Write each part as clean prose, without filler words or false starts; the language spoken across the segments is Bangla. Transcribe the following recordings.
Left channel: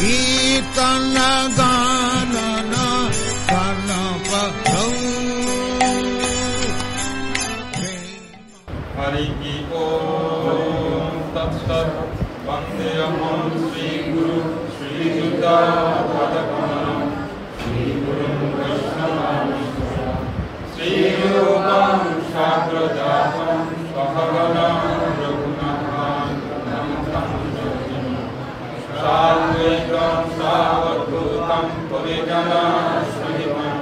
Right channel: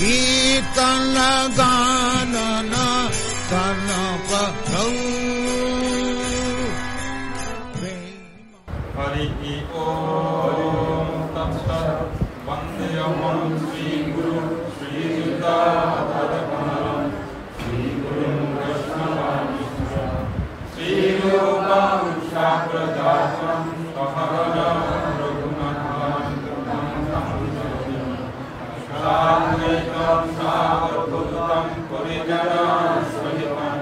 कीर्तन गानन कर्णपरौ हरि ओम तत्सत् वन्देऽहं श्रीगुरु श्रीयुतापदकमलं श्रीगुरुं वैष्णवांश्च श्रीरूपं शास्त्रजातं सहगणं रघुनाथान्वितं साद्वैतं सावधूतं परिजनसहितं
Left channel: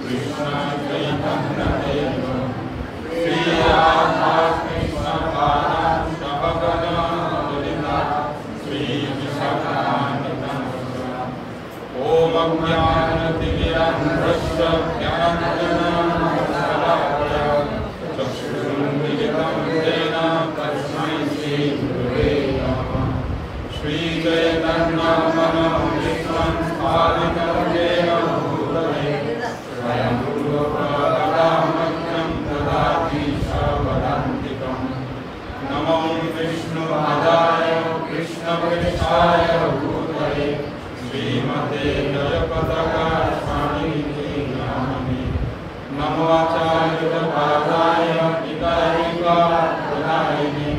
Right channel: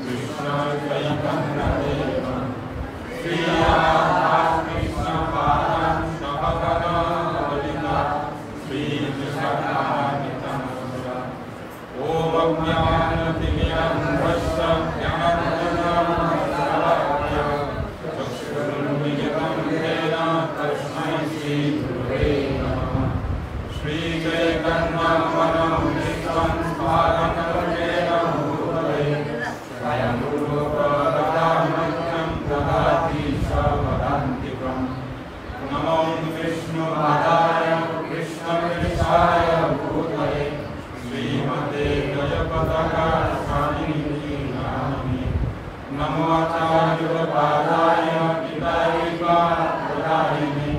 कृष्णचैतन्यदेवं श्री राधा कृष्ण पादान् सहगणा ललिता श्री विशाखान्वितं ओम अज्ञानतिमिरन्धस्य ज्ञानाञ्जनशलाकया चक्षुरुन्मिलितं येन तस्मै श्रीगुरवे नमः श्रीचैतन्यमनोभीष्टं स्थापितं येन भूतले स्वयं रूपकदामह्यं ददाति स्वपदान्तिकम् नमो विष्णुपदाय कृष्णप्रेष्ठाय भूतले श्रीमते जयपताकास्वामिनिति नामिने नमो आचार्यपादाय पितारिकाप्रदायिने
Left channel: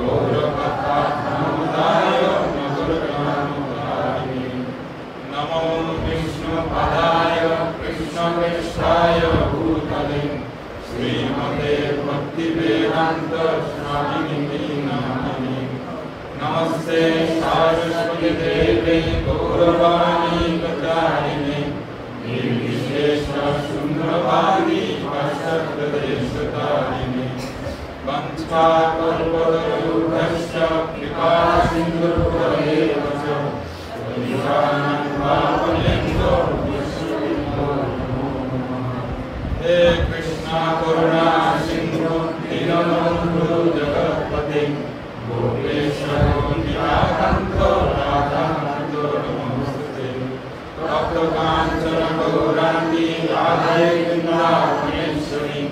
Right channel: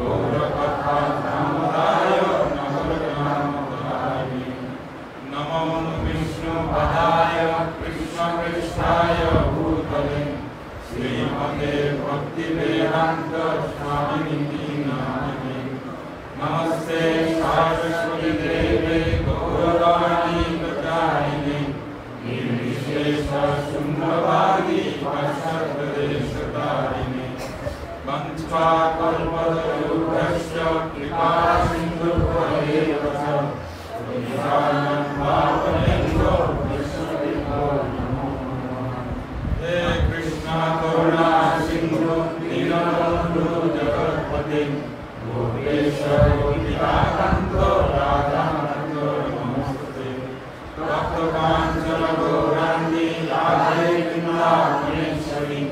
गौरकथाधनोदाय नगरज्ञानोदायिने नमो विष्णुपदाय कृष्णप्रेष्ठाय भूतले श्रीमते भक्तिवेदान्त स्वामिनिति नामिने नमस्ते सारस्वती देवे गौरवाणी प्रचारिणे निर्विशेष शून्यवादी पाश्चात्यदेशतारिणे वंशाकल्पतरुभ्यश्च कृपा सिन्धुभ्येव च पतितानन्दामयेन्द्रो विष्णुदेवो नमो नमः हे कृष्ण करुणा सिन्धु दीनबन्धु जगत्पते गोपेश्वर गोपीनाथ राधाकान्त नमोस्तुते तप्तकाञ्चन गौराङ्गी राधे वृन्दावनेश्वरी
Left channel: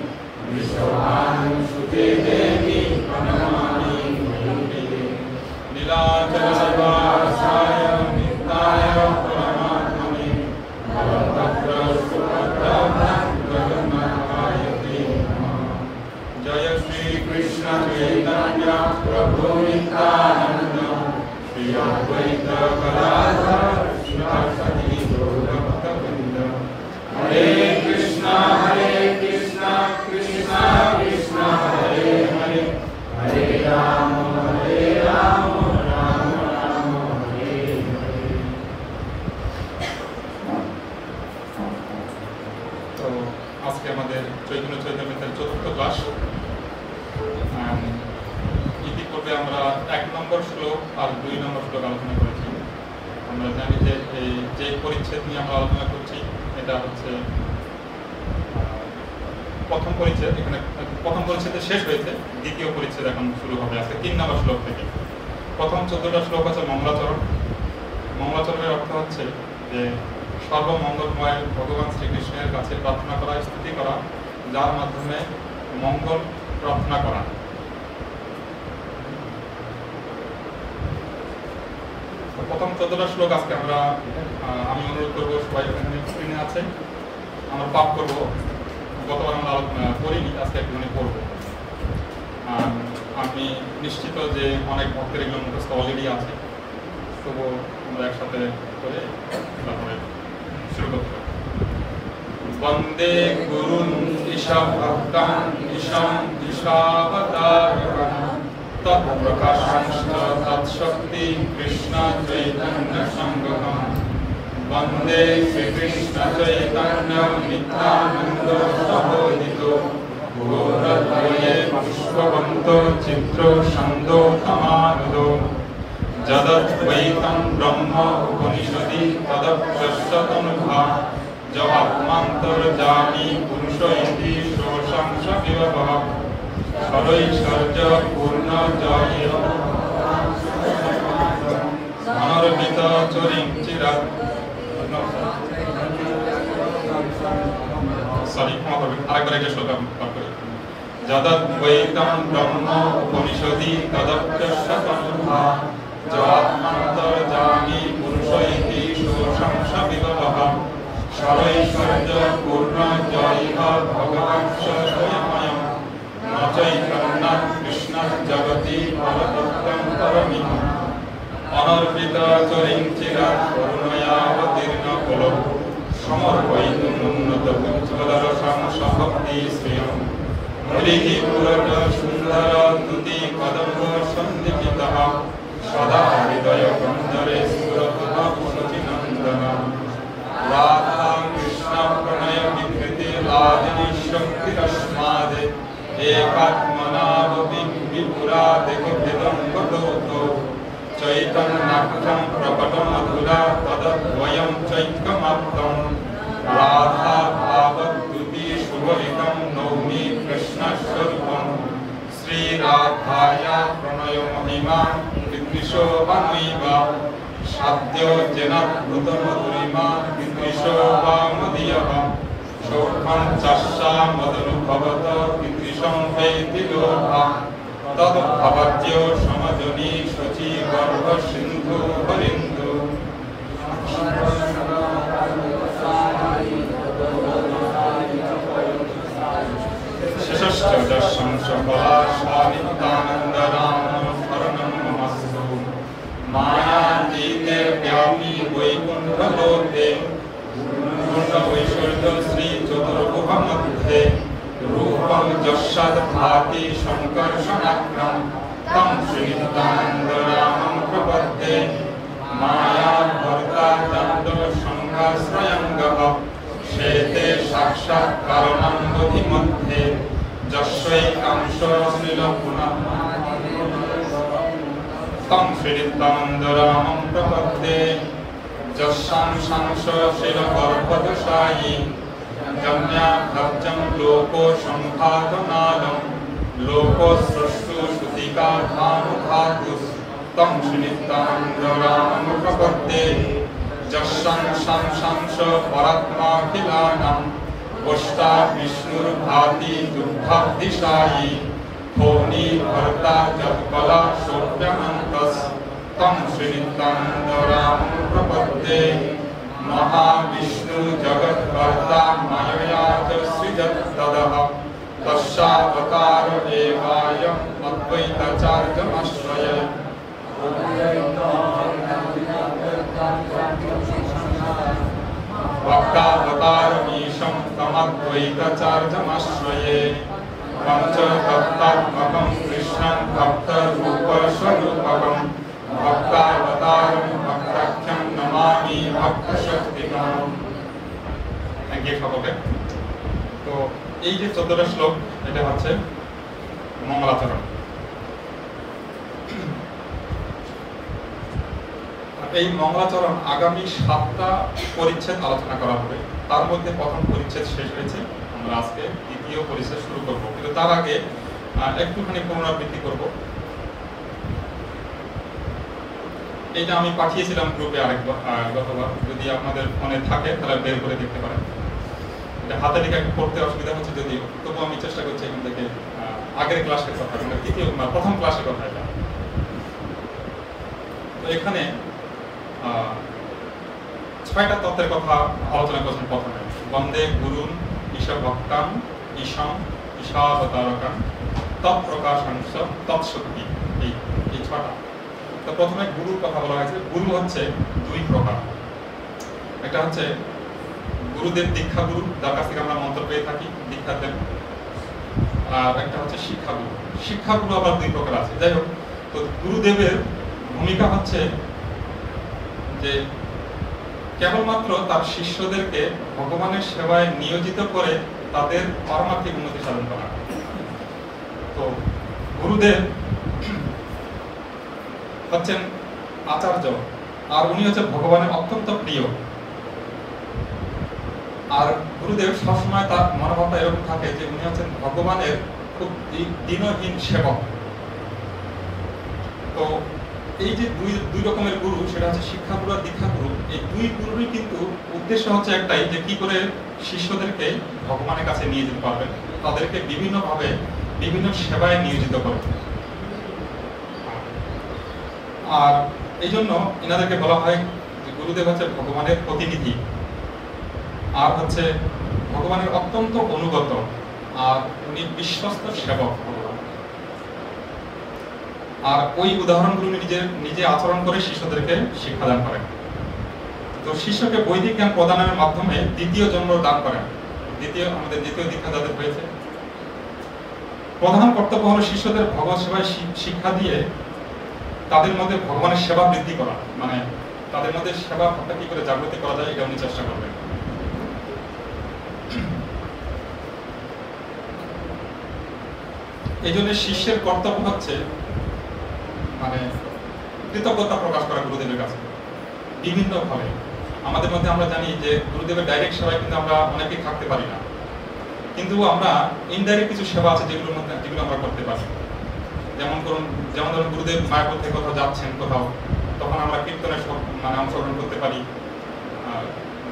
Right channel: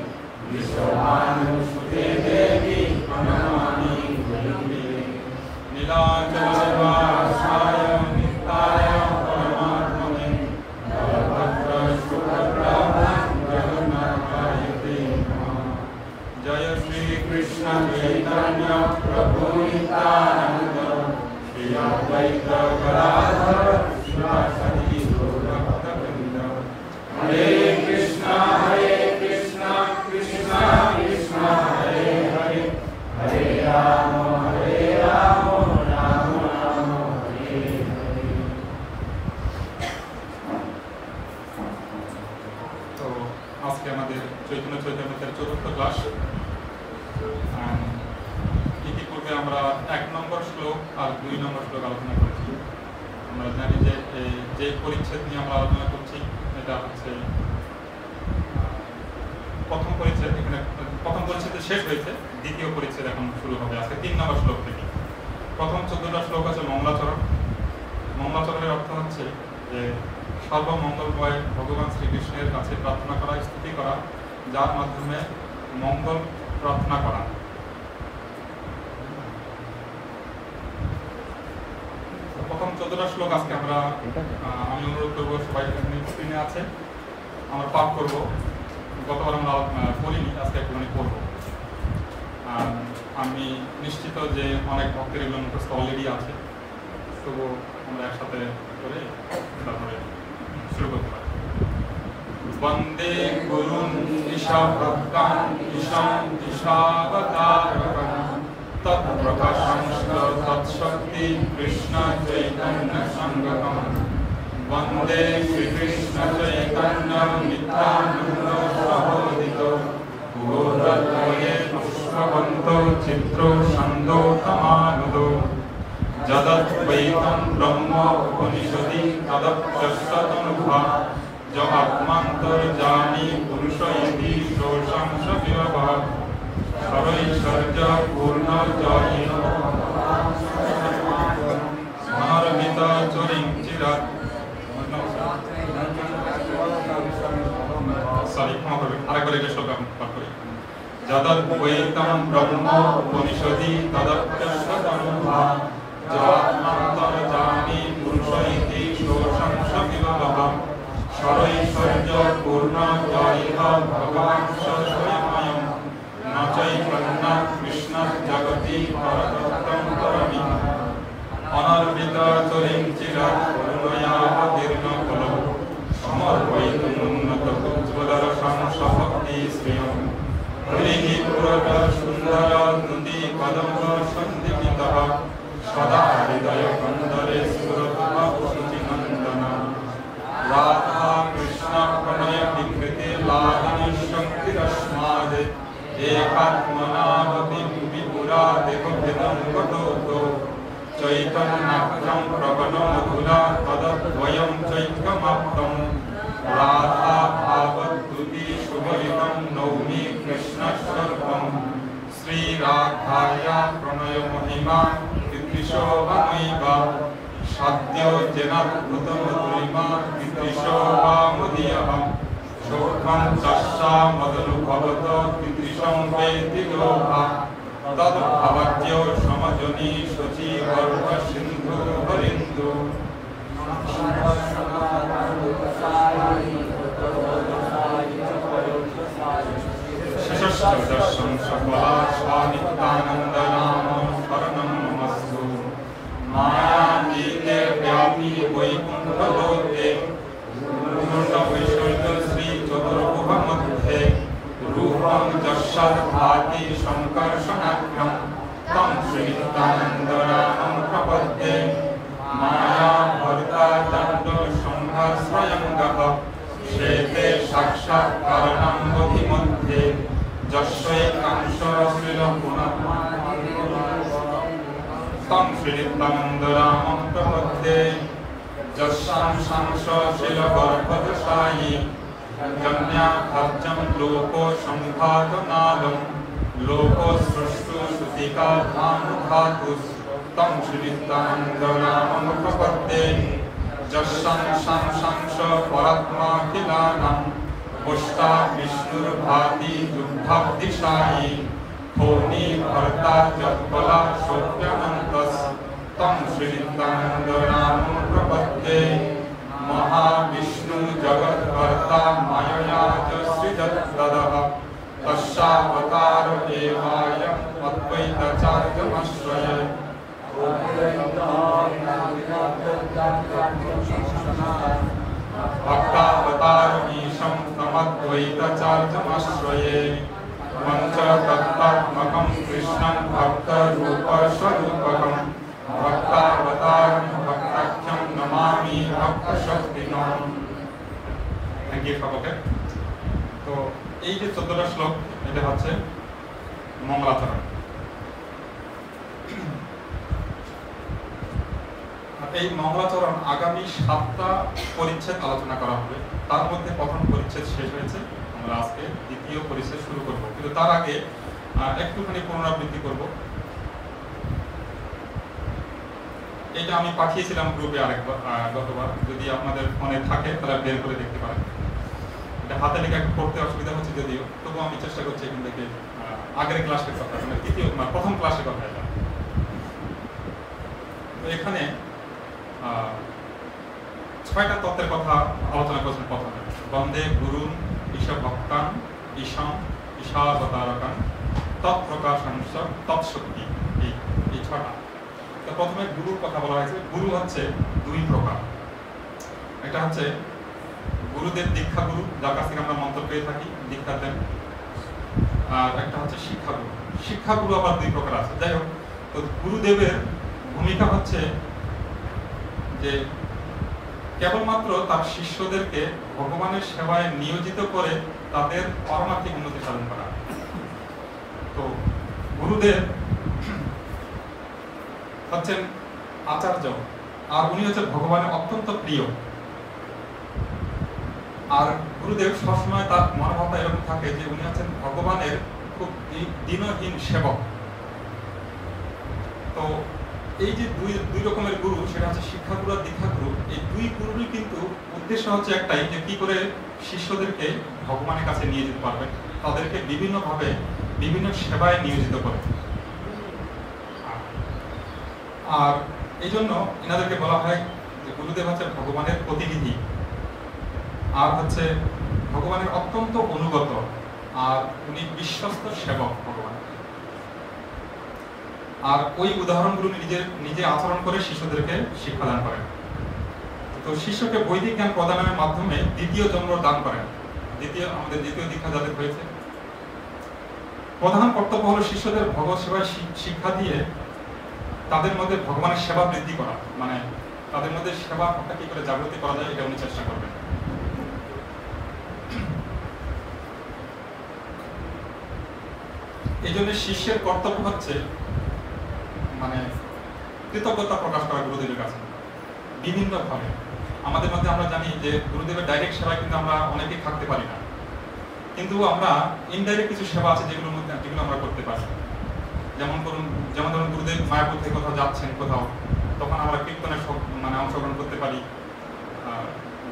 विश्वभानुसुते देवी प्रणमामि गौरीदेवी नीलाचलनिवासाय नित्याय परमात्मने बलभद्र सुभद्रा जगन्नाथाय ते नमः जय श्री कृष्ण चैतन्य प्रभु नित्यानंद श्री अद्वैत गदाधर शिवासादि गौरभक्तवृंद हरे कृष्णा कृष्ण कृष्ण हरे हरे हरे राम राम राम हरे हरे। तो আজকে আমাদের চৈতন্য চৈতন্যের চতুর্থ ক্লাস। ইতিপূর্বে আমরা 1 নম্বর শ্লোক আর 2 নম্বর শ্লোক আলোচনা করেছি। আমরা জানি যে যে পরিচ্ছেদ নিয়ে আমরা আলোচনা করছি এটা হচ্ছে প্রথম পরিচ্ছেদ। এখানে প্রথম পরিচ্ছেদে শেষ হয়েছে, দ্বিতীয় পরিচ্ছেদ এখন শুরু হবে আজকে 3 নম্বর শ্লোক থেকে। প্রথম 14টা শ্লোক হচ্ছে মঙ্গলাচরণ। মঙ্গলাচরণের অর্থ হচ্ছে যে সর্বমঙ্গলময় ভগবান শ্রীকৃষ্ণের কাছে প্রার্থনা করা, স্তুতি করা, যার মাধ্যমে মঙ্গল প্রার্থনা করা। প্রথম 14টা শ্লোক আজকে আমি অনুরোধ করবো সবাই এখানে স্ক্রিনে আছে, আমরা পাঠ করব। গতবার আমরা পড়িনি, আজকে একটুখানি পড়ব। আমি নিশ্চিত যে অনেক ভক্তের এগুলো মুখস্থ অলরেডি আছে, তবু আমরা একসাথে করে তারপরে শুরু করতে পারি। বন্দে গুরুং ঈশভক্তান ঈশং ঈশাবতারকং তৎপ্রকাশাংশ্চ তৎশক্তি কৃষ্ণ চৈতন্য সংঘকং বন্দে শ্রীকৃষ্ণ চৈতন্য নিত্যানন্দ প্রবোধিত গৌরদ্বয়ে পুষ্পবন্ত চিত্র ছন্দো তমানুদ যদদ্বৈতং ব্রহ্ম উপনিষদি তদপ্যস্ততনুভা য আত্মান্তর্যামী পুরুষ ইতি শোষাংশ বিভব সরৈশ্বর্য পূর্ণ জয় অনর্বিত চরিং চিরাত ক্ষমা করবেন, আরেকবার এটা শ্লোক পাঠ করি। যদদ্বৈতং ব্রহ্ম উপনিষদি তদপ্যস্ততনুভা য আত্মান্তর্যামী পুরুষ সরৈশ্বর্য পূর্ণ জয় ভগবান স্বয়ং ন চৈতন্য কৃষ্ণ জগতি পরতত্ত্বং পরমিহ অনর্বিত চরিঞ্চিরা করুণয়াবতীর্ণ কুলো সমর্পয়িতু উন্নত উজ্জ্বল সংসভক্তি শ্রিয়ং হরিঃ পুরট সুন্দর দুতি কদম্ব সন্দীপিতঃ সদা হৃদয় কন্দরে সুরভা শচীনন্দন রাধা কৃষ্ণ প্রণয় বিকৃতি লাদিনী শক্তিরস্মাদ একাত্মনাবপি বিপুরা দেবভেদং কতোতো চৈতন্যাখ্যং প্রকট মধুরা তদদ্বয়ং চৈক্যমাপ্তং রাধা ভাবদ্যুতি সুবলিতং নৌমি কৃষ্ণস্বরূপং শ্রীরাধায়া প্রণয় মহিমা বিদৃশো বানৈবা সাদ্য জেনাদ্ভুত মধুরিমা বিদৃশো বা মদীয়ঃ সৌখ্যং চাষা মদনুভবত বিদৃশং বেতি লোভা তদ্ভবত্য সমজনী শচী গর্ভ সিন্ধু হরিন্দু শেষশ্চ দর্শন সকলা স্বানিত্যানন্দ রাম শরণং মমস্তু মায়াতীতে ব্যাপী বৈকুণ্ঠ লোকে পূর্ণ ঐশ্বর্য শ্রী চতুর্ভুজ মধ্যে রূপং যস্যাৎ ভাতি সংকর্ষণাখ্যং তং শ্রীনিত্যানন্দ রামং প্রপদ্যে মায়া ভর্তা দণ্ড সংঘাশ্রয়ঙ্গঃ শ্বেতে সাক্ষাৎ কারণং বোধি মধ্যে যস্যৈকাংশ শ্রীল পুনঃ তং শ্রীনিত্যানন্দ রামং প্রপদ্যে যস্যাংশাংশ শ্রীল গর্ভদশায়ী জন্যাখাদ্যং লোকো সম্ভাতনাদং লোকো স্রষ্টু সুতিকা ধানু ধাতুস তং শ্রীনিত্যানন্দ রামং প্রপদ্যে যস্যাংশাংশ পরাত্মাখিলানাং গোষ্ঠা বিষ্ণুর্ভাতি দুগ্ধাব্দিশায়ী ধৌনি ভর্তা যৎপলা সৌভ্যানন্তস তং শ্রীনিত্যানন্দ রামং প্রপদ্যে মহাবিষ্ণু জগৎকর্তা মায়য়া চ সৃজৎতদঃ তস্যাবতার এবায়ম অদ্বৈতাচার্যমাশ্রয়ে ভক্তাবতারমীশং তমদ্বৈতাচার্যমাশ্রয়ে পঞ্চতত্ত্বাত্মকং কৃষ্ণং ভক্তরূপস্বরূপকং ভক্তাবতারং ভক্তাখ্যং নমামি ভক্তশক্তিকং। থ্যাংক ইউ সকলকে। তো এই যে 14টা শ্লোক, এটা হচ্ছে মঙ্গলাচরণ। এই মঙ্গলাচরণ আগামী 7টা পরিচ্ছেদ আলোচনা করা হবে। তার মধ্যে প্রথম পরিচ্ছেদ শেষ হয়েছে, আমরা আজকে দ্বিতীয় পরিচ্ছেদ শুরু করব। কিন্তু তার আগে একটুখানি পুনরাবৃত্তি করব। এটা আমি পাঠিয়েছিলাম গ্রুপে গতবার, যদি আপনাদের ফোনে থাকে তাহলে বের করে দেখতে পারেন। এটা হাতে লিখে একটু পড়তে অসুবিধা হচ্ছে যদিও, তবুও আমি চেষ্টা করছি এখান থেকে আগের ক্লাসের কথা, মানে প্রথম ক্লাসের কথা এটা। তো এখানে 6টা তত্ত্বের কথা আলোচনা করছেন প্রথমে। বন্দে গুরুন ঈশ ভক্তান ঈশম ঈশাবতারকান তৎপ্রকাশাংশ তৎশক্তি, এই 6টা। তো প্রথমে গুরুর কথা বলা হয়েছে। গুরু হচ্ছে 2 প্রকার। একটা হচ্ছে গুরুদেব দীক্ষা গুরু, যার কাছ থেকে আমরা মন্ত্র পেয়ে থাকি, দীক্ষা দেন। আর একটা হচ্ছে শিক্ষাগুরু। শিক্ষাগুরু আবার 2 প্রকার আছে। যাই হোক, তো গুরুদেবের ভূমিকা হচ্ছে যে কেবলমাত্র তার শিষ্যদেরকে ভগবানের সেবায় নিয়োজিত করে তাদের পারমার্থিক উন্নতি সাধন করা। তো গুরুদেব হচ্ছেন আচার্য, আর উনি হচ্ছে ভগবানের অত্যন্ত প্রিয়। আর গুরুদেব সবসময় তার মনোভাবটা এরকম থাকে যে উনি হচ্ছেন ভগবানের খুব দীনহীন সেবক। তো এই যে দুই রকমের গুরু, সেটা হচ্ছে শিক্ষাগুরু আর দীক্ষাগুরু। এই 2 গুরুরই কিন্তু উদ্দেশ্য হচ্ছে একটাই, যে কি করে শিষ্যদেরকে ভগবানের কাছে নিয়ে যেতে পারবেন, তাদেরকে বিভিন্নভাবে বিভিন্ন সেবায় নিয়োজিত করে। আর এই জন্য এনাদেরকে বলা হয় যে গুরুদেব হচ্ছে ভগবানের প্রতিনিধি। আর হচ্ছে ভগবানের অত্যন্ত অনুগত, আর উনি বিশ্বস্ত সেবক ভগবান। আর ওই উদাহরণগুলো নিজে আচরণ করে শিষ্যদেরকে শিক্ষাদান করেন। তো শিষ্যকে বৈদিক জ্ঞান প্রদানের মাধ্যমে দ্বিতীয় জন্ম দান করেন। আমাদের দ্বিতীয় দীক্ষা যাদের হয়েছে, প্রধান কর্তব্য হলো শিষ্যদের ভগবত সেবায় শিক্ষা দিয়ে তাদের মধ্যে ভগবানের সেবা বৃদ্ধি করা, মানে তাদের মধ্যে সেবা ভাবটা কি করে জাগ্রত করা যায় এটা উনি চেষ্টা করবেন। এই জন্য শিষ্যের কর্তব্য হচ্ছে মানে কৃতজ্ঞতা প্রকাশ করা গুরুদেবের কাছে বিভিন্ন ভাবে। আমাদের মধ্যে আমরা জানি যে গুরুদেবের ডাইরেক্ট সেবায় কিন্তু আমরা অনেকেই থাকতে পারি না, কিন্তু আমরা ইনডাইরেক্ট কিছু সেবা আছে যেগুলো আমরা করতে পারি। যেমন ধরুন গুরুদেব মায়াপুর থেকে কোথাও যাচ্ছেন কোথাও, তখন আমরা কীর্তনে মানে অংশগ্রহণ করতে পারি।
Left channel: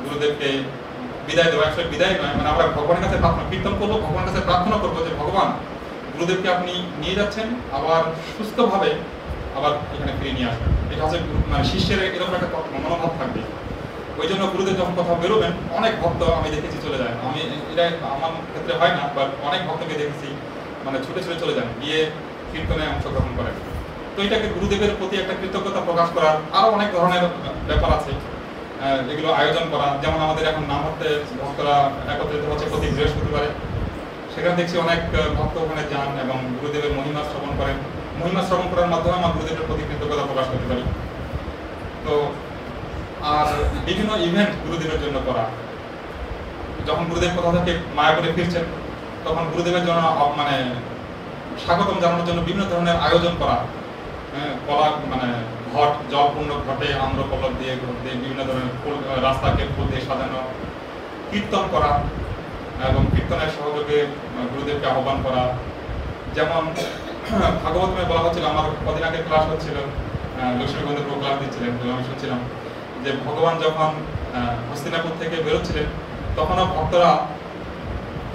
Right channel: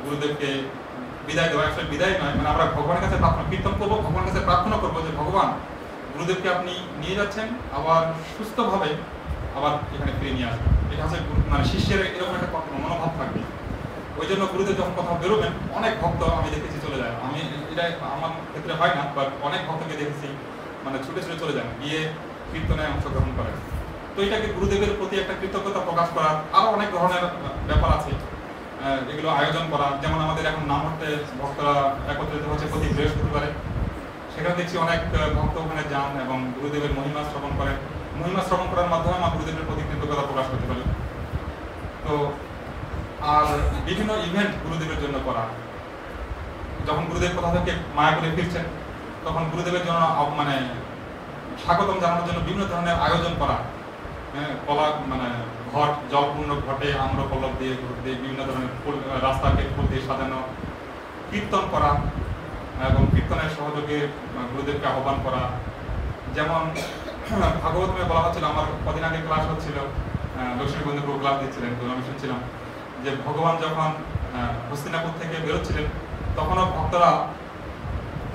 গুরুদেবকে বিদায় দেওয়া, আসলে বিদায় নয়, মানে আমরা ভগবানের কাছে প্রার্থনা কীর্তন করবো, ভগবানের কাছে প্রার্থনা করবো যে ভগবান গুরুদেবকে আপনি নিয়ে যাচ্ছেন, আবার সুস্থভাবে আবার এখানে ফিরে নিয়ে আসবেন। এটা হচ্ছে মানে শিষ্যের এরকম একটা মনোভাব থাকবে। ওই জন্য গুরুদেব যখন কোথাও বেরোবেন, অনেক ভক্ত আমি দেখেছি চলে যায়। আমি এটা আমার ক্ষেত্রে হয় না, বাট অনেক ভক্তকে দেখেছি মানে ছুটে ছুটে চলে যান, গিয়ে কীর্তনে অংশগ্রহণ করেন। তো এটাকে গুরুদেবের প্রতি একটা কৃতজ্ঞতা প্রকাশ করার আরো অনেক ধরনের ব্যাপার আছে, এগুলো আয়োজন করা। যেমন আমাদের এখন নামহট্টে ভক্তরা একত্রিত হচ্ছে প্রতি বৃহস্পতিবারে, সেখানে দেখছি অনেক ভক্ত ওখানে যান এবং গুরুদেবের মহিমা শ্রবণ করেন। মহিমা শ্রবণ করার মাধ্যমে আমরা গুরুদেবের প্রতি কৃতজ্ঞতা প্রকাশ করতে পারি। তো আর বিভিন্ন ইভেন্ট গুরুদেবের জন্য করা, যখন গুরুদেব কোথা থেকে মায়াপুরে ফিরছেন তখন গুরুদেবের জন্য মানে স্বাগতম জানানোর জন্য বিভিন্ন ধরনের আয়োজন করা, মানে ঘট জলপূর্ণ ঘটে আম্রপল্লব দিয়ে বিভিন্ন ধরনের ফুল, রাস্তাকে ফুল দিয়ে সাজানো, কীর্তন করা এবং কীর্তনের সহযোগে গুরুদেবকে আহ্বান করা। যেমন ভাগবতমে বলা হচ্ছিল, আমার কদিন আগে ক্লাস হচ্ছিল, লক্ষ্মীবন্ধু প্রভু ক্লাস দিচ্ছিলেন, তো আমি শুনছিলাম যে ভগবান যখন হস্তিনাপুর থেকে বেরোচ্ছিলেন তখনও ভক্তরা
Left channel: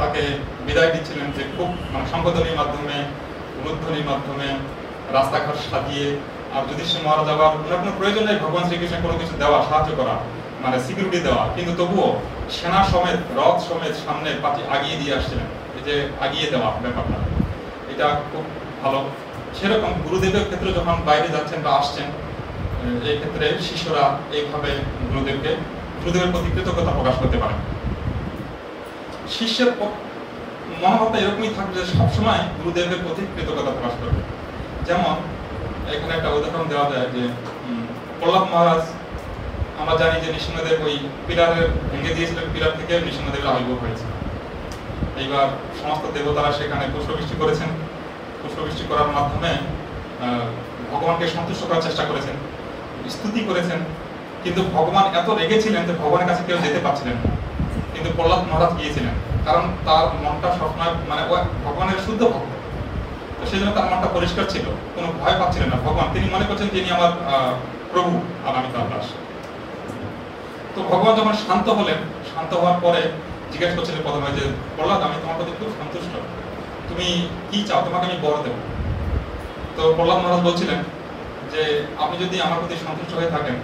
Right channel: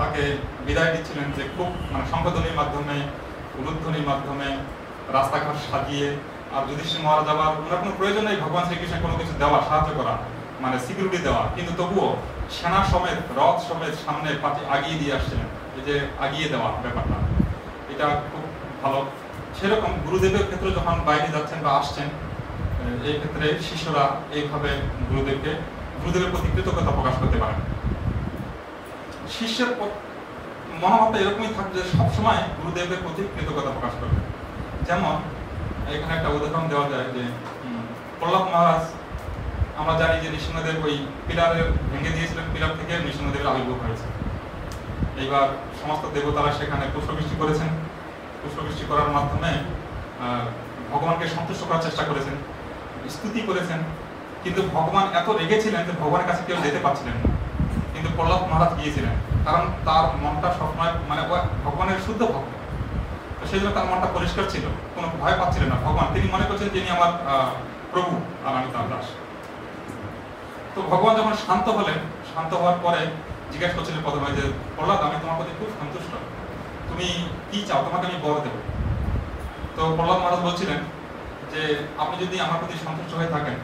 তাকে বিদায় দিচ্ছিলেন, যে খুব মানে শঙ্খধ্বনির মাধ্যমে, উলুধ্বনির মাধ্যমে, রাস্তাঘাট সাজিয়ে। আর যুধিষ্ঠির মহারাজ আবার ওনার কোনো প্রয়োজন নেই ভগবান শ্রীকৃষ্ণের কোনো কিছু দেওয়া, সাহায্য করা, মানে সিকিউরিটি দেওয়া, কিন্তু তবুও সেনা সমেত রথ সমেত সামনে পাশে আগিয়ে দিয়ে আসছিলেন। এই যে আগিয়ে দেওয়া ব্যাপারটা, এটা খুব ভালো। সেরকম গুরুদেবের ক্ষেত্রে যখন বাইরে যাচ্ছেন বা আসছেন, এই ক্ষেত্রে শিষ্যরা এইভাবে গুরুদেবের প্রতি কৃতজ্ঞতা প্রকাশ করতে পারেন। শিষ্যের মনোভাবটা এরকমই থাকবে যে সবসময় গুরুদেবের প্রতি কৃতজ্ঞতা প্রকাশ করবে। যেমন এখানে একটা উদাহরণ দেওয়া যায় যে প্রহ্লাদ মহারাজ, আমরা জানি যে নৃসিংহদেব ওই পিলারের ভেঙে দিয়েছিলেন, পিলার থেকে নৃসিংহদেবের আবির্ভাব হয়েছে। এইবার সমস্ত দেবতারা সেখানে পুষ্পবৃষ্টি করেছেন, পুষ্পবৃষ্টি করার মাধ্যমে ভগবানকে সন্তুষ্ট করার চেষ্টা করেছেন, স্তুতি করেছেন, কিন্তু ভগবান এত রেগেছিলেন যে ভগবানের কাছে কেউ যেতে পারছিলেন না। কিন্তু প্রহ্লাদ মহারাজ গিয়েছিলেন, কারণ তার মনটা সবসময় মানে ভগবানের শুদ্ধ ভক্ত, তো সেই জন্য তার মনটা পরিষ্কার ছিল, কোনো ভয় পাচ্ছিলেন না ভগবান। তিনি মনে করছেন তিনি আমার প্রভু আর আমি তার দাস। তো ভগবান যখন শান্ত হলেন, শান্ত হওয়ার পরে জিজ্ঞাসা করছিলেন প্রথমে যে প্রহ্লাদ, আমি তোমার প্রতি খুব সন্তুষ্ট, তুমি কি চাও, তোমাকে আমি বর দেব। তো প্রহ্লাদ মহারাজ বলছিলেন যে আপনি যদি আমার প্রতি সন্তুষ্ট হয়ে থাকেন,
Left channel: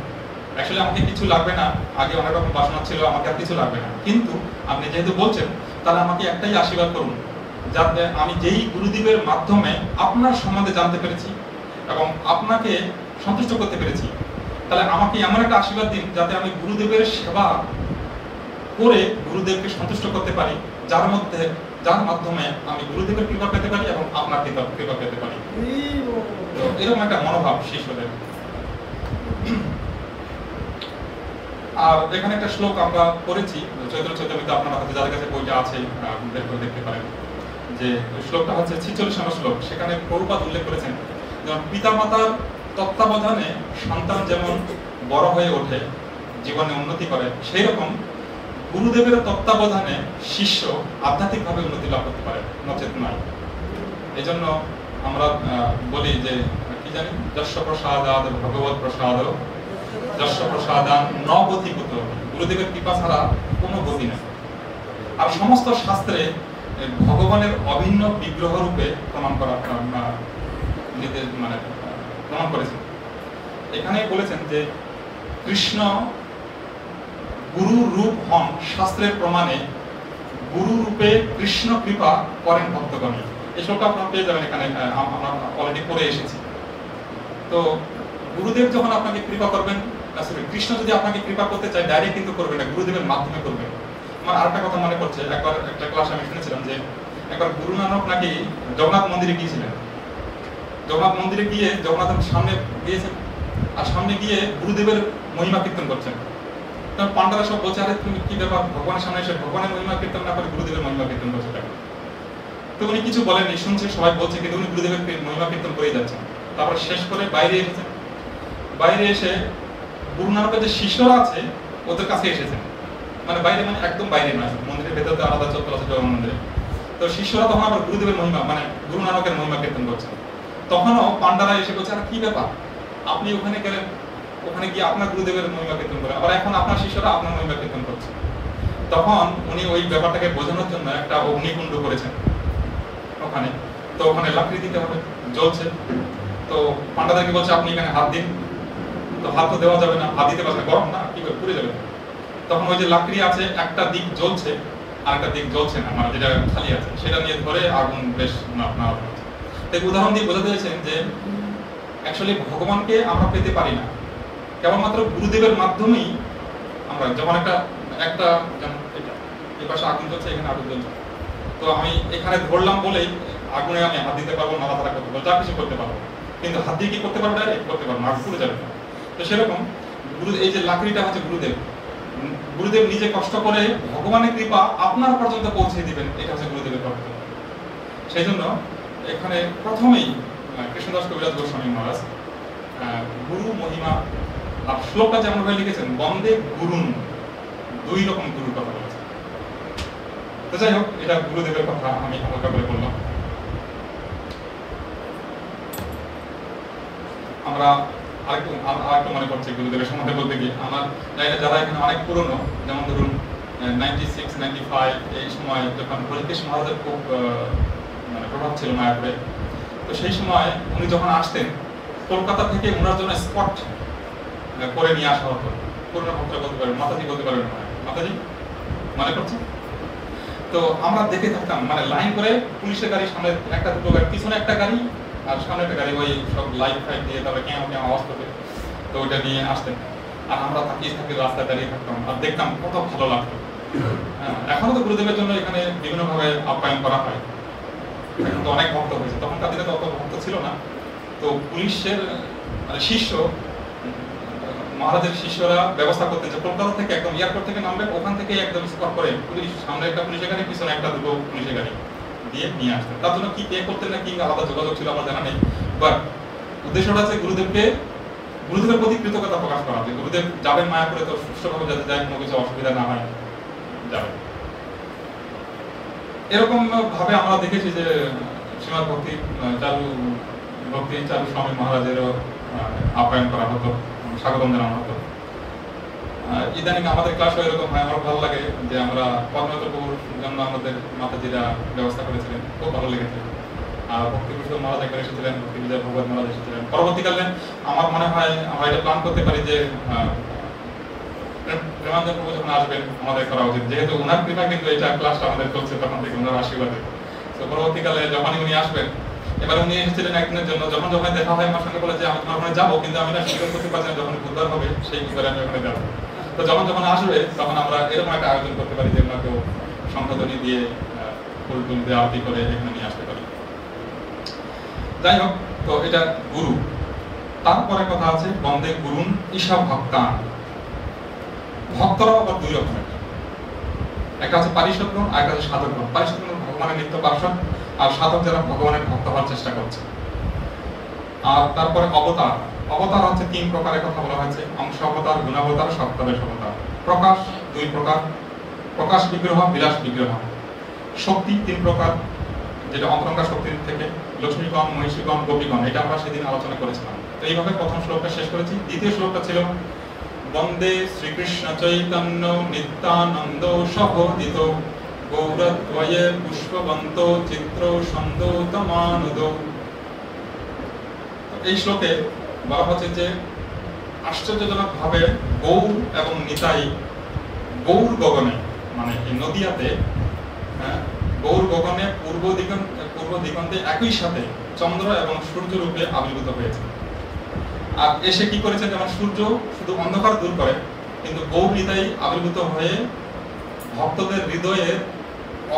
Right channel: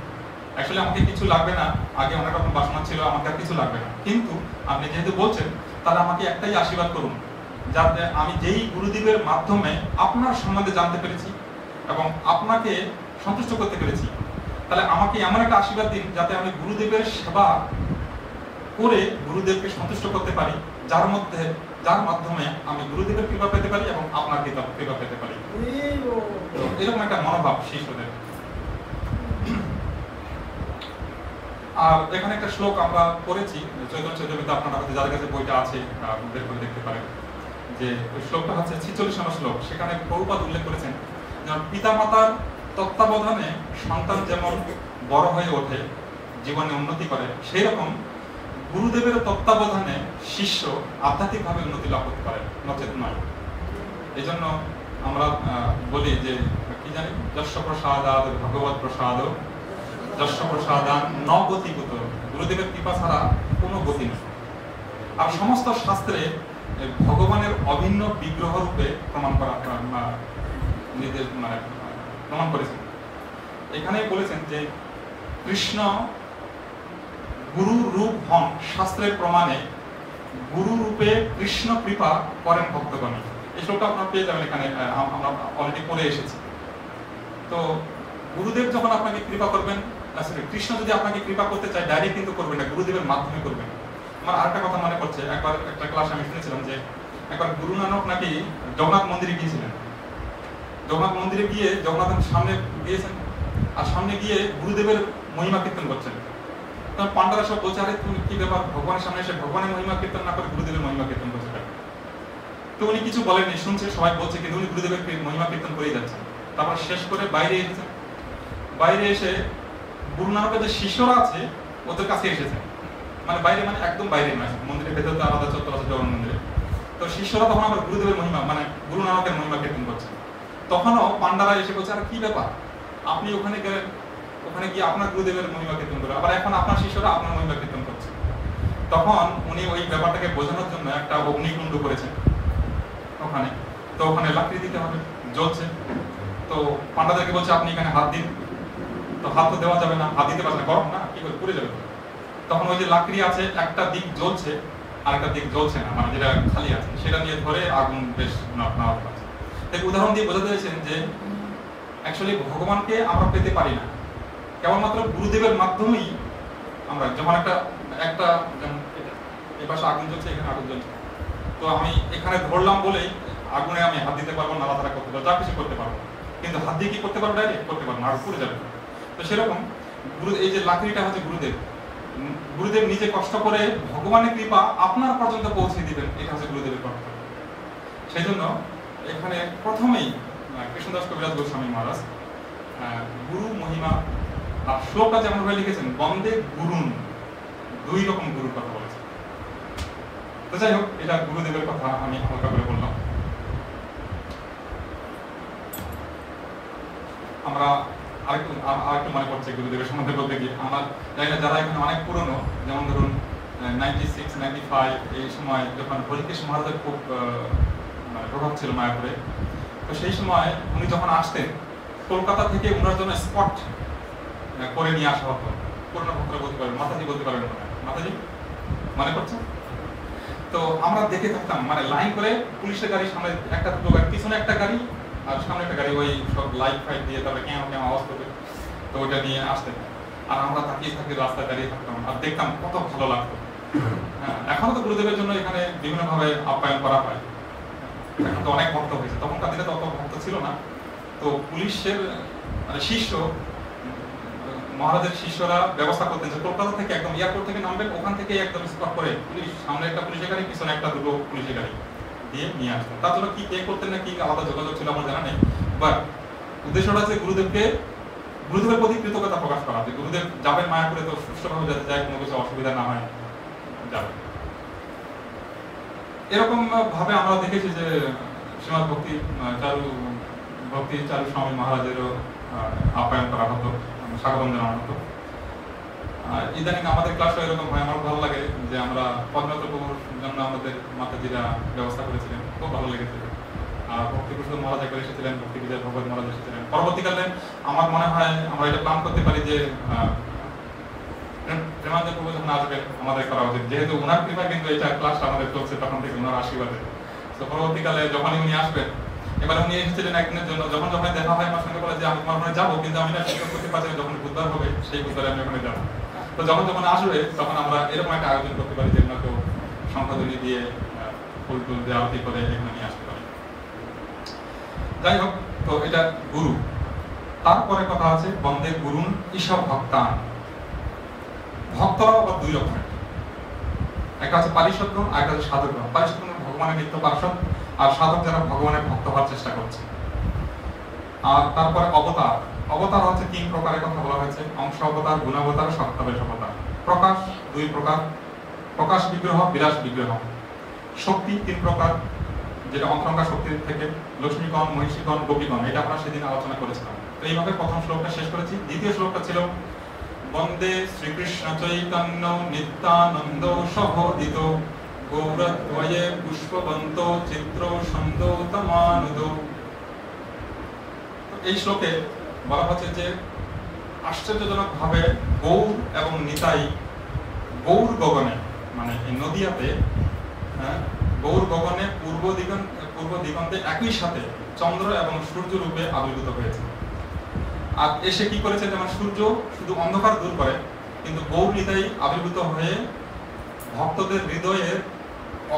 অ্যাকচুয়ালি আমাকে কিছু লাগবে না, আগে অনেক রকম বাসনা ছিল, আমাকে আর কিছু লাগবে না, কিন্তু আপনি যেহেতু বলছেন তাহলে আমাকে একটাই আশীর্বাদ করুন, যাতে আমি যেই গুরুদেবের মাধ্যমে আপনার সম্বন্ধে জানতে পেরেছি এবং আপনাকে সন্তুষ্ট করতে পেরেছি, তাহলে আমাকে এমন একটা আশীর্বাদ দিন যাতে আমি গুরুদেবের সেবা করে গুরুদেবকে সন্তুষ্ট করতে পারি, যার মাধ্যমে আমি গুরুদেবের কৃপা পেতে পারি এবং আপনার কৃপা পেতে পারি। তো এরকম একটা মনোভাব শিষ্যদের। আর এখানে একটা শ্লোক আমরা পড়েছি চৈতন্য চৈতন্যতে, আপনারা হয়তো যাদের কাছে বইটা আছে বের করে দেখতে পারেন, যে শ্লোকটা হচ্ছে 46 নম্বর শ্লোক। সেখানে প্রভুপাদ উল্লেখ করেছেন, যেমন পিতামাতার তত্ত্বাবধানে সন্তান যেমন বড় হয়ে ওঠে, জীবনে উন্নতি করে, সেই রকম গুরুদেবের তত্ত্বাবধানে শিষ্য আধ্যাত্মিকভাবে উন্নতি লাভ করতে পারে, নচেত নয়। এই জন্য আমরা বলি যে কি জানি, যস্য প্রসাদাদ ভগবৎ প্রসাদ, যস্য প্রসাদান ন গতিকুত, গুরুদেবের কৃপা ছাড়া কোনো গতি নেই। আর সমস্ত শাস্ত্রে ভগবানের অভিন্ন বিগ্রহ রূপে প্রমাণ করেছেন। এখানে বলেছেন যে কৃষ্ণ গুরু রূপ হন শাস্ত্রের প্রমাণে, গুরু রূপে কৃষ্ণ কৃপা করেন ভক্তগণে। এই শ্লোকটা আপনারা পেয়ে যাবেন এখানে, আমরা অলরেডি পড়ে এসেছি। তো গুরুদেব যখন আপনাকে কৃপা করবেন, কৃষ্ণ যদি আপনাকে কৃপা করতে চায় ডাইরেক্ট কিন্তু করবেন না, গুরুদেবের মাধ্যমে করবেন। আমার আরেকটা কথা মনে পড়ছে, একবার একটা ক্লাস আমি শুনেছিলাম যে একবার গুরু নানক নাকি জগন্নাথ মন্দিরে গিয়েছিলেন। জগন্নাথ মন্দিরে গিয়ে জগন্নাথের সামনে গিয়েছেন, আর সামনে গিয়ে গুরুদেবের মহিমা কীর্তন করছেন। তখন পান্ডারা সব বলছে, আরে তুমি কি ব্যাপার, ভগবানের সামনে এসে ভগবানের মহিমা কীর্তন না করে গুরুদেবের মহিমা কীর্তন করছে কেন? তো উনি কিছু বলেননি, শুনছে সবাই বলছে, কিন্তু উনি গুরুদেবের মহিমা কীর্তন করেই যাচ্ছেন। তারপর শেষ করে বাইরে এসেছেন। বাইরে এসে গুরু নানকের যে শিষ্যরা আছে ওদের কাছে এসেছেন, মানে বাইরে মানে একদম বাইরে নয়, মন্দিরের ভেতরে আলাদা চত্বর আছে জগন্নাথ মন্দিরে। তো শিষ্যরা তখন আবার গুরুদেবের মহিমা মানে গুরু নানকের মহিমা কীর্তন করছেন। তখনও পান্ডারা এসে বলছে, আর কি ব্যাপার, আপনি ওখানে গেলেন, ওখানে গিয়ে আপনার গুরুদেবের মহিমা কীর্তন করেন, আবার এখন আপনার শিষ্যরা আপনার মহিমা কীর্তন করছে। তখন উনি ওই ব্যাপারটাকে বোঝানোর জন্য একটা অগ্নিকুণ্ড করেছেন ওখানে। তো ওখানে লাকড়ি দিতে হবে, জ্বলছে। তো পান্ডাদেরকে বলছে, আপনি এখানে হাত দিন। তো হাত তো দেওয়া যাবে না, হাত দিতে পারছে না, গরম না, কি করে পুড়ে যাবে। তখন ওই যে লাকড়ি আছে, একটা দিক জ্বলছে আর একটা দিক জ্বলছে না, মানে যেটা খালি আছে সেটা নিয়ে ধরে আগুন বেশ নাড়াতে পারছে। তাই উদাহরণ দিয়ে বোঝাতে চাইছেন যে অ্যাকচুয়ালি ভগবানকে আমরা পেতে পারি না, কেবলমাত্র গুরুদেবের মাধ্যমেই আমরা। যেমন একটা যেমন এটা এই পাশে আগুন জ্বলছে, এখানে আগুন জ্বলছে, তো আমি এখানে ধরলাম বলেই আগুনে আমি হাত দিতে পারবো, নাড়াচাড়া করতে পারবো, যা কিছু করতে পারবো, কিন্তু হাত দিয়ে কি করতে পারবো? ডাইরেক্ট করতে পারবো না, আগুন পুড়ে যাবে না। তো সেরকম গুরু, এই যে লাকড়িটা হচ্ছে গুরুদেব, গুরুদেব নিজে কষ্ট করে ভগবানের কৃপা আপনার পর্যন্ত পৌঁছে দিবেন, এটা হচ্ছে গুরুদেবের কর্তব্য। সেই জন্য এখানে প্রথমেই কৃষ্ণদাস কবিরাজ গোস্বামী মহারাজ গুরু মহিমা আর শ্লোকটা যেমন ভাবে লিখেছেন, বন্দে গুরুন, দুই রকম গুরুর কথা বলেছেন। তো যাই হোক, এটা গুরুদেবের কথা আমি হালকা করে বললাম। আমরা আরেকটু মনে পড়ছে গুরুদেবের সম্বন্ধে বলতে গিয়ে, আমার জানি না যারা এখানে অনেক পুরনো, যেমন ধরুন 96, 95 এই সময় যখন হরিকেশ মহারাজের খুব মানে প্রভাব ছিল মায়াপুরে। তো সেই সময় উনি যখন আসতেন, কলকাতা থেকে ওনার জন্য স্পট করে নিয়ে আসা হতো। পুরনো ভক্তরা বলতে পারবেন, মাতাজি বলতে পারবেন না, মাতাজি মনে করছে? তো আমরা দেখে থাকতাম, মানে লাইন করে পুলিশের গাড়ি, সামনে একটা দুটো গাড়ি, পিছনে একটা গাড়ি আর সামনে একটা গাড়ি, ওই সব লাইট ফাইট দিয়ে তারপরে কেমন কেমন আওয়াজ করবে, তো ওইটা নিয়ে আসতেন। আর আমরা তাকিয়ে থাকি, রাস্তায় দাঁড়িয়ে থাকতাম আর দেখতাম, কত ভালো লাগতো। হ্যাঁ, এখনো তো গুরুদেবের জন্য এখানে বিভিন্নভাবে আপ্যায়ন করা হয়। এখন তো অনেক ভক্ত হয়েছে, তখনকার দিনে তো অত ভক্ত ছিল না। তো পুলিশের মানে শিষ্য, মহারাজের শিষ্যরা ব্যবস্থা করতেন যে কলকাতা থেকে একদম এয়ারপোর্ট থেকে নামবেন, ওখান থেকে একদম স্পট করে পুলিশ, সামনে একটা পুলিশের গাড়ি, পিছনে একটা দুটো পুলিশের গাড়ি দিয়ে নিয়ে আসতেন। তার জন্য কি পে করতেন না কি আলাদা যোগাযোগ ছিল আমার জানা নেই, বাট উদ্দেশ্যটা আছে গুরুদেবের প্রতি কৃতজ্ঞতা প্রকাশ করা, যে গুরুদেব যাবেন মায়াপুরে, তো সুষ্ঠুভাবে যাতে যায়, কোনো কিছু অসুবিধা না হয়, যাবেন। এরকম ভাবে আমরা দেখেছি যে শ্রীমদ ভক্তি চারু স্বামী মহারাজেরও আপ্যায়ন করা হতো, স্বাগতম জানানো হতো। ইদানিং আমাদের ক্লাসও এরকম হয়, আমার ভালো লাগে যে আমরা পদ্মনাথ প্রভুর জন্য আমাদের মাতাজিরা ব্যবস্থা করেছিলেন, খুব ভালো লেগেছে। আর ভক্তিভূষণ মহারাজ একবার এসেছিলেন, ভক্তি বিজয় ভগবত মহারাজ এসেছিলেন। পরবর্তীকালে আমার মনে হয় আমরা এটা প্ল্যান করতে পারি যে প্রেমানন্দ প্রভু যখন আসবেন আমাদের করা উচিত, যেহেতু ওনার কৃপায় কিন্তু এটা ক্লাসটা আমাদের চলছে তখন থেকে, ওনার আশীর্বাদে। তো পরবর্তীকালে যখনই উনি আসবেন, এবার উনি এসেছিলেন একদিনের জন্য, যখন দেখা হয় আমার সঙ্গে বলে যে আমি তোমার ওখানে যাবো, কিন্তু আমি না সুযোগ করতে পারছি না, যখন বুধবার হবে সেই বুধবারে আমি ওখানে যাবো। তো যখন আসবে তখন আমরা এরকম একটা আয়োজন করতে পারি যে ওনাকেও সংখ্যাধ্বনি দিয়ে ফুল টুল দিয়ে আরতি করে এখানে নিয়ে আসতে পারি। যাই হোক, তো এটা গুরু। তারপরে কথা আছে বন্দে গুরুন ঈশা ভক্তান। ভক্তরাও আবার দুই রকমের, একটা আছে পারিষদগণ আর একটা আছে সাধকগণ। পারিষদগণ ভগবানের নিত্য পার্ষদ, আর সাধক যারা ভগবানের ভক্ত হওয়ার চেষ্টা করছে। আর তারপরে অবতার। অবতার হচ্ছে তিন প্রকারের কথা বলা হয়েছে, অংশ অবতার, গুণাবতার, সপ্তবেশ অবতার। প্রকাশ দুই প্রকার, প্রকাশ বিগ্রহ, বিলাস বিগ্রহ। শক্তি তিন প্রকার, যেটা অন্তরঙ্গা শক্তির থেকে লক্ষ্মীগণ, মহিষীগণ, গোপীগণ, এটা আমরা সেদিন আলোচনা করেছিলাম। তো এইভাবে প্রথম শ্লোকটা শেষ করেছি। দ্বিতীয় শ্লোকটা ছিল বন্দে শ্রীকৃষ্ণ চৈতন্য নিত্যানন্দ সহোদিত গৌরদ্বয়ে পুষ্পবন্ত চিত্র সন্দোতমানুদ। এই শ্লোকে বলা হচ্ছে যে আশ্চর্যজনক ভাবে গৌর এবং নিতাই গৌর গগনে মানে এই নদিয়াতে গৌর গগনে পূর্ব দিগন্তে একই সাথে চন্দ্র এবং সূর্য রূপে আবির্ভূত হয়েছে। আর এসে কি করেছে, যেমন সূর্য শুধু অন্ধকার দূর করে, কিন্তু গৌর নিতাই আবির্ভূত হয়ে ভক্তদের হৃদয়ের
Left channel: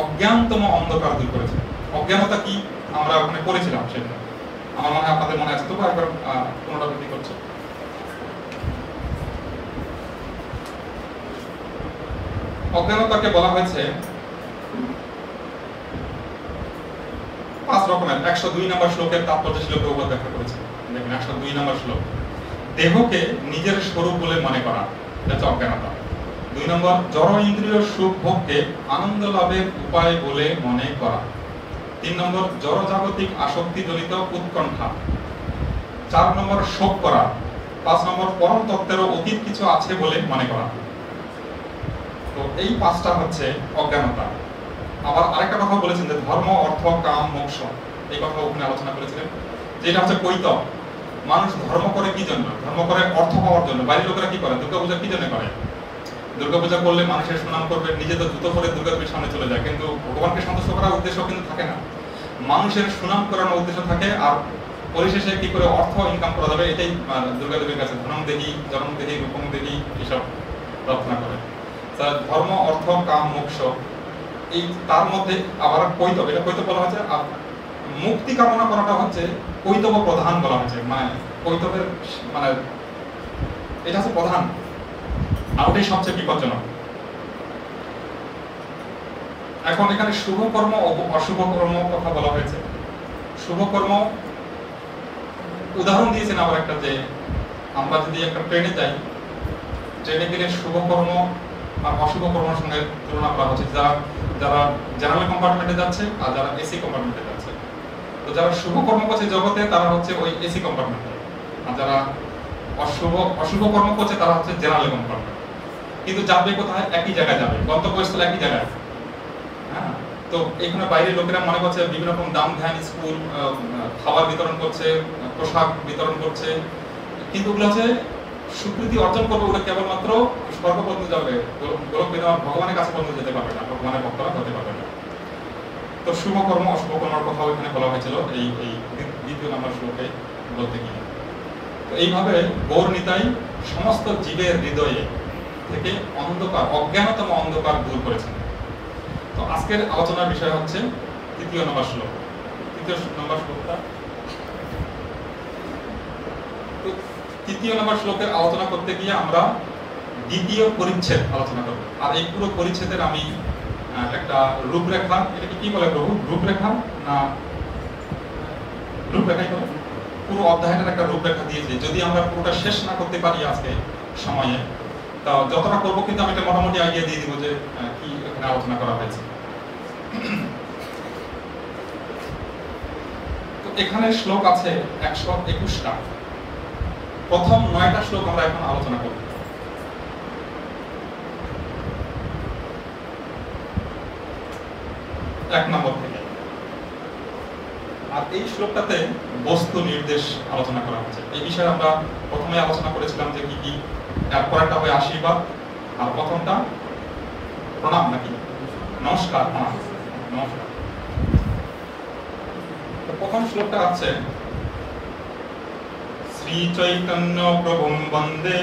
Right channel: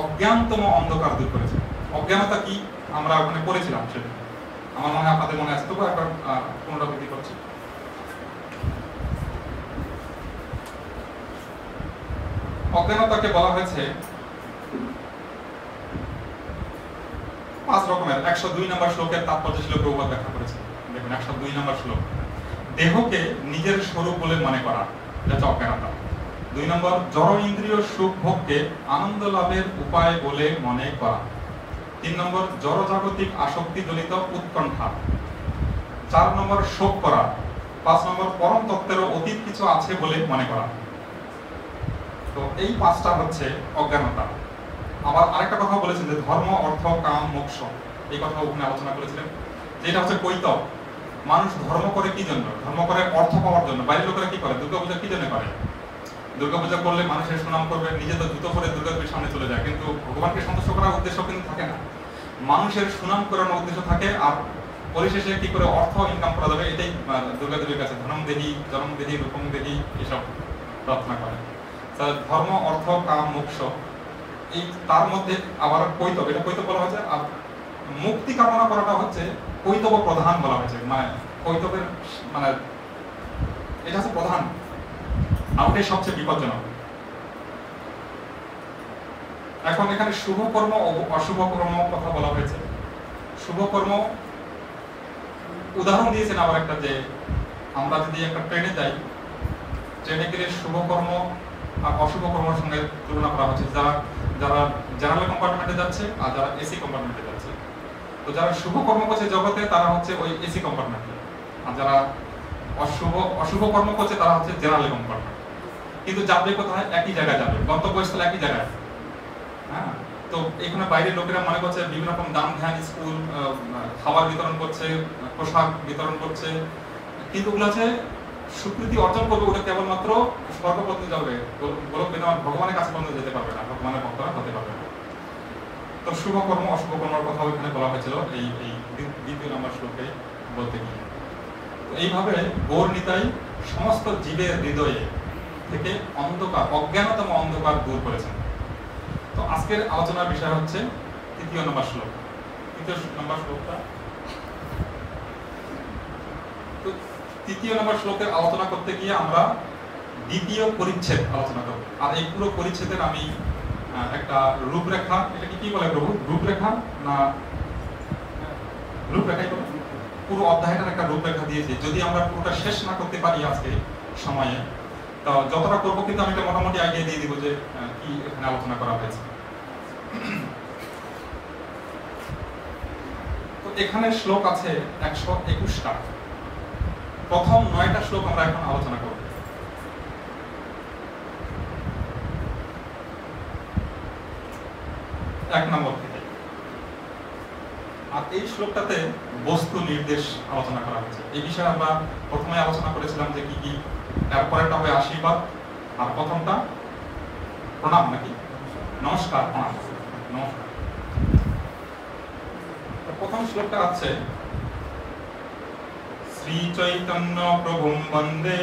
অজ্ঞানতম অন্ধকার দূর করেছে। অজ্ঞানতা কি আমরা ওখানে পড়েছিলাম, সেটা আমার মনে হয় আপনাদের মনে আছে, তবু একবার পুনরাবৃত্তি করছি। অজ্ঞানতাকে বলা হয়েছে 5 রকমের। 102 নম্বর শ্লোকের তাৎপর্য ছিল প্রভুপাদ ব্যাখ্যা করেছে। দেখেন 102 নম্বর শ্লোক, দেহকে নিজের স্বরূপ বলে মনে করা, এটা হচ্ছে অজ্ঞানতা। 2 নম্বর, জড় ইন্দ্রিয় সুখ ভোগকে আনন্দ লাভের উপায় বলে মনে করা। 3 নম্বর, জড় জাগতিক আসক্তি জনিত উৎকণ্ঠা। 4 নম্বর, শোক করা। 5 নম্বর, পরম তত্ত্বেরও অতীত কিছু আছে বলে মনে করা। তো এই 5টা হচ্ছে অজ্ঞানতা। আবার আরেকটা কথা বলেছেন যে ধর্ম, অর্থ, কাম, মোক্ষ, এই কথা ওখানে আলোচনা করেছিলেন, যেটা হচ্ছে কৈতব। মানুষ ধর্ম করে কি জন্য? ধর্ম করে অর্থ পাওয়ার জন্য। বাইরের লোকেরা কি করে? দুর্গাপূজা কি জন্য করে? দুর্গাপূজা করলে মানুষের সুনাম করবে, নিজে তো জুতো পরে দুর্গাদেবীর সামনে চলে যায়, কিন্তু ভগবানকে সন্তুষ্ট করার উদ্দেশ্য কিন্তু থাকে না, মানুষের সুনাম করানোর উদ্দেশ্য থাকে। আর পরিশেষে কি করে অর্থ ইনকাম করা যাবে, এটাই দুর্গাদেবীর কাছে ধনম দেহি, জনম দেহি, রূপম দেহি এসব প্রার্থনা করে। ধর্ম, অর্থ, কাম, মোক্ষ, এই তার মধ্যে আবার কৈতব, এটা কৈতব বলা হয়েছে। আর মুক্তি কামনা করাটা হচ্ছে কৈতব প্রধান বলা হয়েছে, মানে কৈতবের মানে এটা হচ্ছে প্রধান, আর ওটাই সবচেয়ে বিপজ্জনক। এখন এখানে শুভ কর্ম ও অশুভ কর্ম কথা বলা হয়েছে। শুভ কর্ম উদাহরণ দিয়েছেন আবার একটা, যে আমরা যদি একটা ট্রেনে যাই, ট্রেনে গেলে শুভ কর্ম আর অশুভ কর্মের সঙ্গে তুলনা করা হচ্ছে। যারা জেনারেল কম্পার্টমেন্টে যাচ্ছে আর যারা এসি কম্পার্টমেন্টে যাচ্ছে, তো যারা শুভ কর্ম করছে জগতে তারা হচ্ছে ওই এসি কম্পার্টমেন্টে, আর যারা অশুভ কর্ম করছে তারা হচ্ছে জেনারেল কম্পার্টমেন্ট। কিন্তু যাবে কোথায়? একই জায়গায় যাবে, গন্তব্যস্থল একই জায়গায়। হ্যাঁ, তো এখানে বাইরের লোকেরা মনে করছে বিভিন্ন রকম দাম ধ্যান স্কুল খাবার বিতরণ করছে, পোশাক বিতরণ করছে, কিন্তু ওগুলো হচ্ছে স্বীকৃতি অর্জন করবে, ওটা কেবলমাত্র স্বর্গ পর্যন্ত যাবে, গোলক বিধান ভগবানের কাছে পর্যন্ত যেতে পারবে না, ভগবানের ভক্তরা হতে পারবে না। তো শুভ কর্ম অশুভ কর্মের কথা এখানে বলা হয়েছিল এই 2 নম্বর শ্লোকে বলতে গিয়ে। তো এইভাবে গৌর নিতাই সমস্ত জীবের হৃদয়ে থেকে অন্ধকার, অজ্ঞানতম অন্ধকার দূর করেছেন। তো আজকের আলোচনার বিষয় হচ্ছে 3 নম্বর শ্লোক। 3 নম্বর শ্লোকটা, তো 3 নম্বর শ্লোকের আলোচনা করতে গিয়ে আমরা 2য় পরিচ্ছেদ আলোচনা করব। আর এই পুরো পরিচ্ছেদের আমি একটা রূপরেখা, এটাকে কি বলে প্রভু? রূপরেখা না রূপরেখাই বলে? পুরো অধ্যায়টার একটা রূপরেখা দিয়েছি। যদি আমরা পুরোটা শেষ না করতে পারি আজকে সময়ে, তো যতটা করবো, কিন্তু আমি একটা মোটামুটি আইডিয়া দিয়ে দিব যে কি এখানে আলোচনা করা হয়েছে। তো এখানে শ্লোক আছে 121টা। প্রথম 9টা শ্লোক আমরা এখন আলোচনা করব। 1 নম্বর থেকে। আর এই শ্লোকটাতে বস্তু নির্দেশ আলোচনা করা হচ্ছে। এই বিষয়ে আমরা প্রথমে আলোচনা করেছিলাম যে কি কি, পরেরটা হবে আশীর্বাদ, আর প্রথমটা প্রণাম নাকি নমস্কার। নমস্কার। প্রথম শ্লোকটা আছে, শ্রী চৈতন্য প্রভুম বন্দে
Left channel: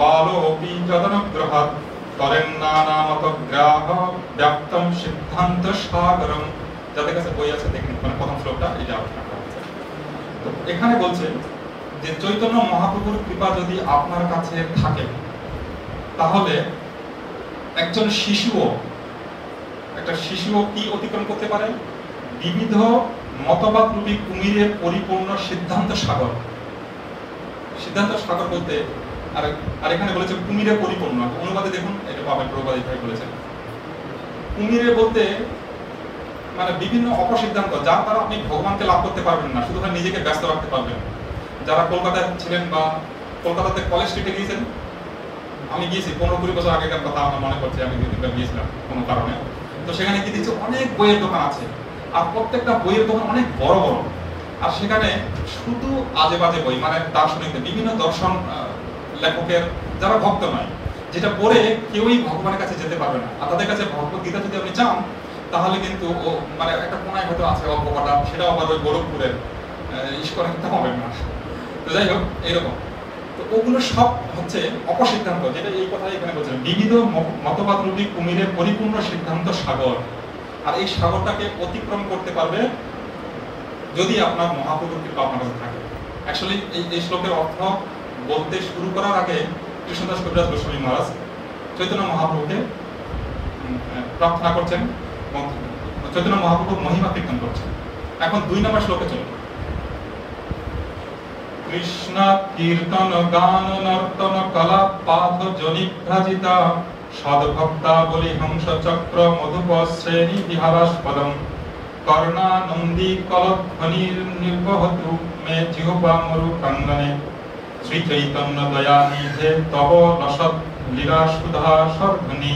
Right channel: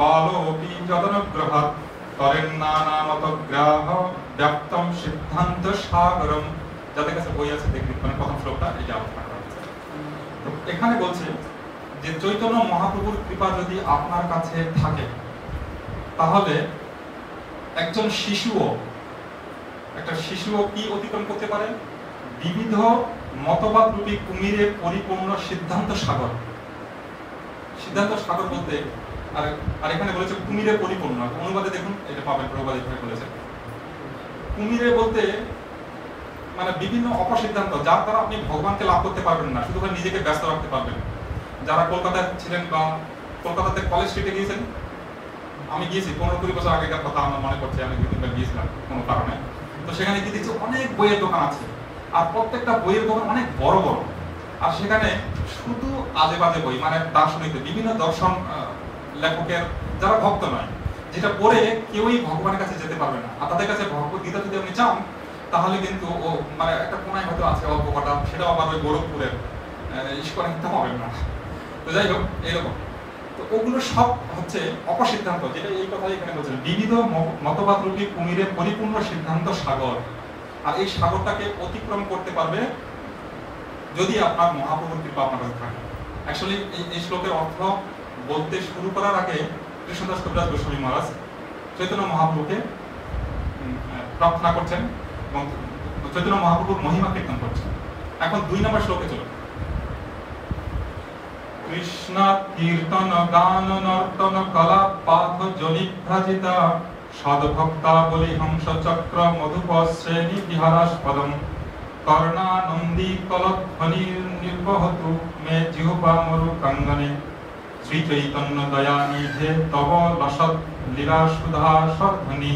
বালোপি যদনুগ্রহাৎ তরেন্নানামতগ্রাহ ব্যাপ্তম সিদ্ধান্ত সাগরম। যাদের কাছে বই আছে দেখে নিতে পারেন, প্রথম শ্লোকটা এটা আলোচনা করা হচ্ছে। তো এখানে বলছে যে চৈতন্য মহাপ্রভুর কৃপা যদি আপনার কাছে থাকে, তাহলে একটা শিশুও কি অতিক্রম করতে পারে? বিবিধ মতবাদ রূপী কুমিরের পরিপূর্ণ সিদ্ধান্ত সাগর। সিদ্ধান্ত সাগর বলতে আর এখানে বলেছে কুমিরে পরিপূর্ণ। অনুবাদে দেখুন, এটা পাবেন, প্রভুপাদ এইভাবে বলেছে। কুমিরে বলতে মানে বিভিন্ন অপসিদ্ধান্ত, যার দ্বারা আপনি ভগবানকে লাভ করতে পারবেন না, শুধু নিজেকে ব্যস্ত রাখতে পারবেন। যারা কলকাতায় ছিলেন বা কলকাতাতে কলেজ স্ট্রিটে গিয়েছেন, আমি গিয়েছি 15-20 বছর আগেকার কথা আমার মনে পড়ছে, আমি 2-3বার গিয়েছিলাম কোনো কারণে। তো সেখানে কি দেখছি অনেক বইয়ের দোকান আছে, আর প্রত্যেকটা বইয়ের দোকান অনেক বড় বড়, আর সেখানে শুধু আজে বাজে বই, মানে দার্শনিকদের বিভিন্ন দর্শন লেখকের, যারা ভক্ত নয় যেটা পড়ে কেউই ভগবানের কাছে যেতে পারবে না। আর তাদের কাছে ভগবত গীতা যদি আপনি চান তাহলে কিন্তু ও মানে একটা কোনায় হয়তো আছে অল্প কটা, সেটাও আবার ওই গোলকপুরের ইস্কনে পাবেন না। তো যাই হোক এরকম, তো ওগুলো সব হচ্ছে অপসিদ্ধান্ত, যেটা এই কথাই এখানে বলছেন, বিবিধ মতবাদ রূপী কুমিরে পরিপূর্ণ সিদ্ধান্ত সাগর। আর এই সাগরটাকে অতিক্রম করতে পারবে যদি আপনার মহাপ্রভুর কৃপা আপনার কাছে থাকে। অ্যাকচুয়ালি এই শ্লোকের অর্থ বলতে শুরু করার আগে কৃষ্ণদাস কবিরাজ গোস্বামী মহারাজ চৈতন্য মহাপ্রভুকে প্রার্থনা করছেন এবং চৈতন্য মহাপ্রভুর মহিমা কীর্তন করছেন। এখন 2 নম্বর শ্লোকে চলুন। কৃষ্ণ কীর্তন গান নর্তন কলা পাথ জনিভ্রাজিতা সদ্ভক্তা বলি হংস চক্র মধুপ শ্রেণী বিহারাস্পদম কর্ণানন্দী কলধ্বনি নির্বহতু মে জিহ্বা মরু কাঙ্গনে শ্রী চৈতন্য দয়া নিধে তব রসদ লীলা সুধা স্বর্ধনী।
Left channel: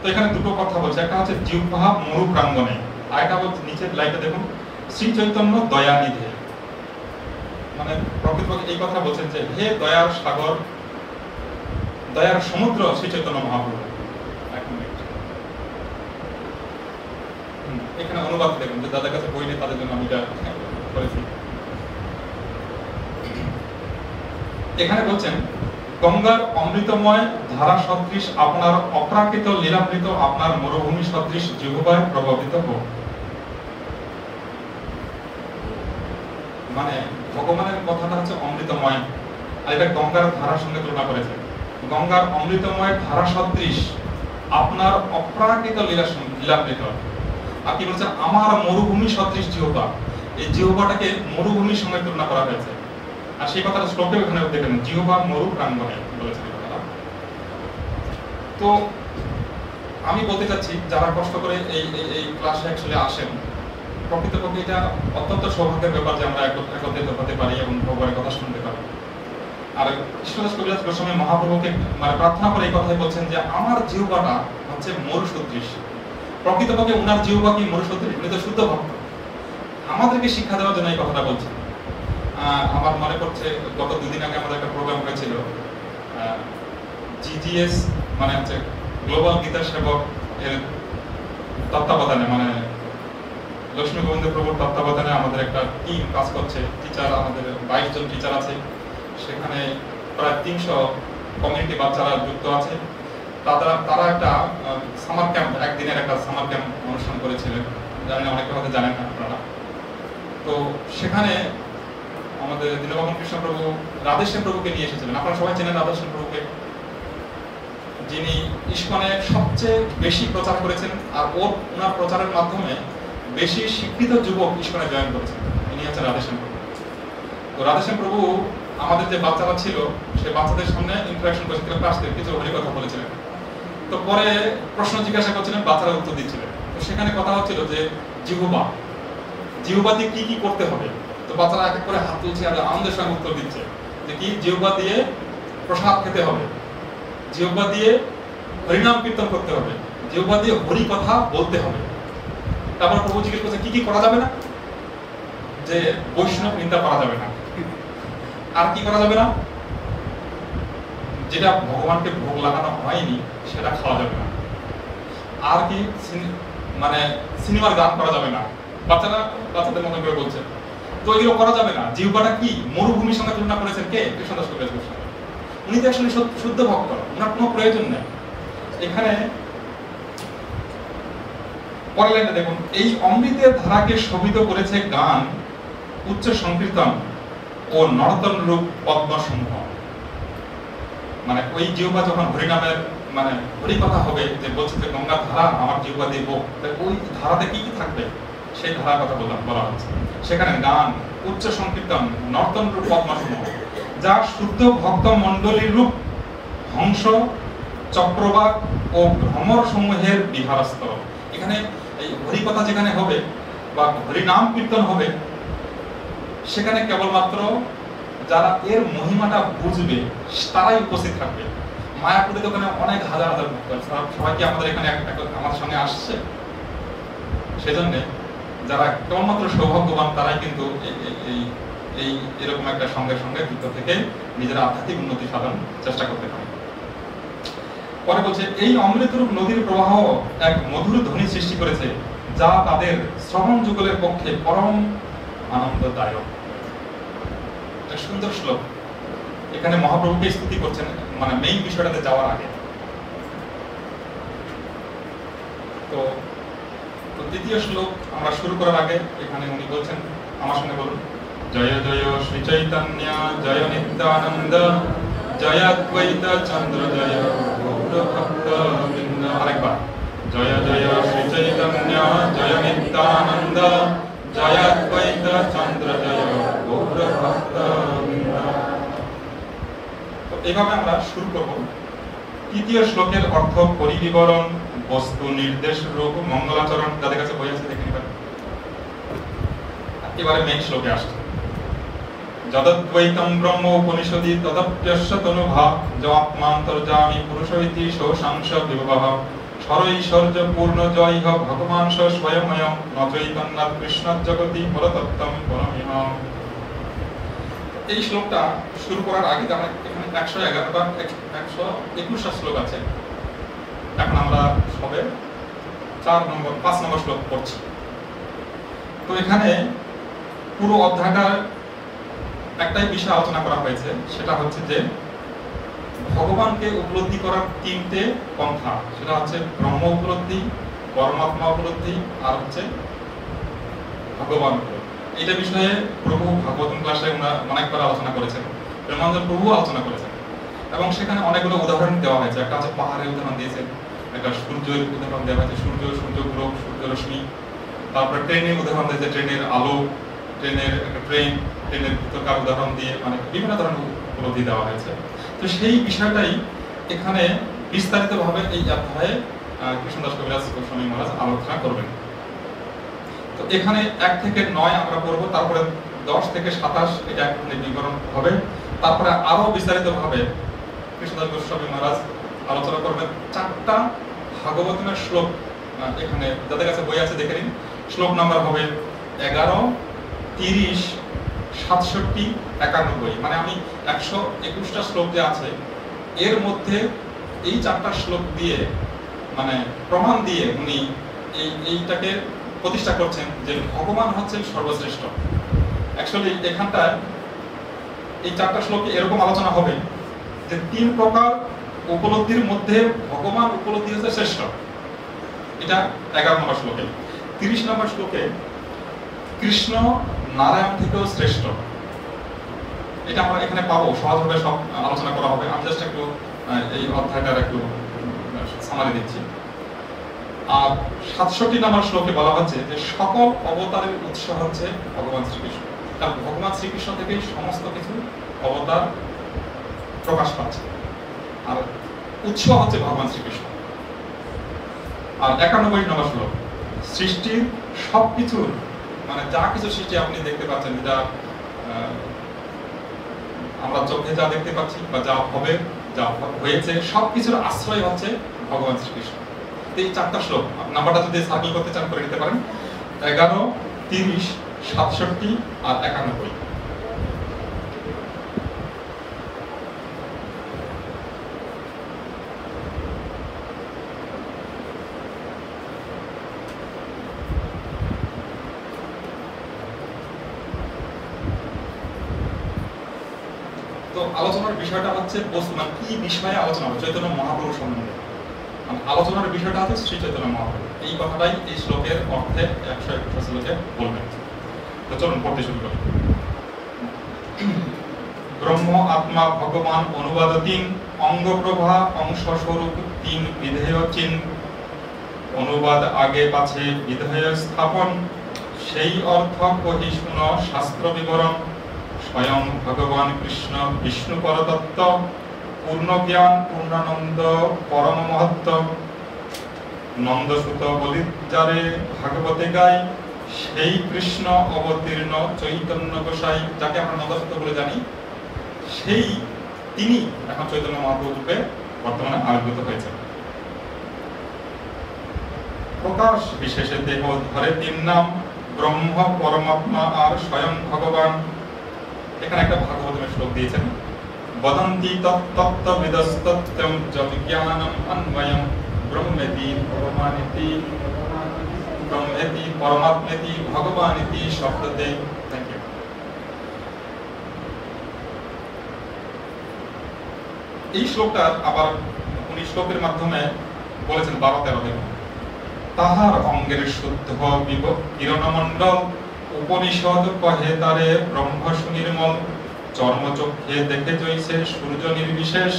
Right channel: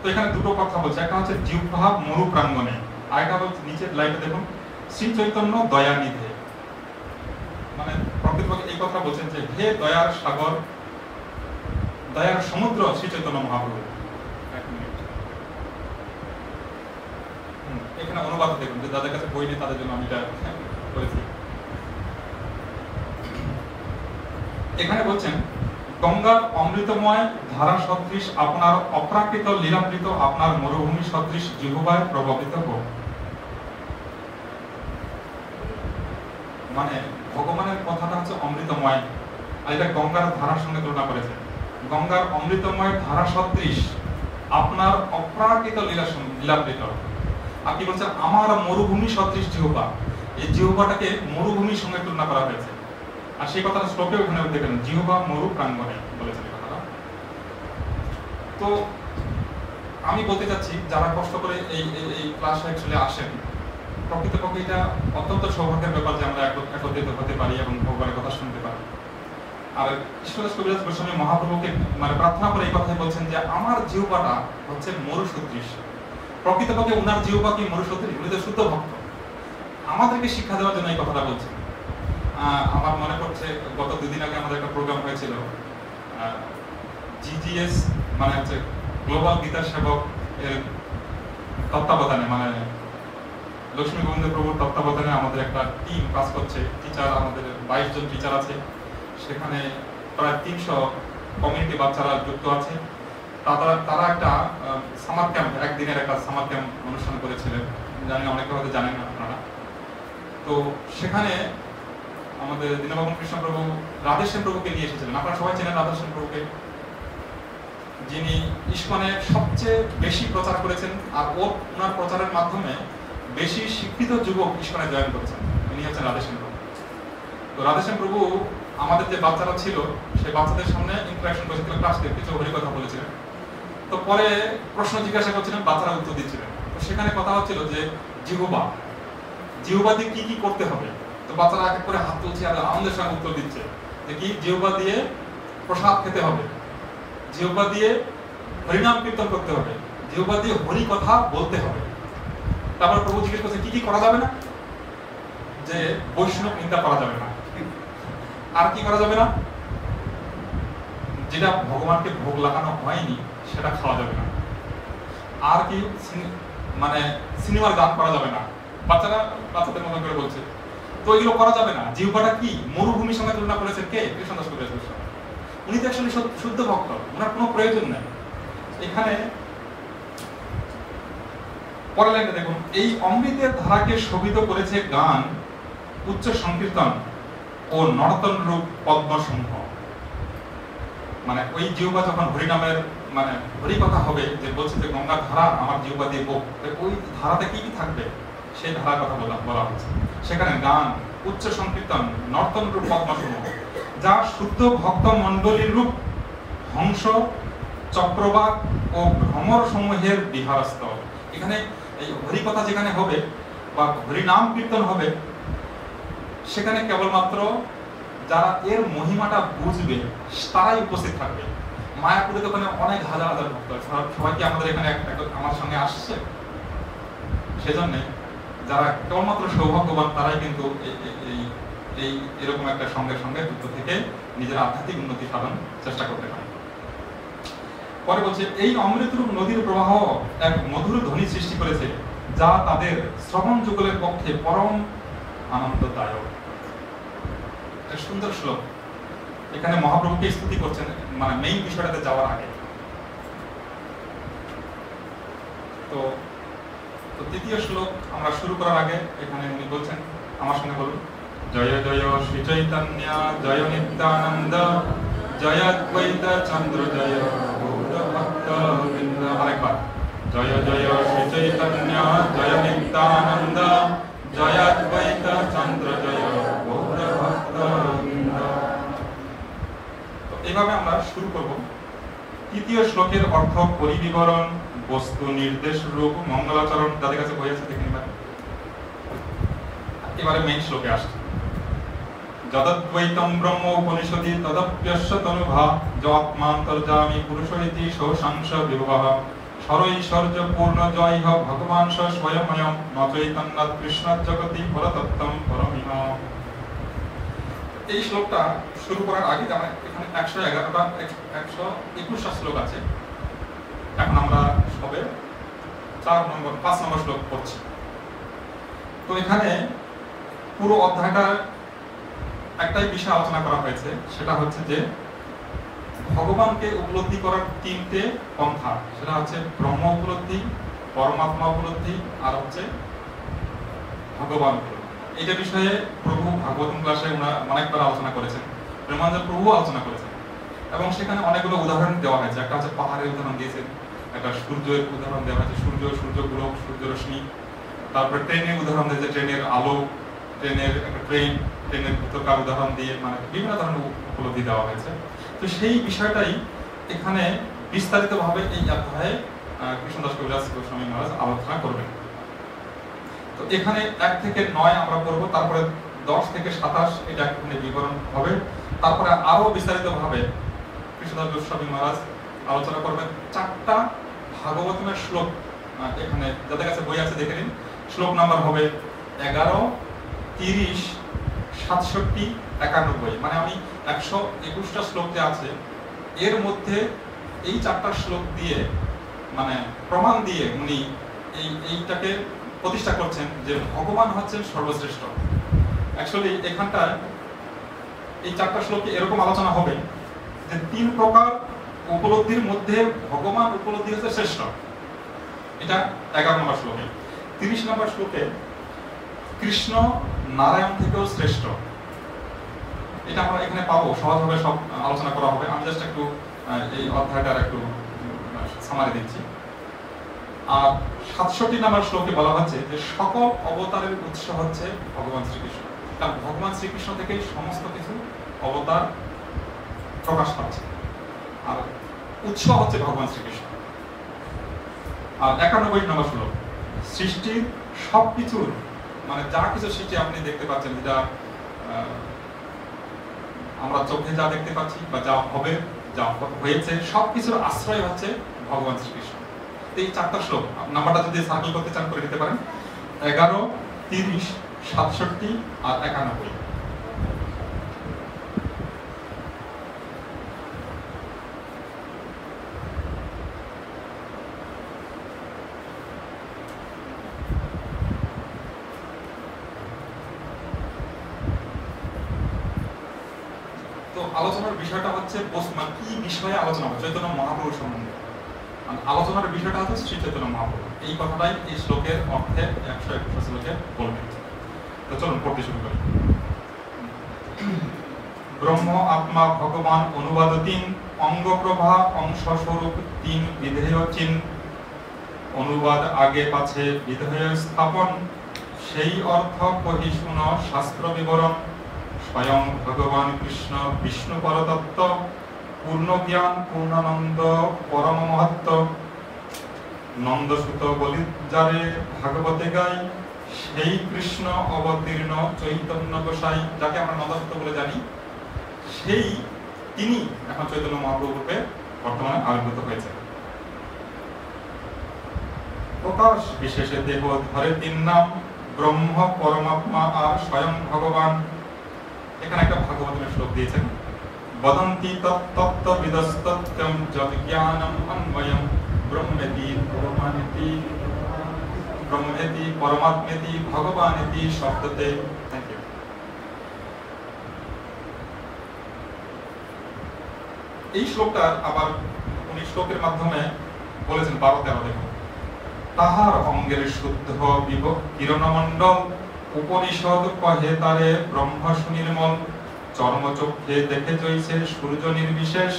তো এখানে দুটো কথা বলছে, একটা হচ্ছে জিহ্বা মরু প্রাঙ্গনে, আর একটা হচ্ছে নিচের লাইনটা দেখুন, শ্রী চৈতন্য দয়া নিধে। মানে প্রকৃতপক্ষে এই কথা বলছেন যে হে দয়ার সাগর, দয়ার সমুদ্র শ্রী চৈতন্য মহাপ্রভু। এখানে অনুবাদ দেখুন, যে যাদের কাছে বই নেই তাদের জন্য আমি এটা করেছি। এখানে বলছেন গঙ্গার অমৃতময় ধারা সদৃশ আপনার অপ্রাকৃত লীলামৃত আপনার মরুভূমি সদৃশ জিহ্বায় প্রভাবিত হোক। মানে ভগবানের কথাটা হচ্ছে অমৃতময়, আর এটা গঙ্গার ধারার সঙ্গে তুলনা করেছেন। গঙ্গার অমৃতময় ধারা সদৃশ আপনার অপ্রাকৃত লীলামৃত। আর কি বলছেন, আমার মরুভূমি সদৃশ জিহ্বা, এই জিহ্বাটাকে মরুভূমির সঙ্গে তুলনা করা হয়েছে। আর সেই কথাটা শ্লোকে ওখানে দেখেন, জিহ্বা মরু প্রাঙ্গণে বলেছেন এই কথাটা। তো আমি বলতে চাচ্ছি যারা কষ্ট করে এই ক্লাসে অ্যাকচুয়ালি আসেন, প্রকৃতপক্ষে এটা অত্যন্ত সৌভাগ্যের ব্যাপার যে আমরা একত্রিত হতে পারি এবং ভগবানের কথা শুনতে পারি। আর কৃষ্ণদাস কবিরাজ গোস্বামী মহাপ্রভুকে মানে প্রার্থনা করে এই কথাই বলছেন যে আমার জিহ্বাটা হচ্ছে মরু সদৃশ। প্রকৃতপক্ষে উনার জিহ্বা কি মরু সদৃশ? উনি তো শুদ্ধ ভক্ত, আমাদেরকে শিক্ষা দেওয়ার জন্য এই কথাটা বলছেন। আমার মনে পড়ছে গত 2 দিন আগে আমাদের একটা প্রোগ্রাম হয়েছিল জিজিএস মানে হচ্ছে গ্লোবাল গীতা সেবক এর তত্ত্বাবধানে, মানে লক্ষ্মী গোবিন্দ প্রভুর তত্ত্বাবধানে আমাদের একটা টিম কাজ করছে। টিচার আমাদের 22 জন টিচার আছে, সেখানে প্রায় 300 কমিউনিটি বাচ্চারা যুক্ত আছে। তারা একটা সামার ক্যাম্প, একদিনের একটা সামার ক্যাম্প অনুষ্ঠান করেছিলেন, জানি না অনেকে হয়তো জানেন না আপনারা। তো সেখানে আমাদের দীনবন্ধু কৃষ্ণ প্রভু রাধেশ্যাম প্রভুকে নিয়ে এসেছিলেন। আপনারা সবাই চেনেন রাধেশ্যাম প্রভুকে, যিনি ইস্কনে সবচেয়ে বেশি প্রচার করেছেন, আর ওনার প্রচারের মাধ্যমে বেশি শিক্ষিত যুবক ইস্কনে জয়েন করেছেন। ইনি হচ্ছেন রাধেশ্যাম প্রভু। তো রাধেশ্যাম প্রভু আমাদের যে বাচ্চারা ছিল সেই বাচ্চাদের সামনে ইন্টারাকশন করেছিলেন, ক্লাস কিছু হরি কথা বলেছিলেন। তো পরে প্রশ্ন জিজ্ঞাসা করছিলেন, বাচ্চারা উত্তর দিচ্ছিলেন। তো সেখানে কথা হচ্ছিল যে জিহ্বা দিয়ে কি কি করতে হবে। তো বাচ্চারা এক এক করে হাত তুলছে আর আনন্দের সঙ্গে উত্তর দিচ্ছে যে কি, জিহ্বা দিয়ে প্রসাদ খেতে হবে, জিহ্বা দিয়ে হরিনাম কীর্তন করতে হবে, জিহ্বা দিয়ে হরি কথা বলতে হবে। তারপর প্রভু জিজ্ঞেস করছে কি কি করা যাবে না, যে বৈষ্ণব নিন্দা করা যাবে না। আর কি করা যাবে না? যেটা ভগবানকে ভোগ লাগানো হয়নি সেটা খাওয়া যাবে না। আর কি মানে সিনেমার গান করা যাবে না। বাচ্চাদের মতো করে বলছে, তো এগুলো করা যাবে না। জিহ্বাটা কি মরুভূমির সঙ্গে তুলনা করেছেন কে? কৃষ্ণদাস কবিরাজ গোস্বামী। উনি তো আসলে শুদ্ধ ভক্ত, ওনার কোনো প্রয়োজন নেই। এখানে পরের লাইনে দেখুন, এই অমৃতের ধারাকে শোভিত করেছে গান, উচ্চ সংকীর্তন ও নর্তন রূপ পদ্মসমূহ। মানে ওই জিহ্বা যখন হরিনামের মানে হরি কথা হবে, যে বলছে যে গঙ্গার ধারা আমার জিহ্বা দিয়ে বক, ওই ধারাতে কি কি থাকবে সেই ধারার কথা বলা হচ্ছে। সেখানে গান, উচ্চ সংকীর্তন, নর্তন রূপ পদ্মসমূহ, যা শুদ্ধ ভক্ত মণ্ডলীর রূপ হংস, চক্রবাক ও ভ্রমর সমূহের বিহারস্থল। এখানে এই হরি কথা যেখানে হবে বা হরিনাম কীর্তন হবে, সেখানে কেবলমাত্র যারা এর মহিমাটা বুঝবে তারাই উপস্থিত থাকবে। মায়াপুরে ওখানে অনেক হাজার হাজার ভক্ত আছে, সবাই কি আমাদের এখানে আমাদের সঙ্গে আসছে? সেজন্য যারা কেবলমাত্র সৌভাগ্যবান তারাই কিন্তু এরকম একটা সঙ্গে যুক্ত থেকে নিজের আধ্যাত্মিক উন্নতি সাধন চেষ্টা করতে পারে। পরে বলছে এই অমৃতরূপ নদীর প্রবাহ এক মধুর ধ্বনি সৃষ্টি করেছে, যা তাদের শ্রবণ যুগলের পক্ষে পরম আনন্দদায়ক। একটা সুন্দর শ্লোক। এখানে মহাপ্রভুকে স্তুতি করছেন, মানে মেইন বিষয়টাতে যাওয়ার আগে। তো তৃতীয় শ্লোক আমরা শুরু করার আগে এখানে উনি বলছেন, আমার সঙ্গে বলুন, জয় জয় শ্রী চৈতন্য জয় নিত্যানন্দ জয় অদ্বৈত চন্দ্র জয় গৌর ভক্তবৃন্দ। আরেকবার, জয় জয় শ্রী চৈতন্য জয় নিত্যানন্দ জয় অদ্বৈত চন্দ্র জয় গৌর ভক্তবৃন্দ। তো এইভাবে আমরা শুরু করব। তৃতীয় শ্লোকের অর্থ পরিবিবরণ, বস্তু নির্দেশ রূপ, মঙ্গলাচরণ। যাদের কাছে বই আছে দেখে নিবেন। এবারে মেইন শ্লোকে আসছে, যদদ্বৈতম ব্রহ্ম উপনিষদি তদপ্যস্য তনুভাব যমাত্মান্তর্যামী পুরুষৈতি সৌসাংশ বিভবঃ সরৈশ্বর্য পূর্ণ জয়ঃ ভগবান স্বয়ময়ম ন চৈতন্যাৎ কৃষ্ণাৎ জগতি পরতত্ত্বম পরমিহ। এই শ্লোকটা শুরু করার আগে আমরা এখানে 111 বা 121টা শ্লোক আছে। এখন আমরা সবে 5 নম্বর শ্লোক পড়ছি। তো এখানে পুরো অধ্যায়টার একটাই বিষয় আলোচনা করা হয়েছে, সেটা হচ্ছে যে ভগবানকে উপলব্ধি করার 3টে পন্থা। সেটা হচ্ছে ব্রহ্ম উপলব্ধি, পরমাত্মা উপলব্ধি, আর হচ্ছে ভগবান উপলব্ধি। এইটা বিষয়ে প্রভু ভাগবতম ক্লাসে অনেকবার আলোচনা করেছেন, প্রেমানন্দ প্রভু আলোচনা করেছেন, এবং সেখানে অনেকগুলো উদাহরণ দেওয়া হয়েছে। একটা হচ্ছে পাহাড়ের উদাহরণ দিয়েছেন, একটা সূর্যের উদাহরণ দেওয়া হয়েছে, সূর্যগ্রহ, সূর্য রশ্মি। তারপরে ট্রেনের উদাহরণ দিয়েছে, ট্রেনের আলো, ট্রেনের ভিতরকার উদাহরণ দিয়ে, মানে বিভিন্ন ধরনের উপলব্ধি দেওয়া হয়েছে। তো সেই বিষয়টাই এখানে বিস্তারিতভাবে এই অধ্যায়ে কৃষ্ণদাস কবিরাজ গোস্বামী মহারাজ আলোচনা করবেন। তো এখানে 1 থেকে 9 আমরা পড়বো, তারপরে 10 থেকে 27 এটা এখানে বিবরণ হবে। তারপরে আরো বিস্তারিতভাবে কৃষ্ণদাস গোস্বামী মহারাজ আলোচনা করবেন 4টা ভাগবতমের শ্লোক। এখানে যাদের কাছে বই আছে দেখে নিন। শ্লোক নাম্বার হবে 11, 30, 67, 91। মানে আমি 121টা শ্লোক যে আছে এর মধ্যে এই 4টা শ্লোক দিয়ে, মানে প্রমাণ দিয়ে উনি এইটাকে প্রতিষ্ঠা করছেন যে ভগবান হচ্ছেন সর্বশ্রেষ্ঠ। অ্যাকচুয়ালি এখানটায় এই 4টা শ্লোকে এরকম আলোচনা হবে যে 3 প্রকার উপলব্ধির মধ্যে ভগবান উপলব্ধি হচ্ছে শ্রেষ্ঠ। এটা 11 নম্বর শ্লোকে। 30 নম্বর শ্লোকে কৃষ্ণ নারায়ণ থেকেও শ্রেষ্ঠ। এটা আমরা এখানে পাবো, সহজভাবে সব আলোচনা করা হবে। আমি জাস্ট একটু এই অধ্যায়টার একটু সামারি দিচ্ছি। আর 67 নম্বর শ্লোকে বলা হচ্ছে যে সকল অবতারের উৎস হচ্ছে ভগবান শ্রীকৃষ্ণ। কারণ ভগবান শ্রীকৃষ্ণ থেকেই সমস্ত কিছু অবতার প্রকাশ পাচ্ছে, আর উৎস হচ্ছে ভগবান শ্রীকৃষ্ণ। আর 91 নম্বর শ্লোক, সৃষ্টির সবকিছুর, মানে যা কিছু সৃষ্টি আপনি দেখতে পাচ্ছেন, যেটা আমরা চোখে যা দেখতে পাচ্ছি বা যা হবে, যা হয়েছে, সবকিছুর আশ্রয় হচ্ছে ভগবান শ্রীকৃষ্ণ। এই 4টা শ্লোক নাম্বারটা যদি সার্কেল করতে চান করে নিতে পারেন, 11, 30, 67 আর 91। তো আলোচনার বিষয়টা হচ্ছে বস্তু, মানে কি বিষয়ে আলোচনা হবে, চৈতন্য মহাপ্রভুর সম্বন্ধে আলোচনার বিষয়টা হচ্ছে শ্রী চৈতন্য মহাপ্রভু। এই কথাটাই এই শ্লোকের অর্থে 121 শ্লোকে বলবেন। তো চলুন পড়তে শুরু করি। ব্রহ্ম আত্মা ভগবান অনুবাদ 3, অঙ্গ প্রভা অংশ স্বরূপ 3 বিধেয় চিন, অনুবাদ আগে পাছে বিধেয় স্থাপন, সেই অর্থ কহি শুন শাস্ত্র বিবরণ। স্বয়ং ভগবান কৃষ্ণ বিষ্ণু পরতত্ত্ব, পূর্ণ জ্ঞান পূর্ণানন্দ পরম মহত্ব। নন্দসুত বলি যারে ভাগবতে গাই, সেই কৃষ্ণ অবতীর্ণ চৈতন্য গোসাই। যাকে আমরা নন্দসুত বলে জানি, সেই তিনি এখন চৈতন্য মহাপ্রভু রূপে বর্তমানে আবির্ভূত হয়েছেন। প্রকাশ বিশেষে দেহ ধরে 3 নাম, ব্রহ্ম, পরমাত্মা আর স্বয়ং ভগবান। এখানে একটা ভাগবতের শ্লোক দিয়েছেন, वदन्ति तत्तत्त्वविदस्तत्यं जविज्ञानम् अन्वयं ब्रह्मेति परमात्मेति भगवानिति शब्दते। Thank you. এই শ্লোকটার আবার উনি শ্লোকের মাধ্যমে বলেছেন 12-13 দেখুন। তাহার অঙ্গের শুদ্ধ কিরণমণ্ডল উপনিষদ কহে তারে ব্রহ্ম সুনির্মল চর্মচক্ষে দেখে জৈছে সূর্য নির্বিশেষ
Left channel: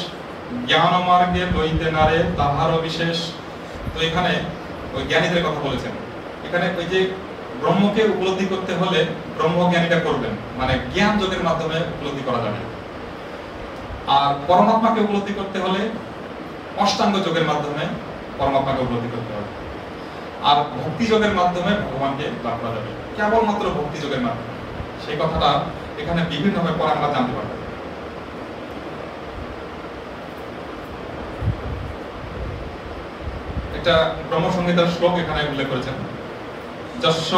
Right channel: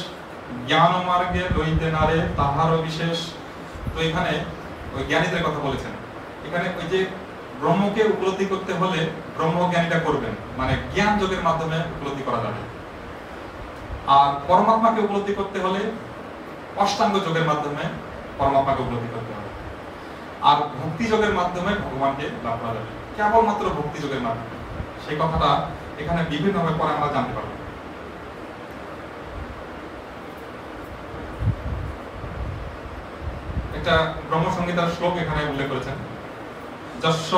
জ্ঞান মার্গে লইতে নারে তাহারও বিশেষ। তো এখানে ওই জ্ঞানীদের কথা বলেছেন। এখানে ওই যে ব্রহ্মকে উপলব্ধি করতে হলে ব্রহ্মজ্ঞানীটা করবেন, মানে জ্ঞান যোগের মাধ্যমে উপলব্ধি করা যাবে। আর পরমাত্মাকে উপলব্ধি করতে হলে অষ্টাঙ্গ যোগের মাধ্যমে পরমাত্মাকে উপলব্ধি করতে হবে। আর ভক্তি যোগের মাধ্যমে ভগবানকে লাভ করা যাবে, কেবলমাত্র ভক্তি যোগের মাধ্যমে। সেই কথাটা এখানে বিভিন্নভাবে পরে আমরা জানতে পারবো। একটা ব্রহ্মসংহিতার শ্লোক এখানে উল্লেখ করেছেন। যস্য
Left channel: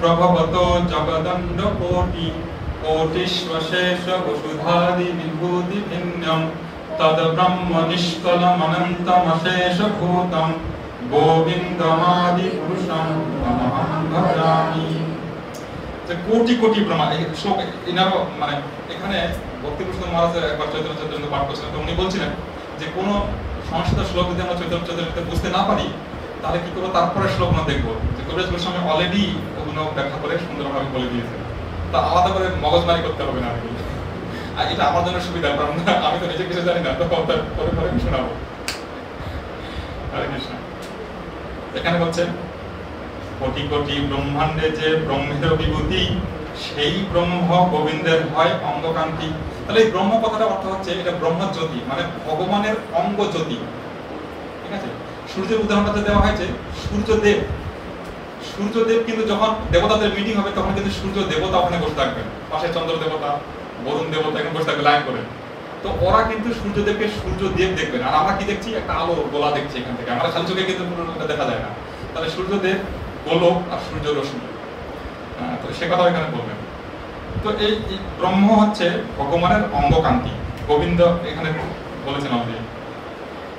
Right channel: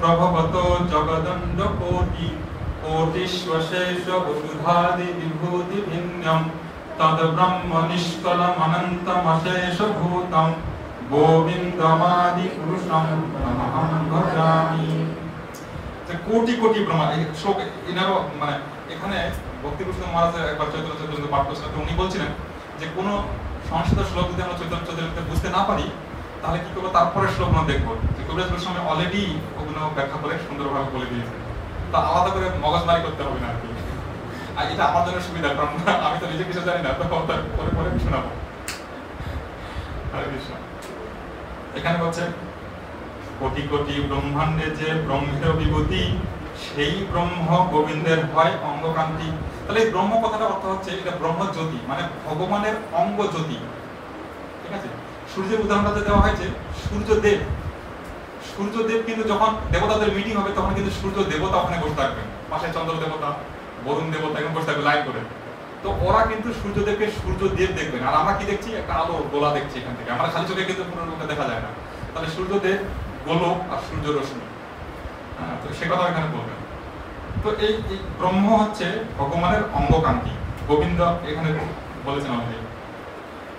প্রভবত জগদণ্ড কোটি কোটিশ্বশেষ বসুধাদি বিভূতি ভিন্নম তদ ব্রহ্ম নিষ্কলম অনন্তমশেষ ভূতম গোবিন্দমাদি পুরুষম নমঃ ভজামি। যে কোটি কোটি ব্রহ্মা, এই শ্লোক এনারও মানে এখানে ভক্তিপুরুষ মহারাজ একবার চৈতন্য চৈতন্য পাঠ করছিলেন। তো উনি বলছিলেন যে কোনো সংস্কৃত শ্লোক যদি আমরা চৈতন্য চৈতন্যতে বুঝতে না পারি তাহলে কি করবো, তারপরে শ্লোকগুলো দেখবো যে কবিরাজ গোস্বামী অলরেডি ওগুলো ব্যাখ্যা করে সুন্দরভাবে বলে দিয়েছে। তা আলাদা করে মগজমারি করতে হবে না আর কি। আর এটা আমার জন্য সুবিধা, কারণ আমি তো নিজে কিছু জানি না, তো পরে পরে শোনাবো। হরে কৃষ্ণ। এখানে বলছে কোটি কোটি ব্রহ্মাণ্ডে যে ব্রহ্মের বিভূতি সেই ব্রহ্ম গোবিন্দের হয় অঙ্গকান্তি। তাহলে এই ব্রহ্ম কথাটা অর্থ হচ্ছে এটা ব্রহ্ম জ্যোতি, মানে ভগবানের অঙ্গ জ্যোতি। ঠিক আছে। সূর্যের উদাহরণটা দেওয়া হয়েছে সূর্যদেব। সূর্যদেব কিন্তু যখন দেবতাদের মিটিং হবে তখন কিন্তু সূর্য দেবতা ওখানে বসে থাকবেন, পাশে চন্দ্র দেবতা, বরুণ দেবতা এখন বসে থাকবে লাইন করে। তো ওরা কিন্তু সূর্যদেবকে সূর্যদেব দেখবেন, আর আমরা কি দেখছি, একটা আলো গোলা দেখছি এখান থেকে। আমরা খালি চোখে কিন্তু পুরো দেখা যায় না। তাহলে সূর্যদেব গোলক আর সূর্য রশ্মি, তো সে কথা এখানে বলবেন। তো এই ব্রহ্ম হচ্ছে ভগবানের অঙ্গকান্তি, গোবিন্দ এখানে বলেছেন অলরেডি।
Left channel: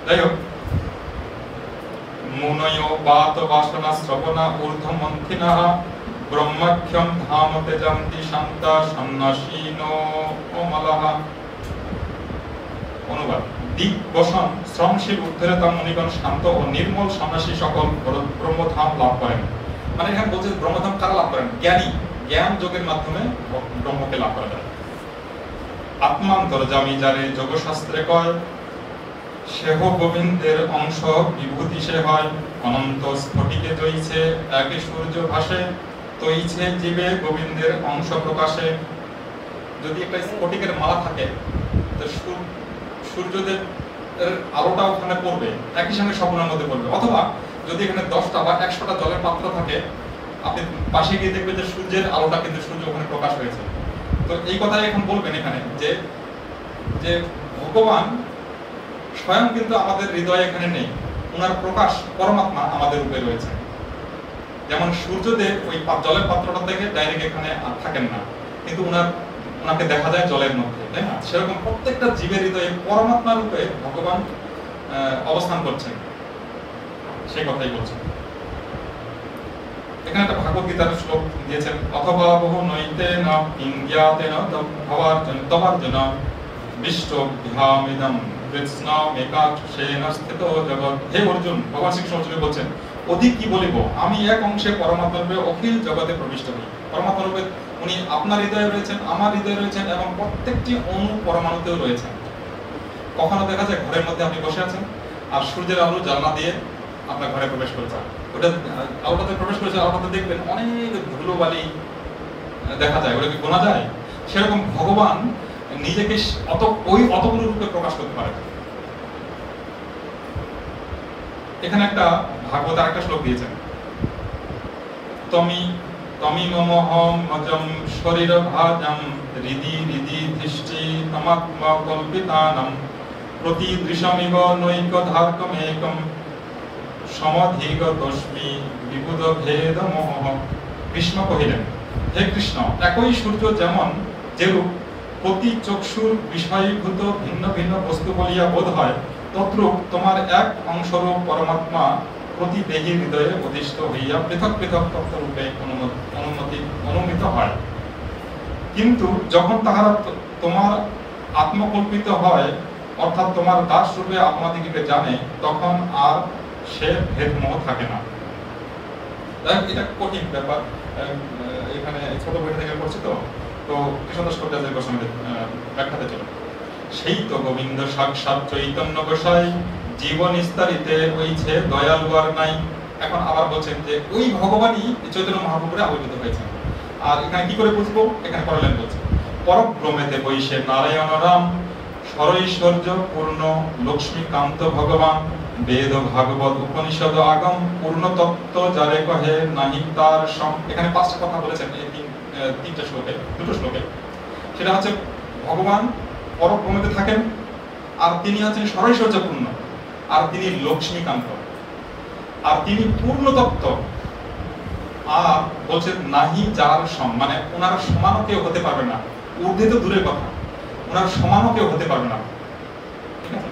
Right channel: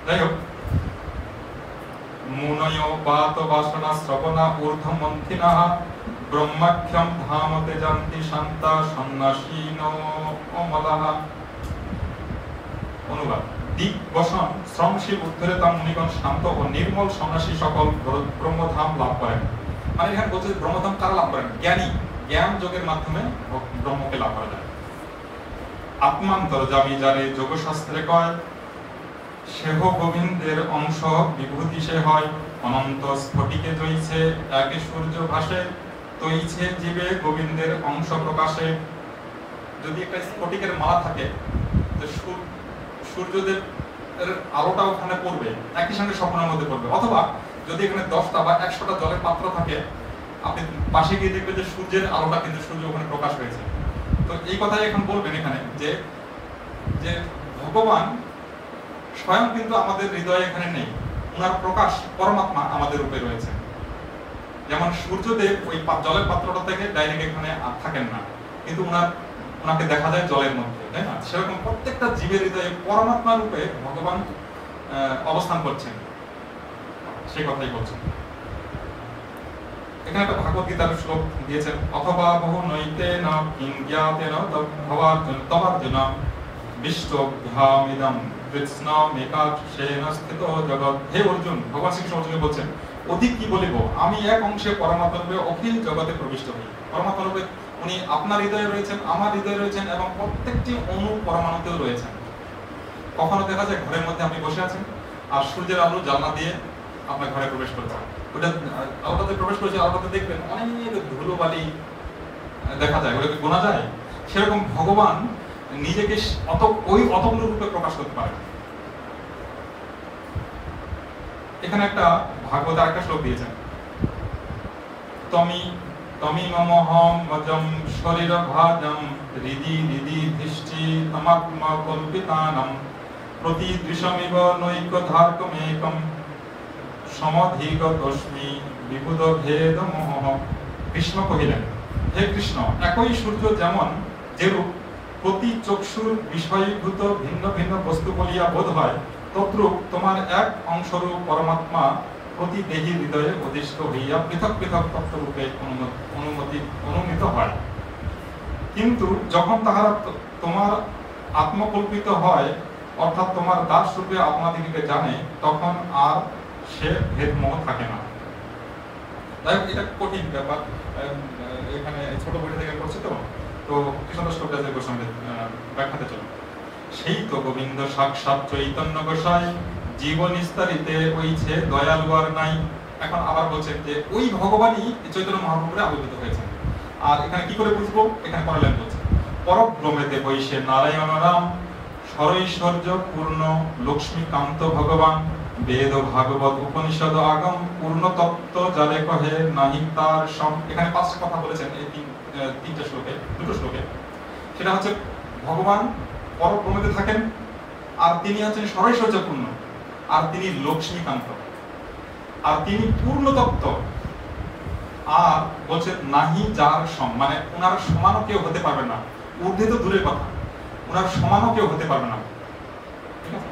যাই হোক, মুনয় বাত বাসনা শ্রবণা ঊর্ধ্ব মন্থিনঃ ব্রহ্মাখ্যম ধামতে জান্তি শান্তা সন্ন্যাসীনো অমলাহ। অনুবাদ: দিক বসন শ্রমশীল উদ্ধরেতা মুনিগণ শান্ত ও নির্মল সন্ন্যাসী সকল ব্রহ্মধাম লাভ করেন। মানে এখানে বলছে ব্রহ্মধাম কারা লাভ করেন? জ্ঞানী, জ্ঞান যোগের মাধ্যমে ব্রহ্মকে লাভ করা যায়। আত্মান্তর্যামী যারে যোগশাস্ত্রে কয় সেহ গোবিন্দের অংশ বিভূতি সে হয়। অনন্ত স্ফটিকে জইছে একে সূর্য ভাসে তৈছে জীবে গোবিন্দের অংশ প্রকাশে। যদি একটা স্ফটিকের মালা থাকে তো সূর্যদেব এর আলোটা ওখানে পড়বে, একই সঙ্গে স্বপ্নের মধ্যে পড়বে। অথবা যদি এখানে 10টা বা 100টা জলের পাত্র থাকে, আপনি পাশে গিয়ে দেখবেন যে সূর্যের আলোটা কিন্তু সূর্য ওখানে প্রকাশ হয়েছে। তো এই কথাই এখন বলবেন এখানে যে যে ভগবান স্বয়ং কিন্তু আমাদের হৃদয়ে এখানে নেই, ওনার প্রকাশ পরমাত্মা আমাদের রূপে রয়েছে। যেমন সূর্যদেব ওই জলের পাত্রটা থেকে ডাইরেক্ট এখানে থাকেন না, কিন্তু ওনাকে দেখা যায় জলের মধ্যে, তাই না? সেরকম প্রত্যেকটা জীবের হৃদয়ে পরমাত্মা রূপে ভগবান অবস্থান করছেন, সেই কথাই বলছেন। এখানে একটা ভাগবত গীতার শ্লোক দিয়েছেন, অথবা বহু নৈতে না ইন্দ্রিয়াতে না তবার্জুন বিশ্বভ্যামিদম কৃষ্ণ মেকাক্ষেন স্থিত জগৎ। হে অর্জুন, ভগবান শ্রীকৃষ্ণ অর্জুনকে বলছেন, অধিক কি বলিব, আমি এক অংশে পরমাত্মা রূপে অখিল জগতে প্রবিষ্ট হই। পরমাত্মা রূপে উনি আপনার হৃদয়ে রয়েছেন, আমার হৃদয়ে রয়েছেন, এবং প্রত্যেকটি অণু পরমাণুতেও রয়েছেন। কখনো দেখা যায় ঘরের মধ্যে আপনি বসে আছেন আর সূর্যের আলো জানলা দিয়ে আপনার ঘরে প্রবেশ করেছে, ওটা আলোটাতে প্রবেশ করেছে, আলোটাতে দেখবেন অনেক ধুলোবালি দেখা যায়, ওটাকে গোনা যায়। সেরকম ভগবান নিজেকে অতগুলো রূপে প্রকাশ করতে পারে। এখানে একটা ভাগবত আরেকটা শ্লোক দিয়েছেন, তমি মমহম মজম শরীর ভাজম হৃদি হৃদি দৃষ্টি তমাত্মা কল্পিতানম প্রতিদৃশমিব নৈক ধার্কমেকম সমধিগতস্মি বিবুধ ভেদ মোহ। কৃষ্ণ কহিলেন, হে কৃষ্ণ, একই সূর্য যেমন যেরূপ প্রতি চক্ষুর বিষয়ভূত ভিন্ন ভিন্ন বস্তু বলিয়া বোধ হয়, তদ্রূপ তোমার এক অংশরূপ পরমাত্মা প্রতি দেহী হৃদয়ে অধিষ্ঠ হইয়া পৃথক পৃথক তত্ত্বরূপে অনুমিত হয়। কিন্তু যখন তাহারা তোমার আত্মকল্পিত হয়, অর্থাৎ তোমার দাস রূপে আপনাদিকে জানে, তখন আর সে ভেদমোহ থাকে না। এটা কঠিন ব্যাপার, এখানে ছোট বইটা থেকে পড়ছি তো কৃষ্ণদাস কবিরাজের গোস্বামীদের ব্যাখ্যাতে চলো। সেই তো গোবিন্দ সাক্ষাৎ চৈতন্য গোসাই, জীবন নিস্তারিতে হইছে দয়ালু আর নাই। এখন আবার বলছেন যে ওই ভগবানই চৈতন্য মহাপ্রভুরে আবির্ভূত হয়েছেন। আর এখানে কি করে বুঝবো, এখানে পড়লেন বলছে, পরব্রহ্মেতে বৈশে নারায়ণ রাম, সরৈশ্বর্য পূর্ণ লক্ষ্মীকান্ত ভগবান, বেদ ভাগবত উপনিষদ আগম, পূর্ণ তত্ত্ব যারে কহে নাহি তার সম। এখানে পাঁচটা কথা বলেছেন এই তিনটা শ্লোকে, দুটো শ্লোকে। সেটা হচ্ছে ভগবান পরব্রহ্মেতে থাকেন, আর তিনি হচ্ছেন সরৈশ্বর্যপূর্ণ, আর তিনি লক্ষ্মীকান্ত, আর তিনি পূর্ণ তত্ত্ব, আর বলছে নাহি যার সম, মানে ওনার সমানও কেউ হতে পারবে না। ঊর্ধ্বে তো দূরের কথা, ওনার সমানও কেউ হতে পারবে না। ঠিক আছে।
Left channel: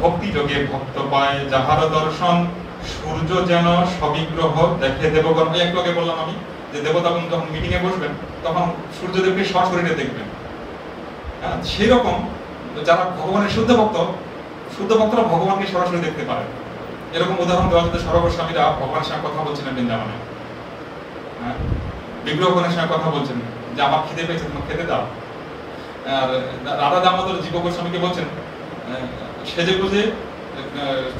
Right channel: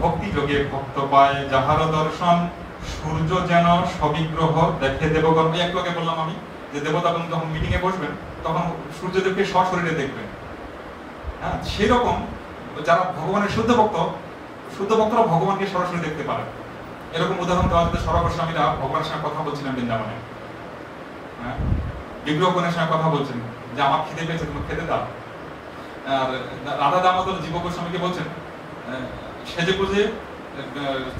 ভক্তি যোগে ভক্ত পায় যাহার দর্শন, সূর্য যেন সবিগ্রহ দেখে দেবগণ। এক লোকে বললাম আমি যে দেবতাগণ যখন মিটিং এ বসবেন তখন সূর্যদেবকে সশরীরে দেখবেন। হ্যাঁ, সেরকম যারা ভগবানের শুদ্ধ ভক্তরা ভগবানকে সরাসরি দেখতে পারে। এরকম উদাহরণ দেওয়া হচ্ছে, সর্বস্বামীরা ভগবানের সঙ্গে কথা বলছিলেন বৃন্দাবনে, হ্যাঁ, বিগ্রহগণের সঙ্গে কথা বলছেন যে আমার খিদে পেয়েছে, তোমার খেতে দাও। আর রাধা দামোদর জীব গোস্বামীকে বলছেন সেজে গুজে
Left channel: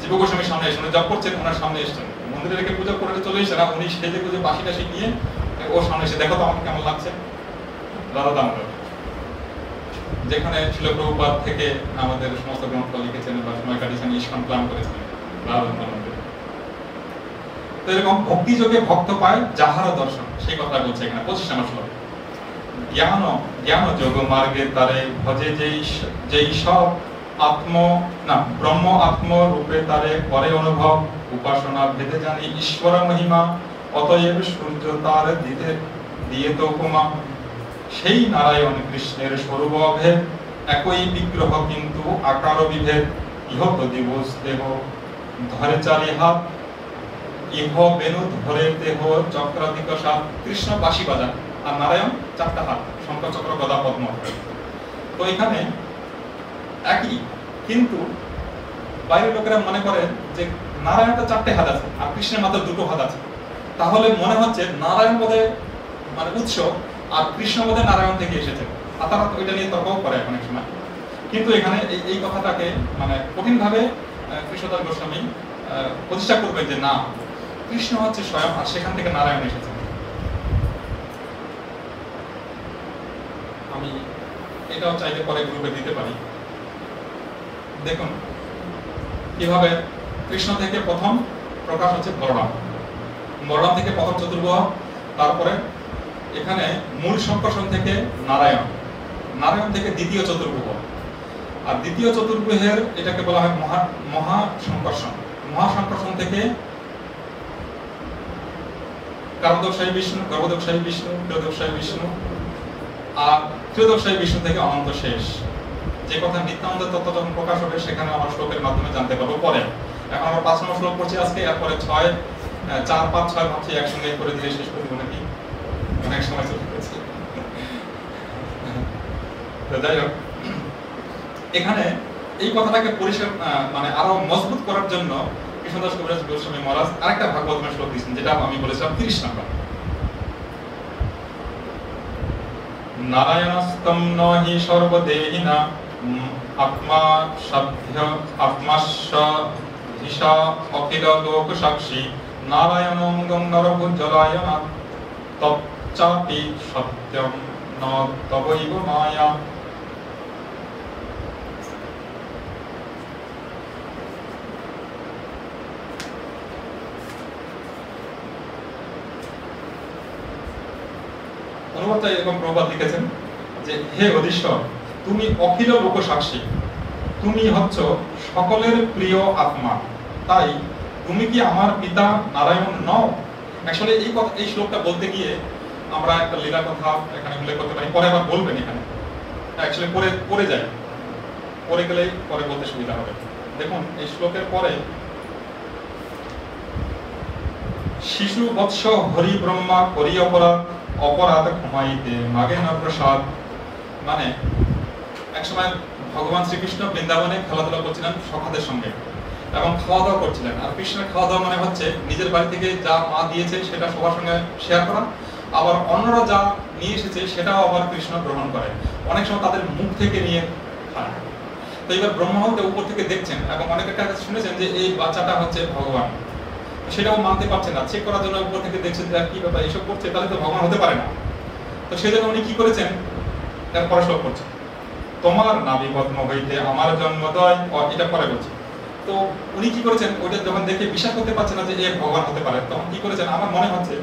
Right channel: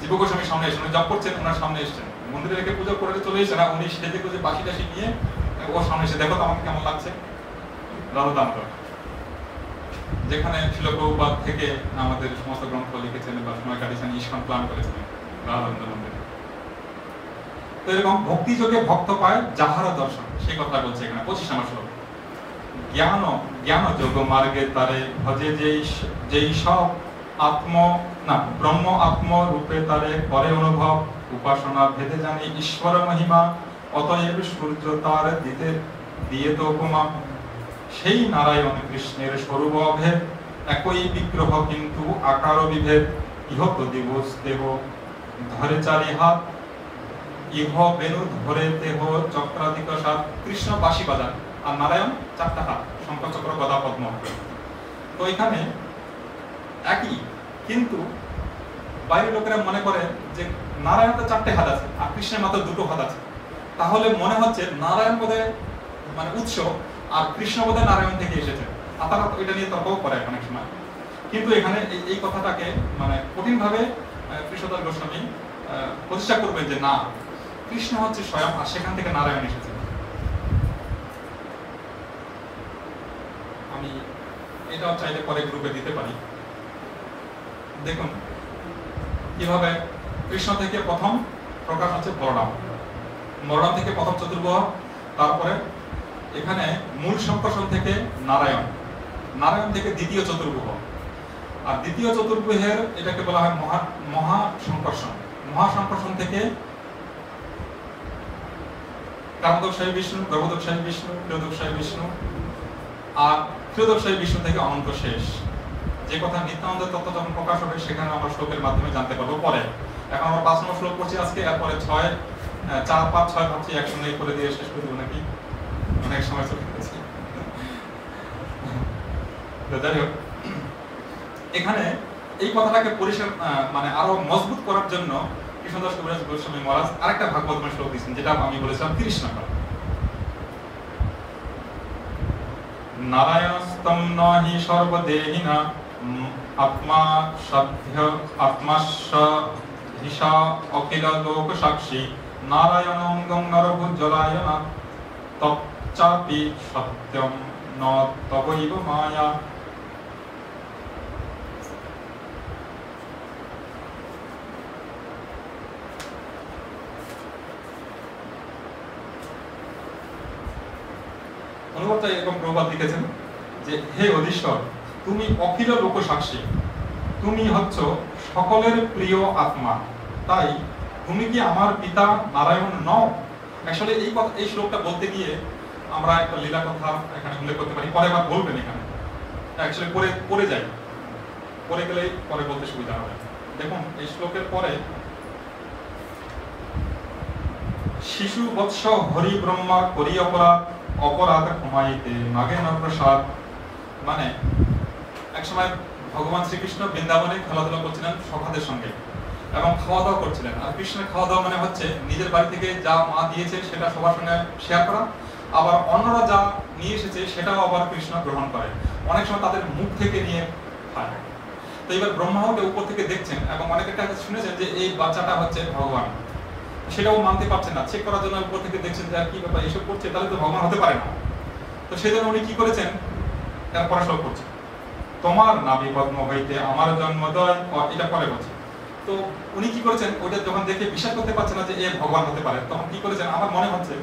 জীব গোস্বামীর সামনে এসে জপ করছেন, ওনার সামনে এসছেন, মন্দিরে রেখে পূজা করে চলে এসেছেন, আর উনি সেজে গুজে বাসি টাসি নিয়ে ওর সামনে এসে, দেখো তো আমাকে কেমন লাগছে। রাধা দামোদর, যেখানে ছিল প্রভুপাদ থেকে আমাদের সমস্ত গ্রন্থ লিখেছেন বা সময় কাটিয়েছেন, ইস্কন প্ল্যান করেছেন রাধা দামোদর। তো এরকম ভক্তি যোগে ভক্ত পায় যাহার দর্শন, সেই কথা বলছে এখানে 25 নম্বর শ্লোক। জ্ঞান যোগ মার্গে তারে ভজে যেই সব ব্রহ্ম আত্ম রূপে তারে করে অনুভব, উপাসনা ভেদে জানি ঈশ্বর মহিমা, অতএব সূর্য তার দিয়ে তো উপমা। সেই নারায়ণ কৃষ্ণের স্বরূপ অভেদ, একই বিগ্রহ কিন্তু আকার বিভেদ। ইহত দিবস দেহ ধরে চারি হাত, ইহ বেনু ধরে দেহ চক্রাধিক সাত। কৃষ্ণ বাঁশি বাজান আর নারায়ণ চারটা হাত, শঙ্খ চক্র গদা পদ্ম। তো এখানে একই, কিন্তু বাইরের লোকেরা মনে করে যে নারায়ণটা চারটে হাত আছে আর কৃষ্ণের মাত্র দুটো হাত আছে, তাহলে মনে হচ্ছে নারায়ণ বোধহয় মানে উৎস আর কৃষ্ণ বোধহয় নারায়ণ থেকে এসেছে। আর তারা এটা নিয়ে তর্কও করে অনেক সময়। কিন্তু এখানে এই কথাটাকে মানে কঠিন ভাবে কৃষ্ণদাস গোস্বামী প্রতিষ্ঠা করবেন যে না, কৃষ্ণ হচ্ছে স্বয়ং, আর সেখান থেকে নারায়ণ এসেছে। আমি এটাও চাইলে পরে গ্রুপে দিতে পারি। দেখুন কিভাবে কৃষ্ণ থেকে প্রথম প্রকাশ হচ্ছে বলরাম থেকে প্রথম চতুর্ভুজ, তারপরে এখানে মূল সংকর্ষণ থেকে নারায়ণ থেকে দ্বিতীয় চতুর্ভুজ, আর দ্বিতীয় চতুর্ভুজের এটাকে বলা হয় মহাসংকর্ষণ থেকে কারণদোষায়ী বিষ্ণু, গর্ভদোষায়ী বিষ্ণু, ক্রিয়োদোষায়ী বিষ্ণু, আর ক্রিয়োদোষায়ী বিষ্ণু থেকে অনন্ত শেষ। যে কথা নিত্যানন্দের তত্ত্ব যখন প্রকাশ হবে সেখানে আমরা শ্লোকের মাধ্যমে জানতে পারবো পরে। এখন আমরা 5 নম্বর শ্লোক পড়ছি আজকে, এরপরে 6, 4, 5, 6 ভাবছি একসঙ্গে করে দিয়ে শেষ করে দেবো নাকি, অনেক সময় চলে গেছে। যাই হোক, এখানে এই কথাটাকে পরিষ্কার মানে আরো মজবুত করার জন্য কৃষ্ণদাস কবিরাজ গোস্বামী মহারাজ আরেকটা ভাগবতের শ্লোক দিয়েছেন, যেটা আমি বলেছিলাম 30 নম্বর। নারায়ণস্তম নহি সর্বদেহিনা আত্মা আত্মাশা অখিল লোক সাক্ষী, নারায়ণঙ্গং নরভুজলায়না তচ্চাপি সত্যম ন তবৈব মায়া। অনুবাদটা এরকম প্রবাদ লিখেছেন যে হে অধীশ্বর, তুমি অখিল লোক সাক্ষী, তুমি হচ্ছ সকলের প্রিয় আত্মা, তাই তুমি কি আমার পিতা নারায়ণ নও? আসলে এই শ্লোকটা বলতে গিয়ে আমরা একটা লীলা কথা এখানে উল্লেখ করতে পারি, পরে আবার বলবেন এখানে, অ্যাকচুয়ালি পরে যাই, পরে গেলেই পরে বলতে সুবিধা হবে। দেখুন এই শ্লোকের পরে শিশু বৎস হরি ব্রহ্মা করি অপরাধ ক্ষমাইতে মাগে না প্রসাদ। মানে একসময় ভগবান শ্রীকৃষ্ণ বৃন্দাবনে খেলাধুলা করছিলেন সখাদের সঙ্গে এবং খাওয়া দাওয়া করছিলেন। আর কৃষ্ণের খাওয়া দাওয়া মানে হচ্ছে নিজের বাড়ি থেকে যা মা দিয়েছে সেটা সবার সঙ্গে শেয়ার করা, আবার অন্যরা যা নিয়ে এসেছে সেটাও আবার কৃষ্ণ গ্রহণ করে, অনেক সময় তাদের মুখ থেকে নিয়ে খায়। তো এবার ব্রহ্মাকে উপর থেকে দেখছেন এবং অনেকের কাছে শুনেছেন যে এই বাচ্চাটা হচ্ছে ভগবান, সেটাও মানতে পারছেন না, চেক করার জন্য উপর থেকে দেখছেন যে কি ব্যাপার এসব করছে, তাহলে তো ভগবান হতে পারে না। তো সেই জন্য উনি কি করেছেন, পড়াশোনা করছে, তোমার নাভি পদ্ম হইতে আমার জন্মোদয়, এটা পরে বলছে। তো উনি কি করেছেন, ওইটা যখন দেখে বিশ্বাস করতে পারছেন না যে এ ভগবান হতে পারে, তখন কি করেছেন, আমার মনে হচ্ছে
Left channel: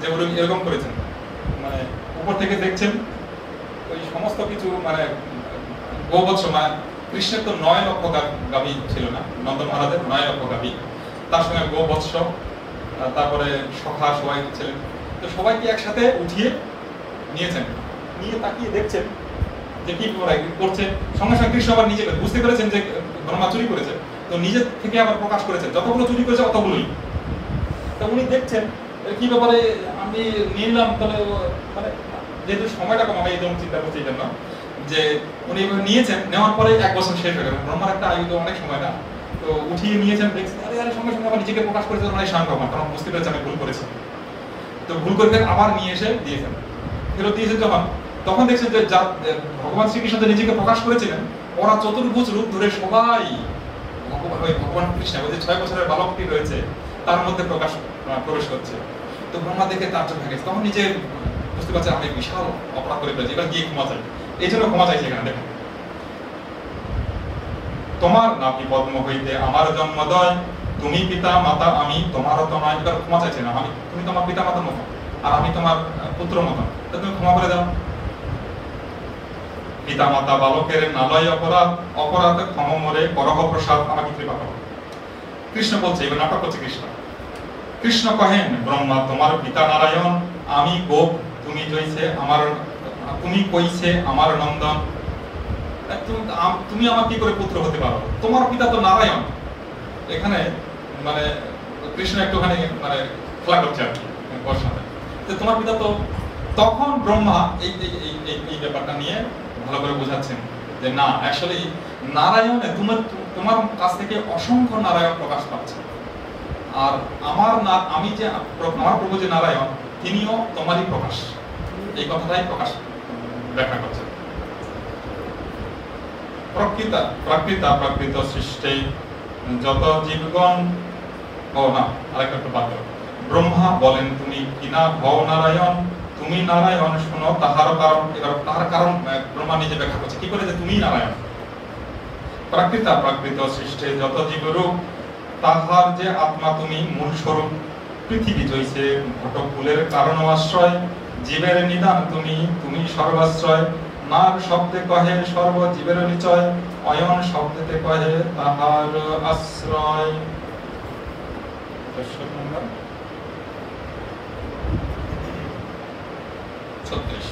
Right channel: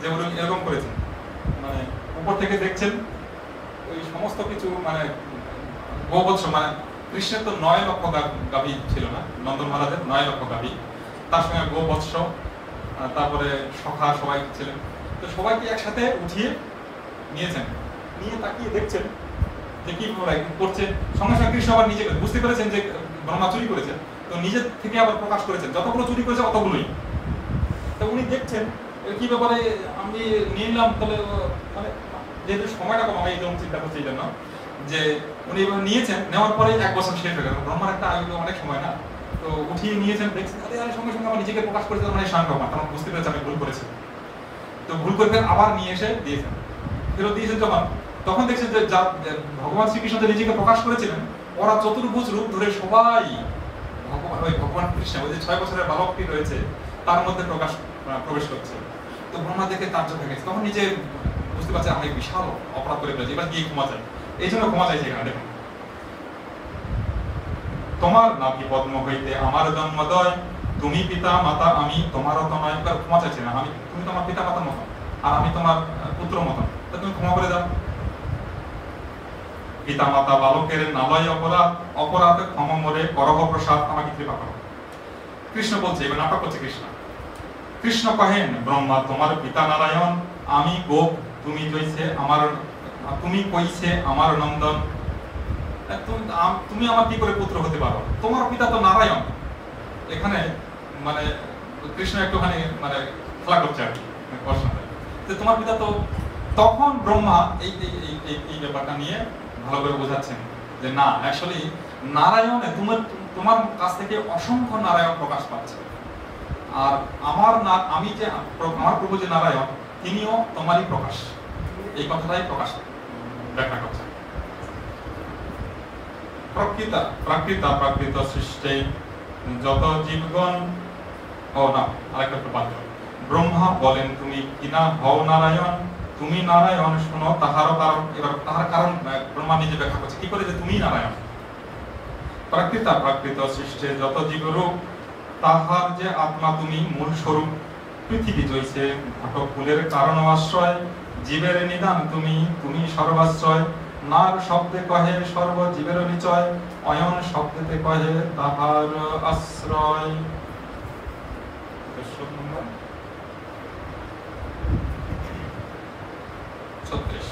যে উনি এরকম করেছেন, মানে উপর থেকে দেখছেন ওই সমস্ত কিছু, মানে গোবৎস, মানে কৃষ্ণের তো 9 লক্ষ গাভী ছিল না, নন্দ মহারাজের 9 লক্ষ গাভী, তার সঙ্গে গোবৎস, তারপরে সখা সবাই ছিলেন, তো সবাইকে একসাথে উঠিয়ে নিয়েছেন, নিয়ে তাকিয়ে দেখছেন যে কি করছে। সঙ্গে সঙ্গে কৃষ্ণ আবার নিজে বুঝতে পেরেছেন যে ব্রহ্মা চুরি করেছে, তো নিজে থেকে আবার প্রকাশ করেছেন যতগুলো চুরি করেছে অতগুলোই। তো উনি দেখছেন কি ব্যাপারে, আমি নিয়ে নিলাম, তাহলে মানে যেহেতু সময়টা কম, আমি এই জন্য চিন্তা করছি, এই জন্য যে উনি নিয়েছেন, নেওয়ার পরে 1 বছর শেষ হয়ে গেল, ব্রহ্মার একটা আয়ু তো অনেক সময় না, তো উঠিয়ে নিয়েছেন, দেখছেন আরে সঙ্গে সঙ্গে আবার নিজেকে প্রকাশ করেছেন মানে স্বয়ং ভগবান, কারণ বুঝতে পেরেছে আমি ভুল করেছি। তো ভুল করে আবার নিয়ে এসে দিয়েছেন, ফেরত দিয়েছেন যখন, তখন দেখছেন যে যা ভগবান শ্রীকৃষ্ণ যে নিজেকে প্রকাশ করেছিলেন, ওরা চতুর্ভুজ রূপ ধরে সবাই ভগবান কৃষ্ণ, ওই যে 6 বছরের বালকটি রয়েছে তার মধ্যে প্রবেশ করছে। তো ব্রহ্মা দেখে তাজ্জব হয়ে গেছে, তখন নিজে বুঝতে পারছে আমি বিশাল অপরাধ করে ফেলেছি, এবার গিয়ে ক্ষমা চাই, এই জন্য ক্ষমা চাইছে এখানে। দেখুন তোমার নাভি পদ্ম হইতে আমার জন্মোদয়, তুমি পিতা মাতা আমি তোমারও তো নয়। এবার ক্ষমা চাইছে না, আমি তুমি তোমার পিতা মাতার মতো আর আমি তোমার পুত্র মতো, তুমি ক্ষমা করে দাও। পিতা মাতা বালকের নালয় অপরাধ ক্ষমা মরে করহ প্রসাদ, আমাকে কৃপা করো। কৃষ্ণ বলছে, এবার নাটক করছে কৃষ্ণ। কৃষ্ণ কহেন ব্রহ্মা তোমার পিতা নারায়ণ, আমি গোপ তুমি কইছে আমার নন্দন, তুমি আমার কি করে পুত্র হতে পারো, তোমার পিতা তো নারায়ণ। এখানে মানে কৃষ্ণ একটুখানি মানে খেলা করছে আর কি, তোমার পিতা তো। তখন ব্রহ্মা এই ব্যাপারটা নিয়ে ভালো করে বোঝাচ্ছেন যে না, অ্যাকচুয়ালি নারায়ণে তোমার কাছ থেকে অসংখ্য নারায়ণ প্রকাশ পাচ্ছে, আর আমি যে আমার প্রভু যে নারায়ণ তিনিও তোমারই প্রকাশ, এই কথাটাই প্রকাশ ব্যাখ্যা করছে। প্রাকৃত সৃষ্টে যত জীবগণ, আরেকটা বাদ। ব্রহ্মা বলেন তুমি কিনা হও নারায়ণ, তুমি নারায়ণ শোনো তাহার কারণ। এবার তাহার কারণ ব্রহ্মা নিজে ব্যাখ্যা করছে কি করে, যে তুমি নারায়ণ। প্রাকৃত সৃষ্টে যত জীবরূপ, তাহার যে আত্মা তুমি মূল স্বরূপ। পৃথিবী জৈছে ঘটক ফুলের কারণ আশ্রয়, জীবের নিদান তুমি সর্বাশ্রয়। নার শব্দে কহে সর্বজীবের নিচয়, অয়ন শব্দেতে কহে তাহার আশ্রয়। দর্শক নম্বর 36।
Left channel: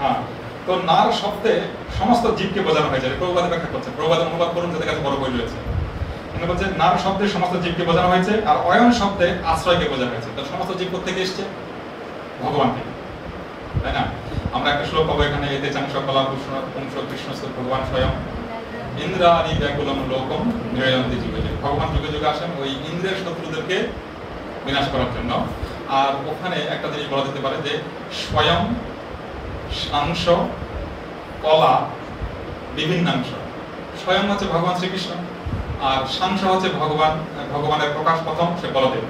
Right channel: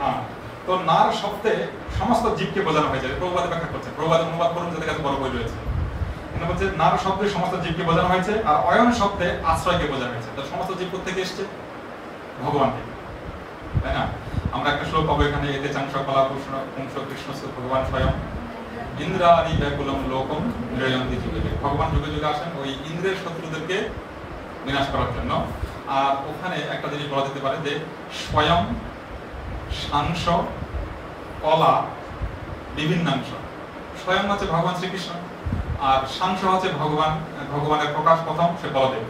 হ্যাঁ, তো নার শব্দে সমস্ত জীবকে বোঝানো হয়েছে, প্রভুপাদ ব্যাখ্যা করছে, প্রভুপাদ অনুবাদ করুন, যাদের কাছে বড় বই রয়েছে। এখানে বলছে নার শব্দে সমস্ত জীবকে বোঝানো হয়েছে, আর অয়ন শব্দে আশ্রয়কে বোঝানো হয়েছে। তো সমস্ত জীব থেকে এসছে, ভগবান থেকে, তাই না? আমরা একটা শ্লোক পাবো এখানে, এতে চাংশ কলা পুংস কৃষ্ণ ভগবান স্বয়ং ইন্দ্রাণি ব্যাকুলম লোকম নিরয়ন্তি যুগে। ভগবান যুগে যুগে আসেন ওই ইন্দ্রের শত্রুদেরকে বিনাশ করার জন্য। আর ওখানে একটা জিনিস বলা যেতে পারে যে স্বয়ং, সাংস, কলা, বিভিন্নাংশ। স্বয়ং হচ্ছে ভগবান শ্রীকৃষ্ণ, আর সাংস হচ্ছে ভগবানের প্রকাশ প্রথম, সে বলদেব।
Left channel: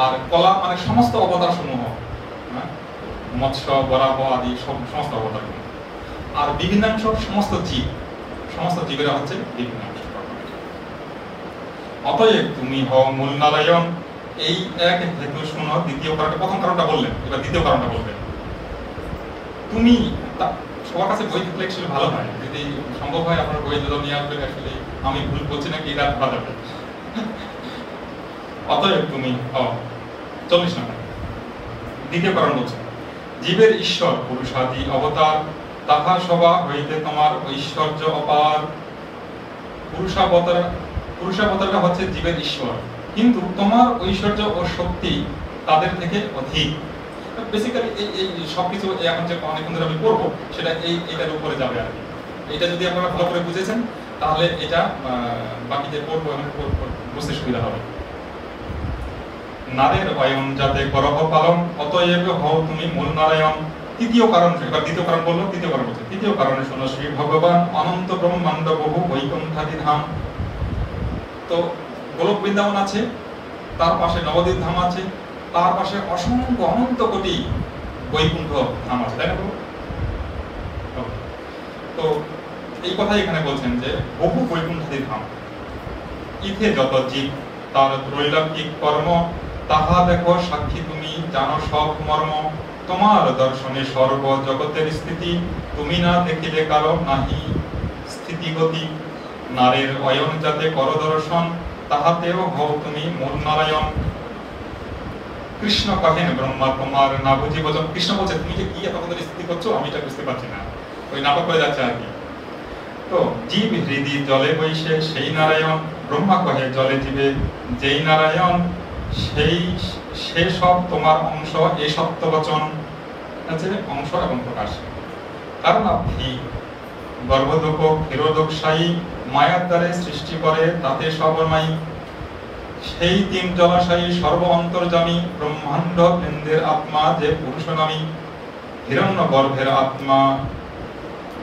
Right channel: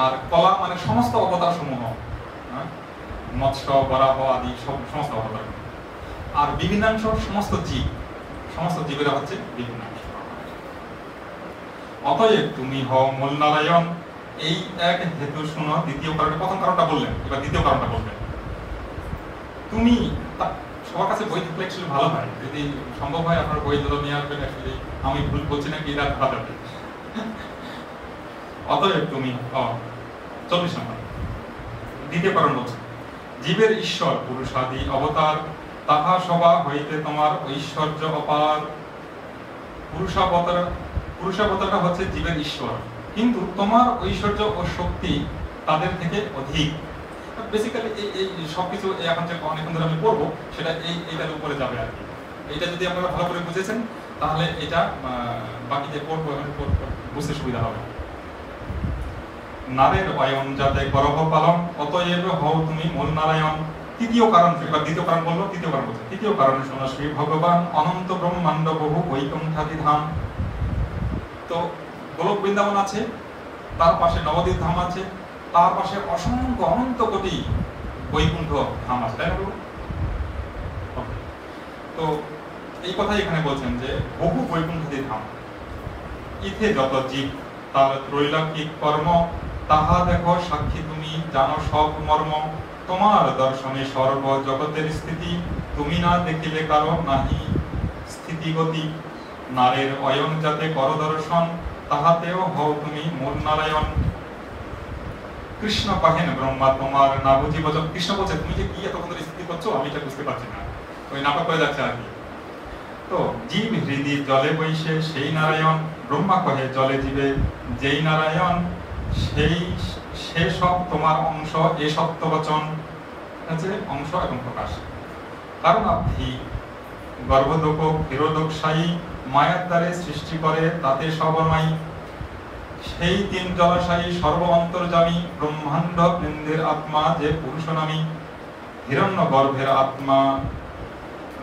আর কলা মানে সমস্ত অবতার সমূহ, মৎস্য, বরাহ আদি সমস্ত অবতার। আর বিভিন্নাংশ সমস্ত জীবেরা হচ্ছে বিভিন্নাংশ। অতএব তুমি হও মূল নারায়ণ, এই এক হেতু শুনো। দ্বিতীয় কারণটা, প্রথম কারণটা বললেন, এবার দ্বিতীয় কারণটা বলবেন। তুমি সবার কাছে বই থাকলে অ্যাকচুয়ালি ভালো হয়, যদি সম্ভব হয় আপনার বই যদি নিয়ে আসবেন। অ্যাকচুয়ালি আমি ভুল বলছি নাকি এটা ধরা যাবে। অতএব তুমি 40 নম্বর দ্বিতীয় কারণ বলছে, জীবের ঈশ্বর পুরুষাদি অবতার, তাহা সভা হইতে তোমার ঐশ্বর্য অপার। পুরুষাবতারটা হচ্ছে জীবের ঈশ্বর, কিন্তু তোমার ঐশ্বর্য ও শক্তি তাদের থেকে অধিক। বেসিক্যালি এই সবকিছু এখন যে অনেকক্ষণ ধরে আমি পড়বো সেটা এইটার উপরে যাবে আর কি। এটা যদি আপনারা ভালো করে বুঝেছেন তাহলে এটা বাকি যে পড়বো বুঝতে সুবিধা হবে। নারের অয়ন যাতে করহ পালন, অতএব হও তুমি মূল নারায়ণ। তৃতীয় কারণ, এবার দ্বিতীয় কারণ বললো, তৃতীয় কারণ বলছে, তৃতীয় কারণে শোনো শ্রী ভগবান অনন্ত ব্রহ্মাণ্ড বহু বৈকুণ্ঠাদি ধাম। তো গোলক বৃন্দাবন আছে, তার পাশে নবদ্বীপ ধাম আছে, তার পাশে অসংখ্য অনন্ত কোটি বৈকুণ্ঠ ধাম আছে, তাই না? তো এই কথাই এখানে বলছেন যে বহু বৈকুণ্ঠাদি ধাম, ইথে যত জীব তার ত্রৈলোকিক কর্ম, তাহা দেখো সাক্ষী তুমি জানো সব মর্ম। তোমার দর্শনে সর্ব জগতের স্থিতি, তুমি না দেখিলে কারো নাহি স্থিতিগতি। নারীর অয়ন যাতে কর দর্শন, তাহাতেও হও তুমি মূল নারায়ণ। কৃষ্ণ কহেন ব্রহ্মা তোমার না বুঝি বচন। কৃষ্ণ বলছে তুমি যে কি এত কত স্থিতি করছো আমি এটা বুঝতে পারছি না, ওই নাটক করে যাচ্ছে আর কি। তো জীব হৃদি জলে বৈশে সেই নারায়ণ, ব্রহ্মা কহে জলে জীবে যেই নারায়ণ, সে সব তোমার অংশ এ সত্য বচন আছে, অংশ এবং প্রকাশ। কারণ আপনি গর্ভদোক ক্ষীরোদকশায়ী, মায়ার দ্বারে সৃষ্টি করে তাতে সর্বময়ী। সেই তিন জলাশয়ী সর্ব অন্তর্যামী, ব্রহ্মাণ্ড বৃন্দের আত্মা যে পুরুষ নামী। হিরণ্য গর্ভের আত্মা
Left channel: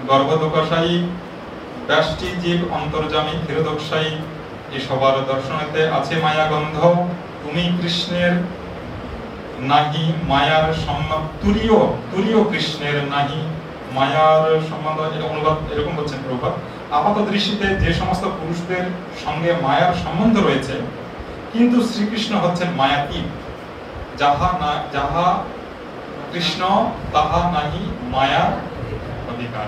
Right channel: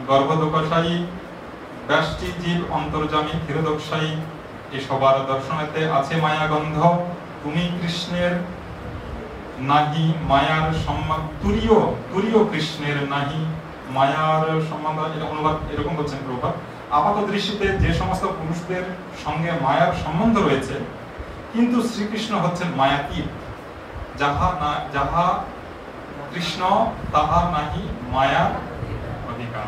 গর্ভদোকশায়ী, ব্যষ্টি জীব অন্তর্যামী ক্ষীরোদকশায়ী। এ সবার দর্শনেতে আছে মায়া গন্ধ, তুমি কৃষ্ণের নাহি মায়ার সম্বন্ধ। তুরীয় কৃষ্ণের নাহি মায়ার সম্বন্ধ। এটা অনুবাদ এরকম বলছেন প্রভুপাদ। আপাত দৃষ্টিতে যে সমস্ত পুরুষদের সঙ্গে মায়ার সম্বন্ধ রয়েছে, কিন্তু শ্রীকৃষ্ণ হচ্ছেন মায়াতীত। যাহা কৃষ্ণ তাহা নাহি মায়ার অধিকার।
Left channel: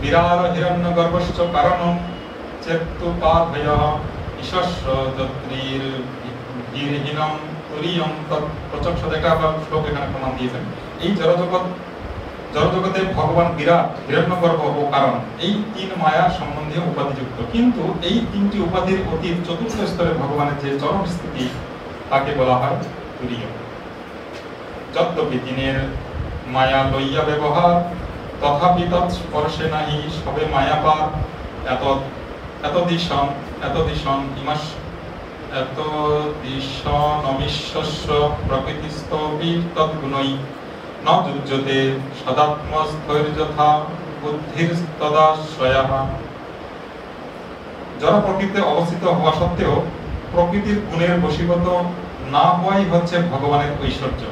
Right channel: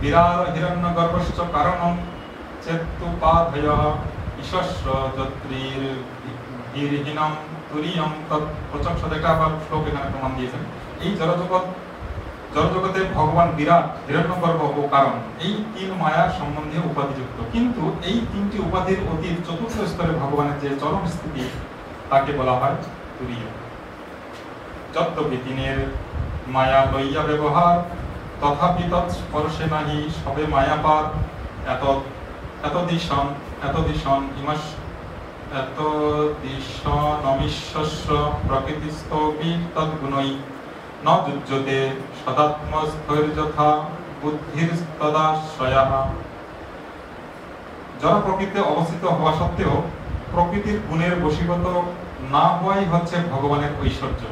বিরার হিরণ্য গর্ভশ্চ কারণ, চেতুপাধয় ঈশস্য যত্রীর বীরহীনম তুরীয়ম তৎপ্রচক্ষত। একটা শ্লোক এখানে প্রমাণ দিয়েছেন। এই জড়জগতে ভগবান বিরাট, হিরণ্যগর্ভ ও কারণ, এই তিন মায়ার সম্বন্ধে উপাধিযুক্ত। কিন্তু এই তিনটি উপাধির অতীত চতুর্থ স্তরে ভগবানের যে চরম স্থিতি তাকে বলা হয় তুরীয়। যদ্যপি তিনের মায়া লইয়া ব্যবহার, তথাপি তৎস্পর্শে নাহি সবে মায়াপার। এতদিশনমিশ্বস্য প্রকৃতিস্থপি তদ্গুণৈ, ন যুজ্যতে সদাত্মস্থৈর্যথা বুদ্ধিস্তদাশ্রয়াঃ। জড় প্রকৃতিতে অবস্থিত হওয়া সত্ত্বেও প্রকৃতির গুণের বশীভূত না হওয়াই হচ্ছে ভগবানের ঐশ্বর্য।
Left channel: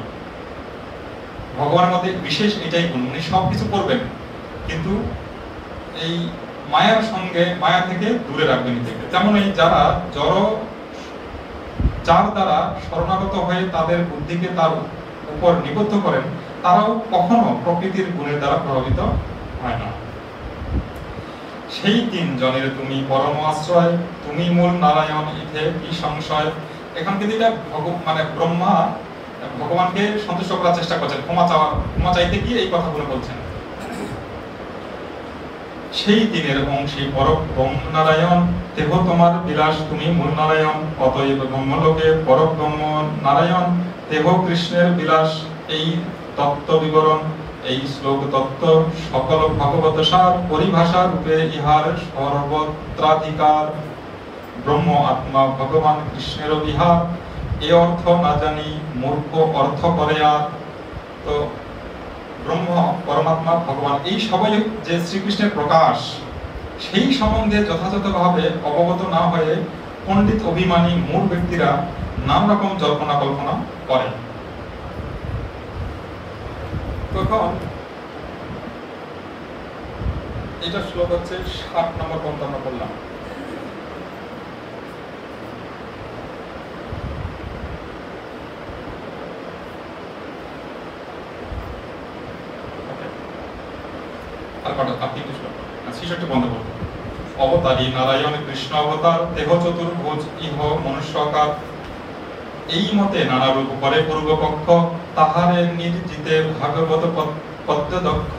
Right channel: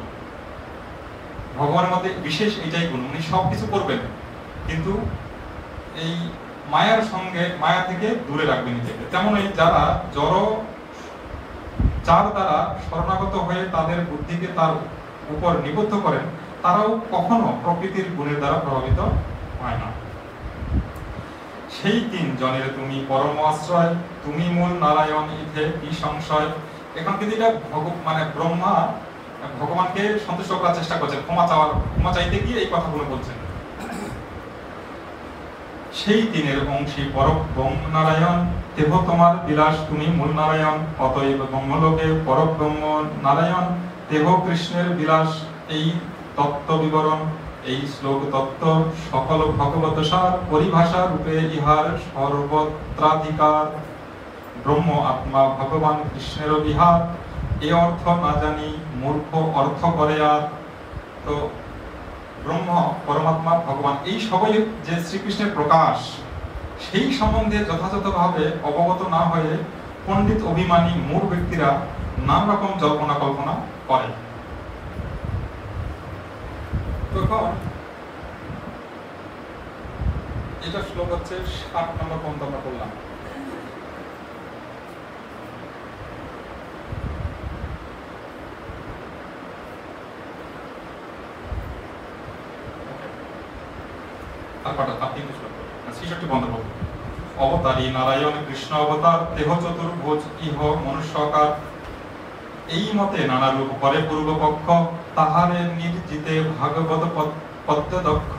ভগবানের মধ্যে বিশেষ এটাই গুণ, উনি সবকিছু করবেন কিন্তু এই মায়ার সঙ্গে, মায়া থেকে দূরে রাখবেন নিজেকে। তেমনই যারা যার দ্বারা শরণাগত হয়ে তাদের বুদ্ধিকে তার উপর নিবদ্ধ করেন, তারাও কখনো প্রকৃতির গুণের দ্বারা প্রভাবিত হয় না। সেই তিন জনের তুমি পরম আশ্রয়, তুমি মূল নারায়ণ, ইথে কি সংশয়। এখন কিন্তু এটা মানে ব্রহ্মা ভগবানকে সন্তুষ্ট করার চেষ্টা করছেন, ক্ষমা চাইতে গিয়ে এই কথাগুলো বলছেন। সেই দিনের অংশী পরম ব্রহ্ম নারায়ণ, দেহ তোমার বিলাস তুমি মূল নারায়ণ। অতএব ব্রহ্মলোকে পরম ব্রহ্ম নারায়ণ, দেহ কৃষ্ণের বিলাস। এই তত্ত্ব বিবরণ, এই শ্লোক তত্ত্ব সকল ভগবত সার, পরিভাষা রূপে ইহার সর্বত্রাধিকার। ব্রহ্ম আত্মা ভগবান কৃষ্ণের বিহার, এ অর্থ না জানি মূর্খ অর্থ করে আর। তো ব্রহ্ম পরমাত্মা ভগবান এই সবই যে শ্রীকৃষ্ণের প্রকাশ, সেই সম্বন্ধে যথাযথভাবে অবগত না হয়ে পণ্ডিত অভিমানী মূঢ় ব্যক্তিরা নানা রকম জল্পনা কল্পনা করে। তখন এটা শ্লোক হচ্ছে 7 নম্বর পর্যন্ত আমরা পড়লাম। পাঠ আর 3টে শ্লোক 66 বন্ধ করব। অবতারী নারায়ণ কৃষ্ণ অবতার দেহ চতুর্ভুজ ইহ মনুষ্যকার, এই মতে নানা রূপ করে পূর্বপক্ষ, তাহারে নির্জিতে ভাগবত পদ্যদক্ষ,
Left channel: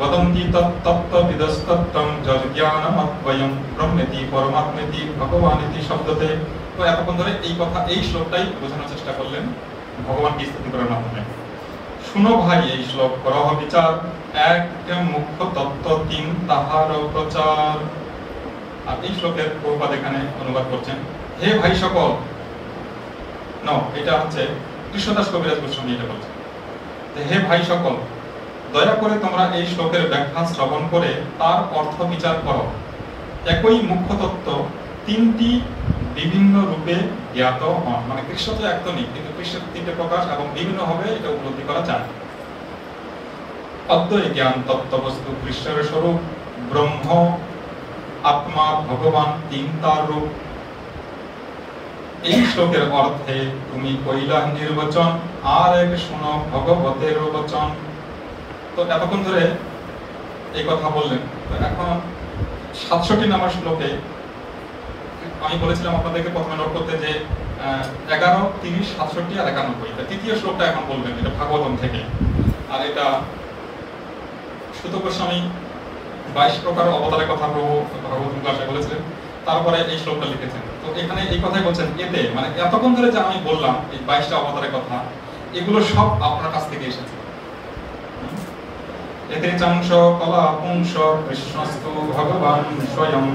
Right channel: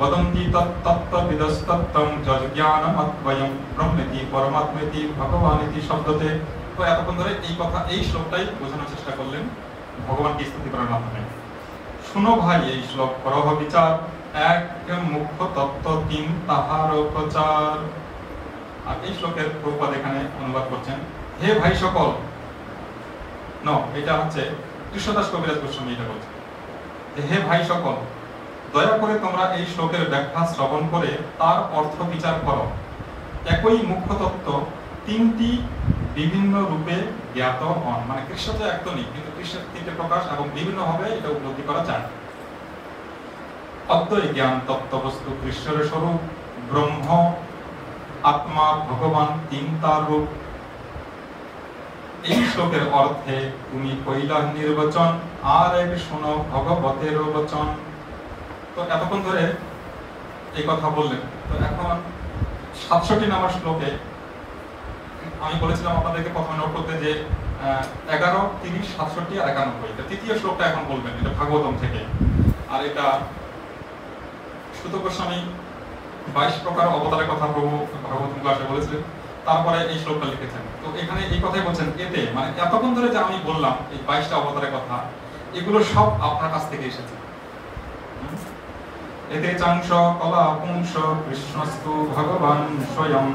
বদন্তি তত্ত্ববিদস্তত্ত্বং যজ্ঞানমদ্বয়ং ব্রহ্মেতি পরমাত্মেতি ভগবানেতি শব্দতে। তো এতক্ষণ ধরে এই কথা, এই শ্লোকটাই বোঝানোর চেষ্টা করলেন ভগবানকে স্তুতি করার মাধ্যমে। শুনো ভাই এই শ্লোক করহ বিচার, এক মুখ্য তত্ত্ব তিন তাহার প্রচার। আর এই শ্লোকের প্রভুপাদ এখানে অনুবাদ করছেন, হে ভাই সকল, এটা হচ্ছে কৃষ্ণদাস কবিরাজ গোস্বামী এটা বলছেন, হে ভাই সকল, দয়া করে তোমরা এই শ্লোকের ব্যাখ্যা শ্রবণ করে তার অর্থ বিচার করো। একই মুখ্য তত্ত্ব তিনটি বিভিন্ন রূপে জ্ঞাত হন, মানে কৃষ্ণ তো এক তো নেই, কিন্তু কৃষ্ণের তিনটে প্রকাশ এবং বিভিন্ন হবে এটা উপলব্ধি করা যায়। অদ্বয় জ্ঞান তত্ত্ব বস্তু কৃষ্ণের স্বরূপ, ব্রহ্ম আত্মা ভগবান তিন তার রূপ। এই শ্লোকের অর্থে তুমি কইলা নির্বচন, আর এক শোনো ভগবতের বচন। তো এতক্ষণ ধরে এই কথা বললেন। তো এখন 67 নম্বর শ্লোকে আমি বলেছিলাম আপনাদেরকে প্রথমে নোট করতে যে 11, 30, 67 আর 91, এটা তৃতীয় শ্লোকটা এখন বলবেন, এটা ভাগবতম থেকে। আর এটা সুত গোস্বামী 22 প্রকার অবতারের কথা প্রভু ভাগবতম ক্লাসে বলেছিলেন, তারপরে এই শ্লোকটা লিখেছেন। তো এখানে এই কথাই বলছেন, এতে মানে এতক্ষণ ধরে যা আমি বললাম এই 22টা অবতারের কথা, এগুলো সব আপনার কাছ থেকে এসেছে। এতে চাংশ কলা পুংস কৃষ্ণস্তু ভগবান স্বয়ং,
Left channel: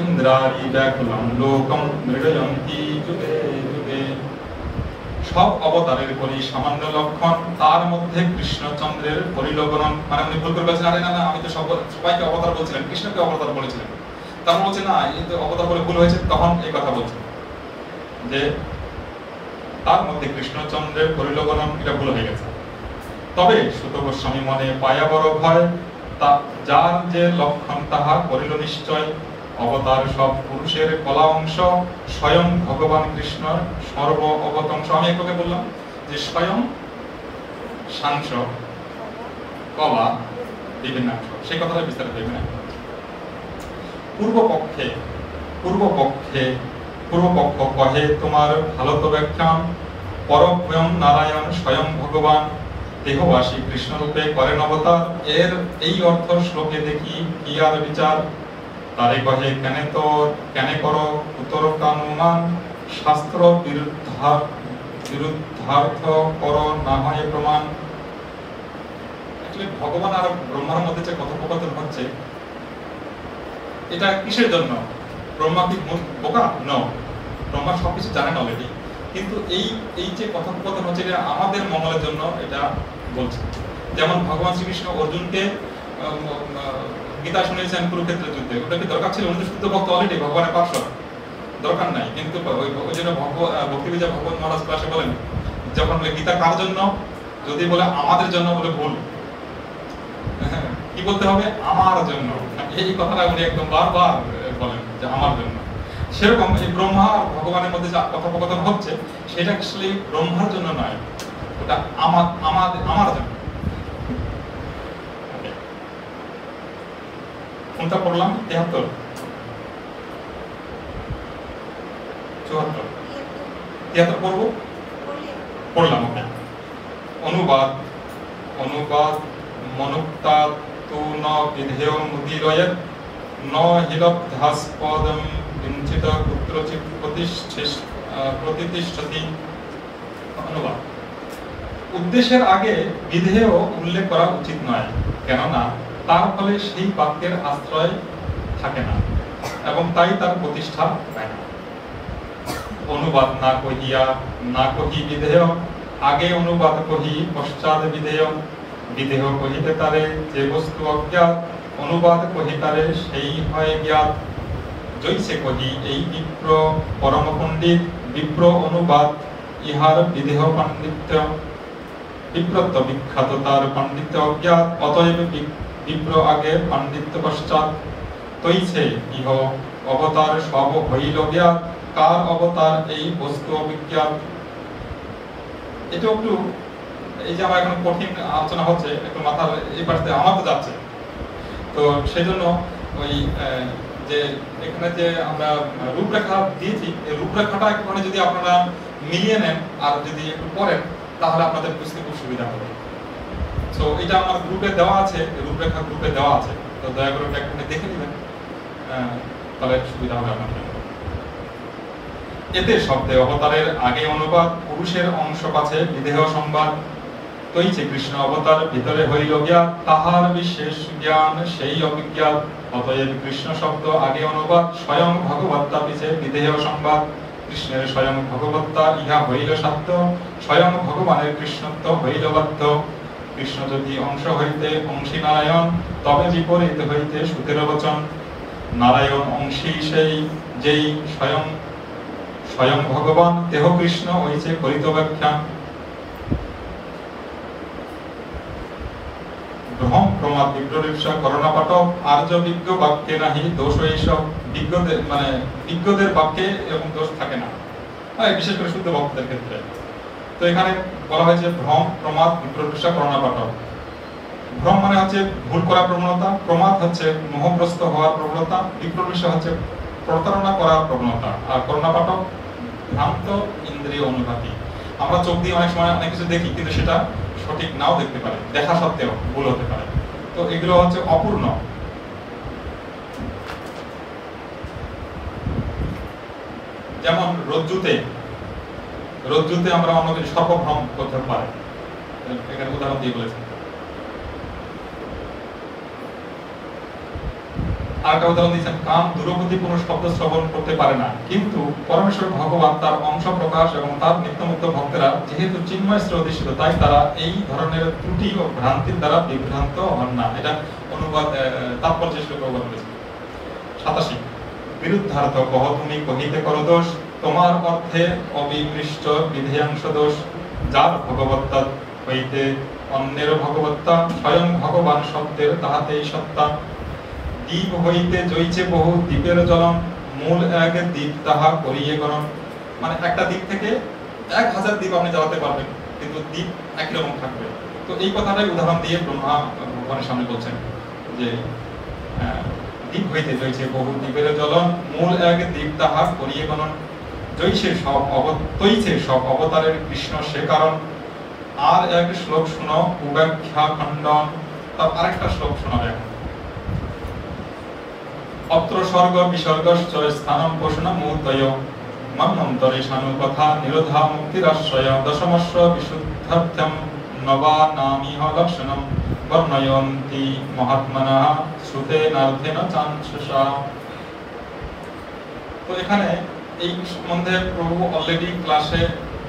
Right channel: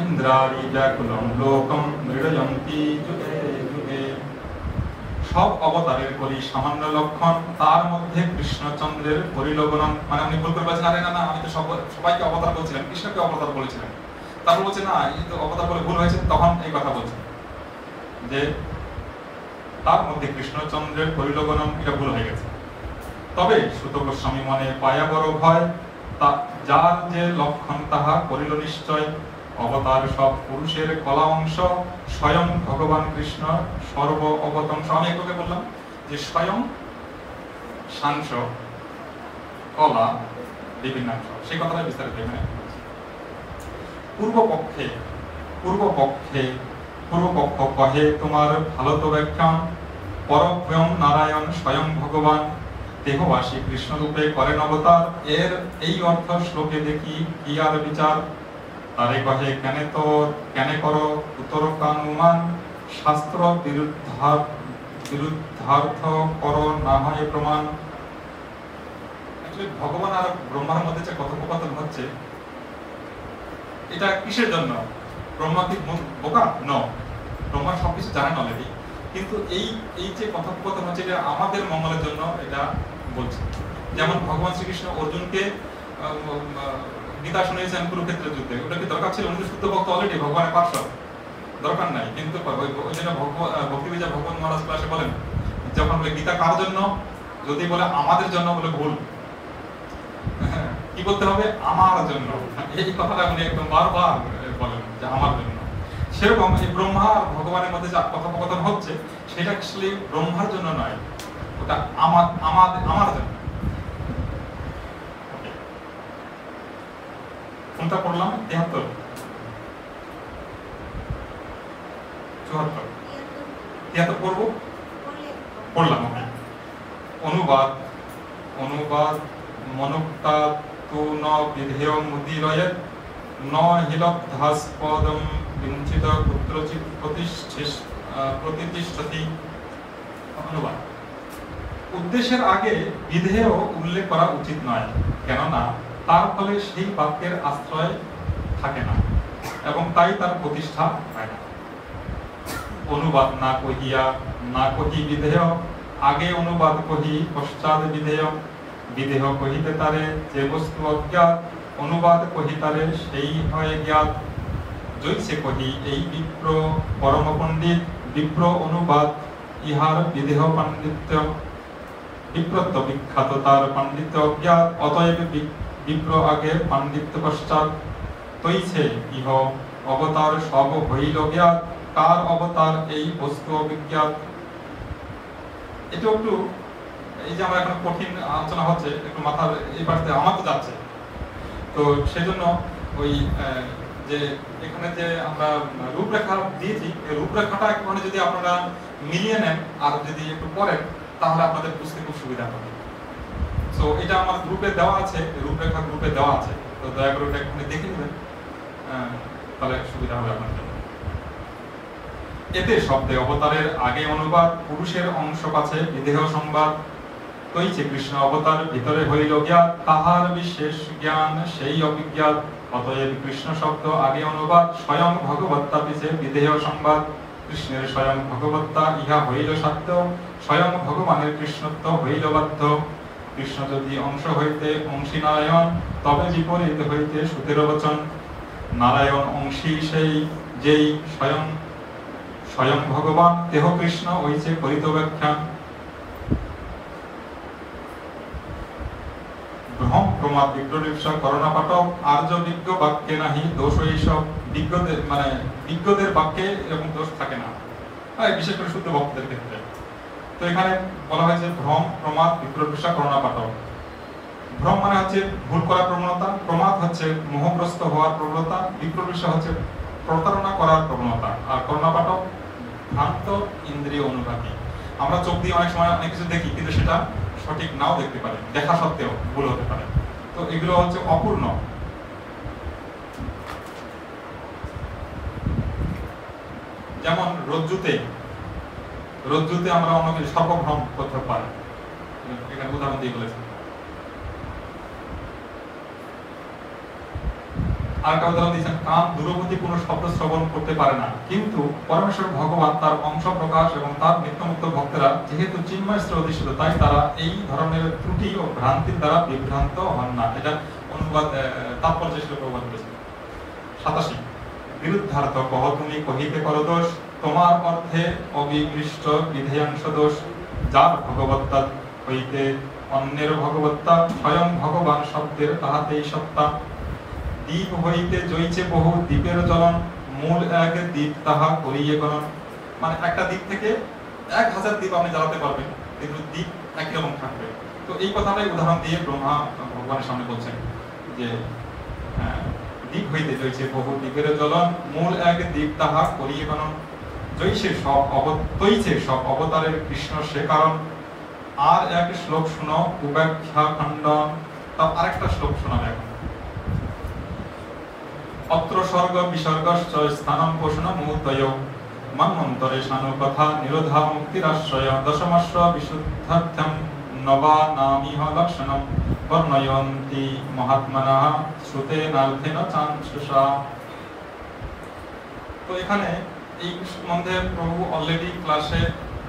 ইন্দ্রারি ব্যাকুলম লোকম মৃডয়ন্তি যুগে যুগে। সব অবতারের বলি সামান্য লক্ষণ, তার মধ্যে কৃষ্ণচন্দ্রের পরিলগ্নন। মানে উনি ভুল করে বলছেন, আরে না আমি তো সবাইকে অবতার বলছিলেন, কৃষ্ণকে অবতার বলেছিলেন। তারপর বলছে না, এই তো অবতার বলে ভুল হয়েছে, তখন এই কথা বলছেন যে তার মধ্যে কৃষ্ণচন্দ্রের পরিলগ্নন, এটা ভুল হয়ে গেছে। তবে সুত গোস্বামী মনে পায়া বড় ভয়, যার যে লক্ষণ তাহা করিল নিশ্চয়। অবতার সব পুরুষের কলা অংশ, স্বয়ং ভগবান কৃষ্ণর সর্ব অবতংশ। আমি একটুকে বললাম যে স্বয়ং সাংস কলা বিভিন্ন অংশ, সেই কথাটা বিস্তারিত এখানে। পূর্বপক্ষ কহে তোমার ভারত ব্যাখ্যান, পরম নারায়ণ স্বয়ং ভগবান, দেহবাসী কৃষ্ণ রূপে করেন অবতার। এর এই অর্থ শ্লোকে দেখি কি আর বিচার, তারে কহে কেনে করো উত্তরকানুমান, শাস্ত্র বিরুদ্ধার্থ করো না হয় প্রমাণ। ভগবান আর ব্রহ্মার মধ্যে যে কথোপকথন হচ্ছে, এটা কিসের জন্য? ব্রহ্মা কি বোকা? ব্রহ্মা সবকিছু জানেন অলরেডি, কিন্তু এই যে কথোপকথন হচ্ছে এটা আমাদের মঙ্গলের জন্য এটা বলছে। যেমন ভগবান শ্রীকৃষ্ণ অর্জুনকে গীতা শুনিয়েছেন কুরুক্ষেত্রের যুদ্ধে, ওটা কি দরকার ছিল? উনি শুদ্ধ ভক্ত অলরেডি, ভগবানের পার্শ্বদ, দরকার নাই। কিন্তু ওই জন্য ভক্তিবিজয় ভগবান মহারাজ ক্লাসে বলেন, যখন গীতা কার জন্য, যদি বলে আমাদের জন্য বলে ভুল, কি বলতে হবে? আমার জন্য। এই কথাটা উনি একদম বারবার বলেন যে আমার জন্য। সেরকম এই ব্রহ্মা আর ভগবানের মধ্যে যে কথোপকথন হচ্ছে, সেটা অ্যাকচুয়ালি ব্রহ্মার জন্য নয়, ওটা আমার জন্য। কোনটা পড়লাম? 73, 74, 73 পড়বো, পড়লাম। ওকে। অনুবাদ মনুক্তা তু ন বিধেয় মুদিরয়ে, ন হিলব্ধাস্পদম কিঞ্চিত কুত্রচিৎ প্রতিষ্ঠতি। অনুবাদ: উদ্দেশ্যের আগে বিধেয় উল্লেখ করা উচিত নয়, কেননা তার ফলে সেই বাক্যের আশ্রয় থাকে না এবং তাই তার প্রতিষ্ঠা পায় না। অনুবাদ না কহি বিধেয়, আগে অনুবাদ কহি পশ্চাৎ বিধেয়। বিধেয় কহিতে তারে যে বস্তু অজ্ঞাত, অনুবাদ কহি তারে সেই হয় জ্ঞাত। জৈসে কহি এই বিপ্র পরম পণ্ডিত, বিপ্র অনুবাদ ইহার বিধেয় পাণ্ডিত্য। বিপ্রত্ব বিখ্যাত তার পাণ্ডিত্য অজ্ঞাত, অতএব বিপ্র আগে পাণ্ডিত্য পশ্চাৎ। তৈছে ইহ অবতার সব হইল জ্ঞাত, কার অবতার এই বস্তু অবিজ্ঞাত। এটা একটু, এই যে আমার এখন কঠিন আলোচনা হচ্ছে, একটু মাথার এই পাশে আমার তো যাচ্ছে। তো সেই জন্য ওই যে এখানে যে আমরা রূপরেখা দিয়েছি, এই রূপরেখাটা একটুখানি যদি আপনারা মিলিয়ে নেন আর যদি একটু পড়েন তাহলে আপনাদের বুঝতে খুব সুবিধা হবে। তো এটা আমার গ্রুপে দেওয়া আছে, রূপরেখা গ্রুপে দেওয়া আছে, তো দয়া করে এটা একটুখানি দেখে নেবেন, তাহলে সুবিধা হবে আপনাদের। এতে শব্দে অবতারের আগে অনুবাদ, পুরুষের অংশ পাছে বিদেহ সংবাদ, তৈছে কৃষ্ণ অবতার ভিতরে হইল জ্ঞাত, তাহার বিশেষ জ্ঞান সেই অভিজ্ঞাত, অতএব কৃষ্ণ শব্দ আগে অনুবাদ, স্বয়ং ভগবত্তা পিছে বিদেহ সংবাদ, কৃষ্ণের স্বয়ং ভগবত্তা ইহা হইল সাধ্য, স্বয়ং ভগবানের কৃষ্ণত্ব হইল বাধ্য, কৃষ্ণ যদি অংশ হইতে অংশী নারায়ণ, তবে বিপরীত হইতে সুতের বচন, নারায়ণ অংশী সেই যেই স্বয়ং স্বয়ং ভগবান, দেহ কৃষ্ণ হইছে করিত ব্যাখ্যান, ভ্রম প্রমাদ বিপ্রলিপ্সা করোনা পাঠক, আর্য বিজ্ঞ বাক্যে নাহি দোষ এইসব, বিজ্ঞদের মানে বিজ্ঞদের বাক্যে এরকম দোষ থাকে না, বিশেষ করে শুদ্ধ ভক্তদের ক্ষেত্রে। তো এখানে বলা হয়েছে ভ্রম প্রমাদ বিপ্রলিপ্সা করোনা পাঠক। ভ্রম মানে হচ্ছে ভুল করার প্রবণতা, প্রমাদ হচ্ছে মোহগ্রস্ত হওয়ার প্রবণতা, বিপ্রলিপ্সা হচ্ছে প্রতারণা করার প্রবণতা, আর করোনা পাঠক ভ্রান্ত ইন্দ্রিয় অনুভূতি। আমরা চোখ দিয়ে অনেক সময় অনেক কিছু দেখি কিন্তু সেটা সঠিক নাও দেখতে পারে, দেখা সত্ত্বেও ভুল হতে পারে, তো এগুলো হচ্ছে অপূর্ণ। যেমন রজ্জুতে আমরা অন্য কিছু সর্বভ্রম করতে পারি, এখানে উদাহরণ দিয়ে বলেছেন। আরেকটা উদাহরণ দিয়েছেন, কান দূরবর্তী কোনো শব্দ শ্রবণ করতে পারে না, কিন্তু পরমেশ্বর ভগবান তার অংশ প্রকাশ এবং তার নিত্যমুক্ত ভক্তেরা যেহেতু চিন্ময় অধিষ্ঠিত, তাই তারা এই ধরনের ত্রুটি ও ভ্রান্তির দ্বারা বিভ্রান্ত হন না। এটা অনুবাদ তাৎপর্য শ্লোকে অনুবাদ করেছেন। 87 বিরুদ্ধার্থ কহ তুমি কহিতে কর দোষ, তোমার অর্থে অবিকৃষ্ট বিধেয়াংশ দোষ, যার ভগবত্তা হইতে অন্যের ভগবত্তা, স্বয়ং ভগবান শব্দের তাহাতেই সত্তা, দ্বীপ হইতে জইছে বহু দ্বীপের জ্বলন, মূল এক দ্বীপ তাহা করিয়ে গণন। মানে একটা দ্বীপ থেকে 1000 দ্বীপ আপনি জ্বালাতে পারবেন, কিন্তু দ্বীপ একই রকম থাকবে। তো এই কথাটাই উদাহরণ দিয়ে ব্রহ্মা ভগবানের সামনে বলছেন যে দ্বীপ হইতে জইছে বহু দ্বীপের জ্বলন, মূল এক দ্বীপ তাহা করিয়ে গণন, তৈছে সব অবতারের কৃষ্ণ সে কারণ। আর এক শ্লোক শুনো উপাখ্যা খণ্ডন, তার আরেকটা শ্লোক শোনাবে। অত্র স্বর্গ বিসর্গশ্চ স্থানম পোষণমূর্তয়, মন্মন্তরে শানু কথা নিরোধা মুক্তিরাশ্রয়, দশমস্য বিশুদ্ধার্থম নবানামিহ লক্ষণম, বর্ণয়ন্তি মহাত্মানঃ শ্রুতেনার্থেন চাঞ্চসা। তো এখানে এই সম্বন্ধে প্রভু অলরেডি ক্লাসে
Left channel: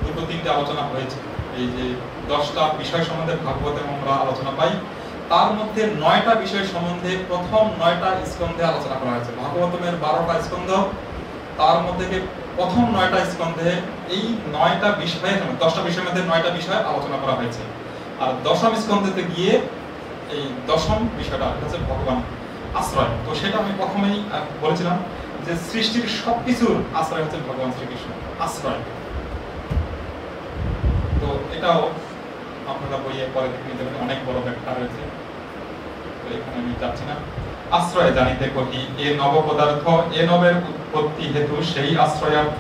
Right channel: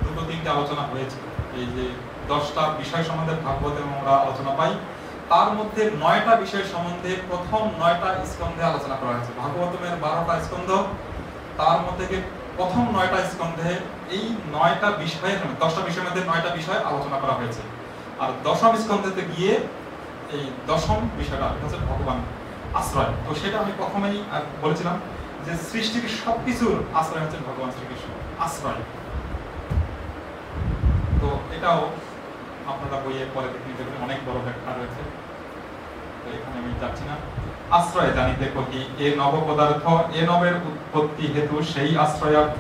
2-3টে আলোচনা হয়েছে। এই যে 10টা বিষয় সম্বন্ধে ভাগবতে আমরা আলোচনা পাই, তার মধ্যে 9টা বিষয় সম্বন্ধে প্রথম 9টা স্কন্ধে আলোচনা করা হয়েছে। ভাগবতমের 12টা স্কন্ধ, তার মধ্যে প্রথম 9টা স্কন্ধে এই 9টা বিষয়ে 10টা বিষয়ের মধ্যে 9টা বিষয় আলোচনা করা হয়েছে। আর 10ম স্কন্ধেতে গিয়ে এই 10ম বিষয়টা হচ্ছে ভগবান আশ্রয়। তো সেটা আমি প্রথমেই বলেছিলাম যে সৃষ্টির সবকিছুর আশ্রয় হচ্ছে ভগবান শ্রীকৃষ্ণ, আশ্রয়। তো এটাও আপনারা বইয়ে পরে দেখে নিতে পারেন, অনেক বড় ব্যাখ্যা রয়েছে, তো এখানে আমি যাচ্ছি না। আশ্রয় জানিতে কহি এ নব পদার্থ, এ নবের উৎপত্তি হেতু সেই আশ্রয়ার্থ,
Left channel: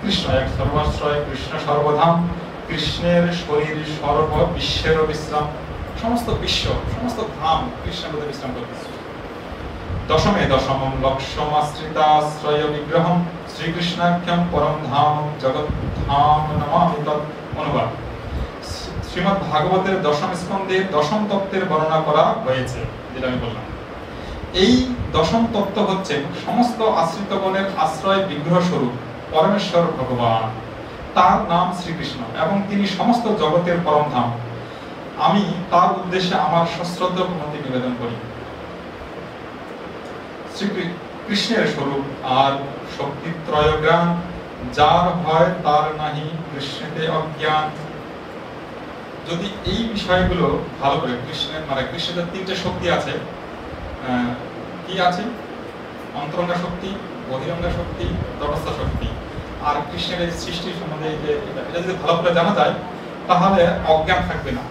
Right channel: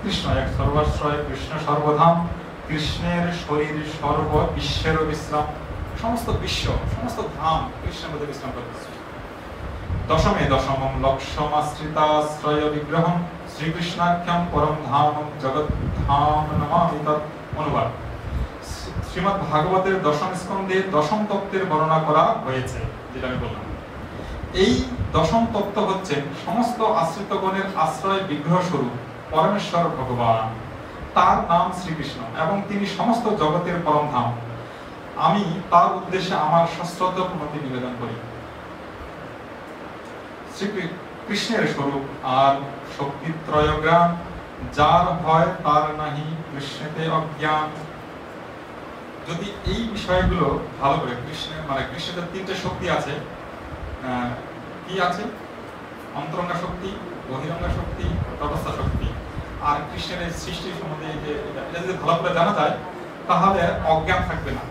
কৃষ্ণ এক সর্বাশ্রয়, কৃষ্ণ সর্বধাম, কৃষ্ণের শরীর সর্ব বিশ্বের বিশ্রাম, সমস্ত বিশ্ব সমস্ত ধাম কৃষ্ণের মধ্যে বিশ্রাম করতেছে। দশমে দশমম লক্ষ্যমাশ্রিতাশ্রয় বিগ্রহম, শ্রীকৃষ্ণাখ্যম পরম ধাম জগৎ ধাম নমামি তৎ। অনুবাদ, শ্রীমদ্ ভাগবতের 10ম স্কন্ধে 10ম তত্ত্বের বর্ণনা করা হয়েছে, যেটা আমি বললাম। এই 10ম তত্ত্ব হচ্ছে সমস্ত আশ্রিতগণের আশ্রয় বিগ্রহ স্বরূপ পরমেশ্বর ভগবান, তার নাম শ্রীকৃষ্ণ এবং তিনি সমস্ত জগতের পরম ধাম। আমি তার উদ্দেশ্যে আমার সশ্রদ্ধ প্রণতি নিবেদন করি। শ্রীকৃষ্ণের স্বরূপ আর শক্তিত্রয় জ্ঞান, যার হয় তার নাহি কৃষ্ণেতে অজ্ঞান। যদি এই বিষয়গুলো ভালো করে, কৃষ্ণের মানে কৃষ্ণের 3টে শক্তি আছে, কি আছে? অন্তরঙ্গা শক্তি, বহিরঙ্গা শক্তি, তটস্থ শক্তি। আর কৃষ্ণের এই সৃষ্টি সম্বন্ধে এটা যদি ভালো করে জানা যায় তাহলে অজ্ঞান থাকবে না।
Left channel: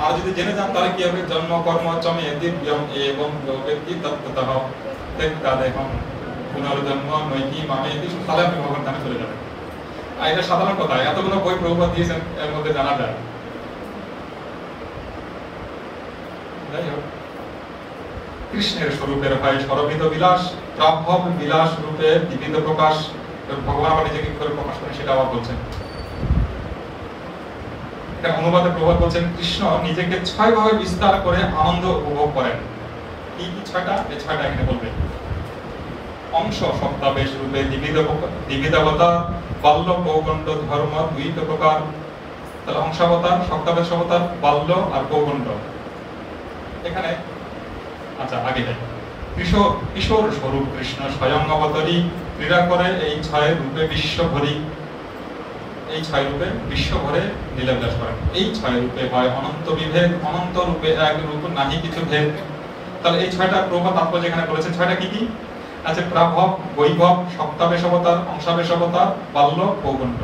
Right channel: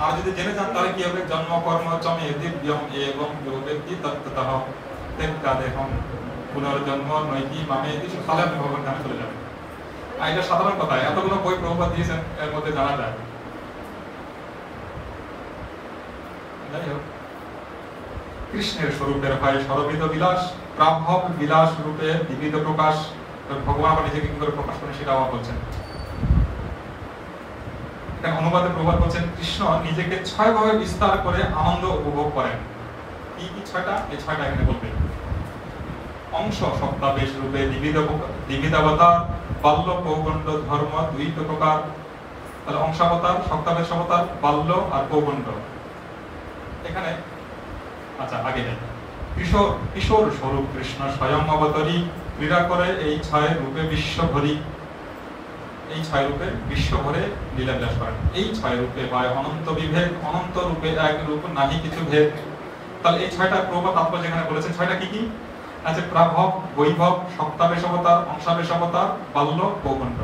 আর যদি জেনে যান তাহলে কি হবে, জন্ম কর্ম চমে দিব্যম এবং ব্যক্তি তত্ত্বতঃ তেক্কাদেহম পুনর্জন্ম নৈকি মামেতি, তাহলে আপনি ভগবান ধামে চলে যাবেন। আর এটা সাধারণ কথা, এতগুলো বই প্রভুপাদ দিয়েছেন, এর মধ্যে জানা যায়। যাই হোক, কৃষ্ণের স্বরূপের হয় সরবিধ বিলাস, প্রাভব বিলাস রূপে বিবিধ প্রকাশ। ভগবান আবার নিজেকে কি করে প্রকাশ করেন সেটা আবার বলছেন। অনুবাদে প্রভুপাদ বলছেন, কৃষ্ণ নিজেকে 6 ভাবে বিস্তার করে আনন্দ উপভোগ করেন। কি কি 6টা? এই 6টা এখানে বলবেন। অংশ শব্দাবেশ রূপে দ্বিবিধাবতার, বাল্য পৌগণ্ড ধর্ম 2 প্রকার। তাহলে অংশাবতার, শব্দাবেশ অবতার, বাল্য আর পৌগণ্ড। এখানে আচ্ছা আগে যাই। কিশোর স্বরূপ কৃষ্ণ স্বয়ং অবতারী, ক্রীড়া করে এই 6 রূপে বিশ্ব ভরি। এই 6 রূপে বিশ্ব ভরে লীলাবিলাস করেন। এই 6 রূপে হয় অনন্ত বিভেদ, অনন্ত রূপে এক রূপ নাহি কিছু ভেদ। তাহলে এই 6টা প্রভুপাদ তাৎপর্য এখানে বলেছেন। 6টা কি কি? আচ্ছা, প্রাভব, বৈভব, সপ্তাবেশ অবতার, অংশাবেশ অবতার, বাল্য, পৌগণ্ড।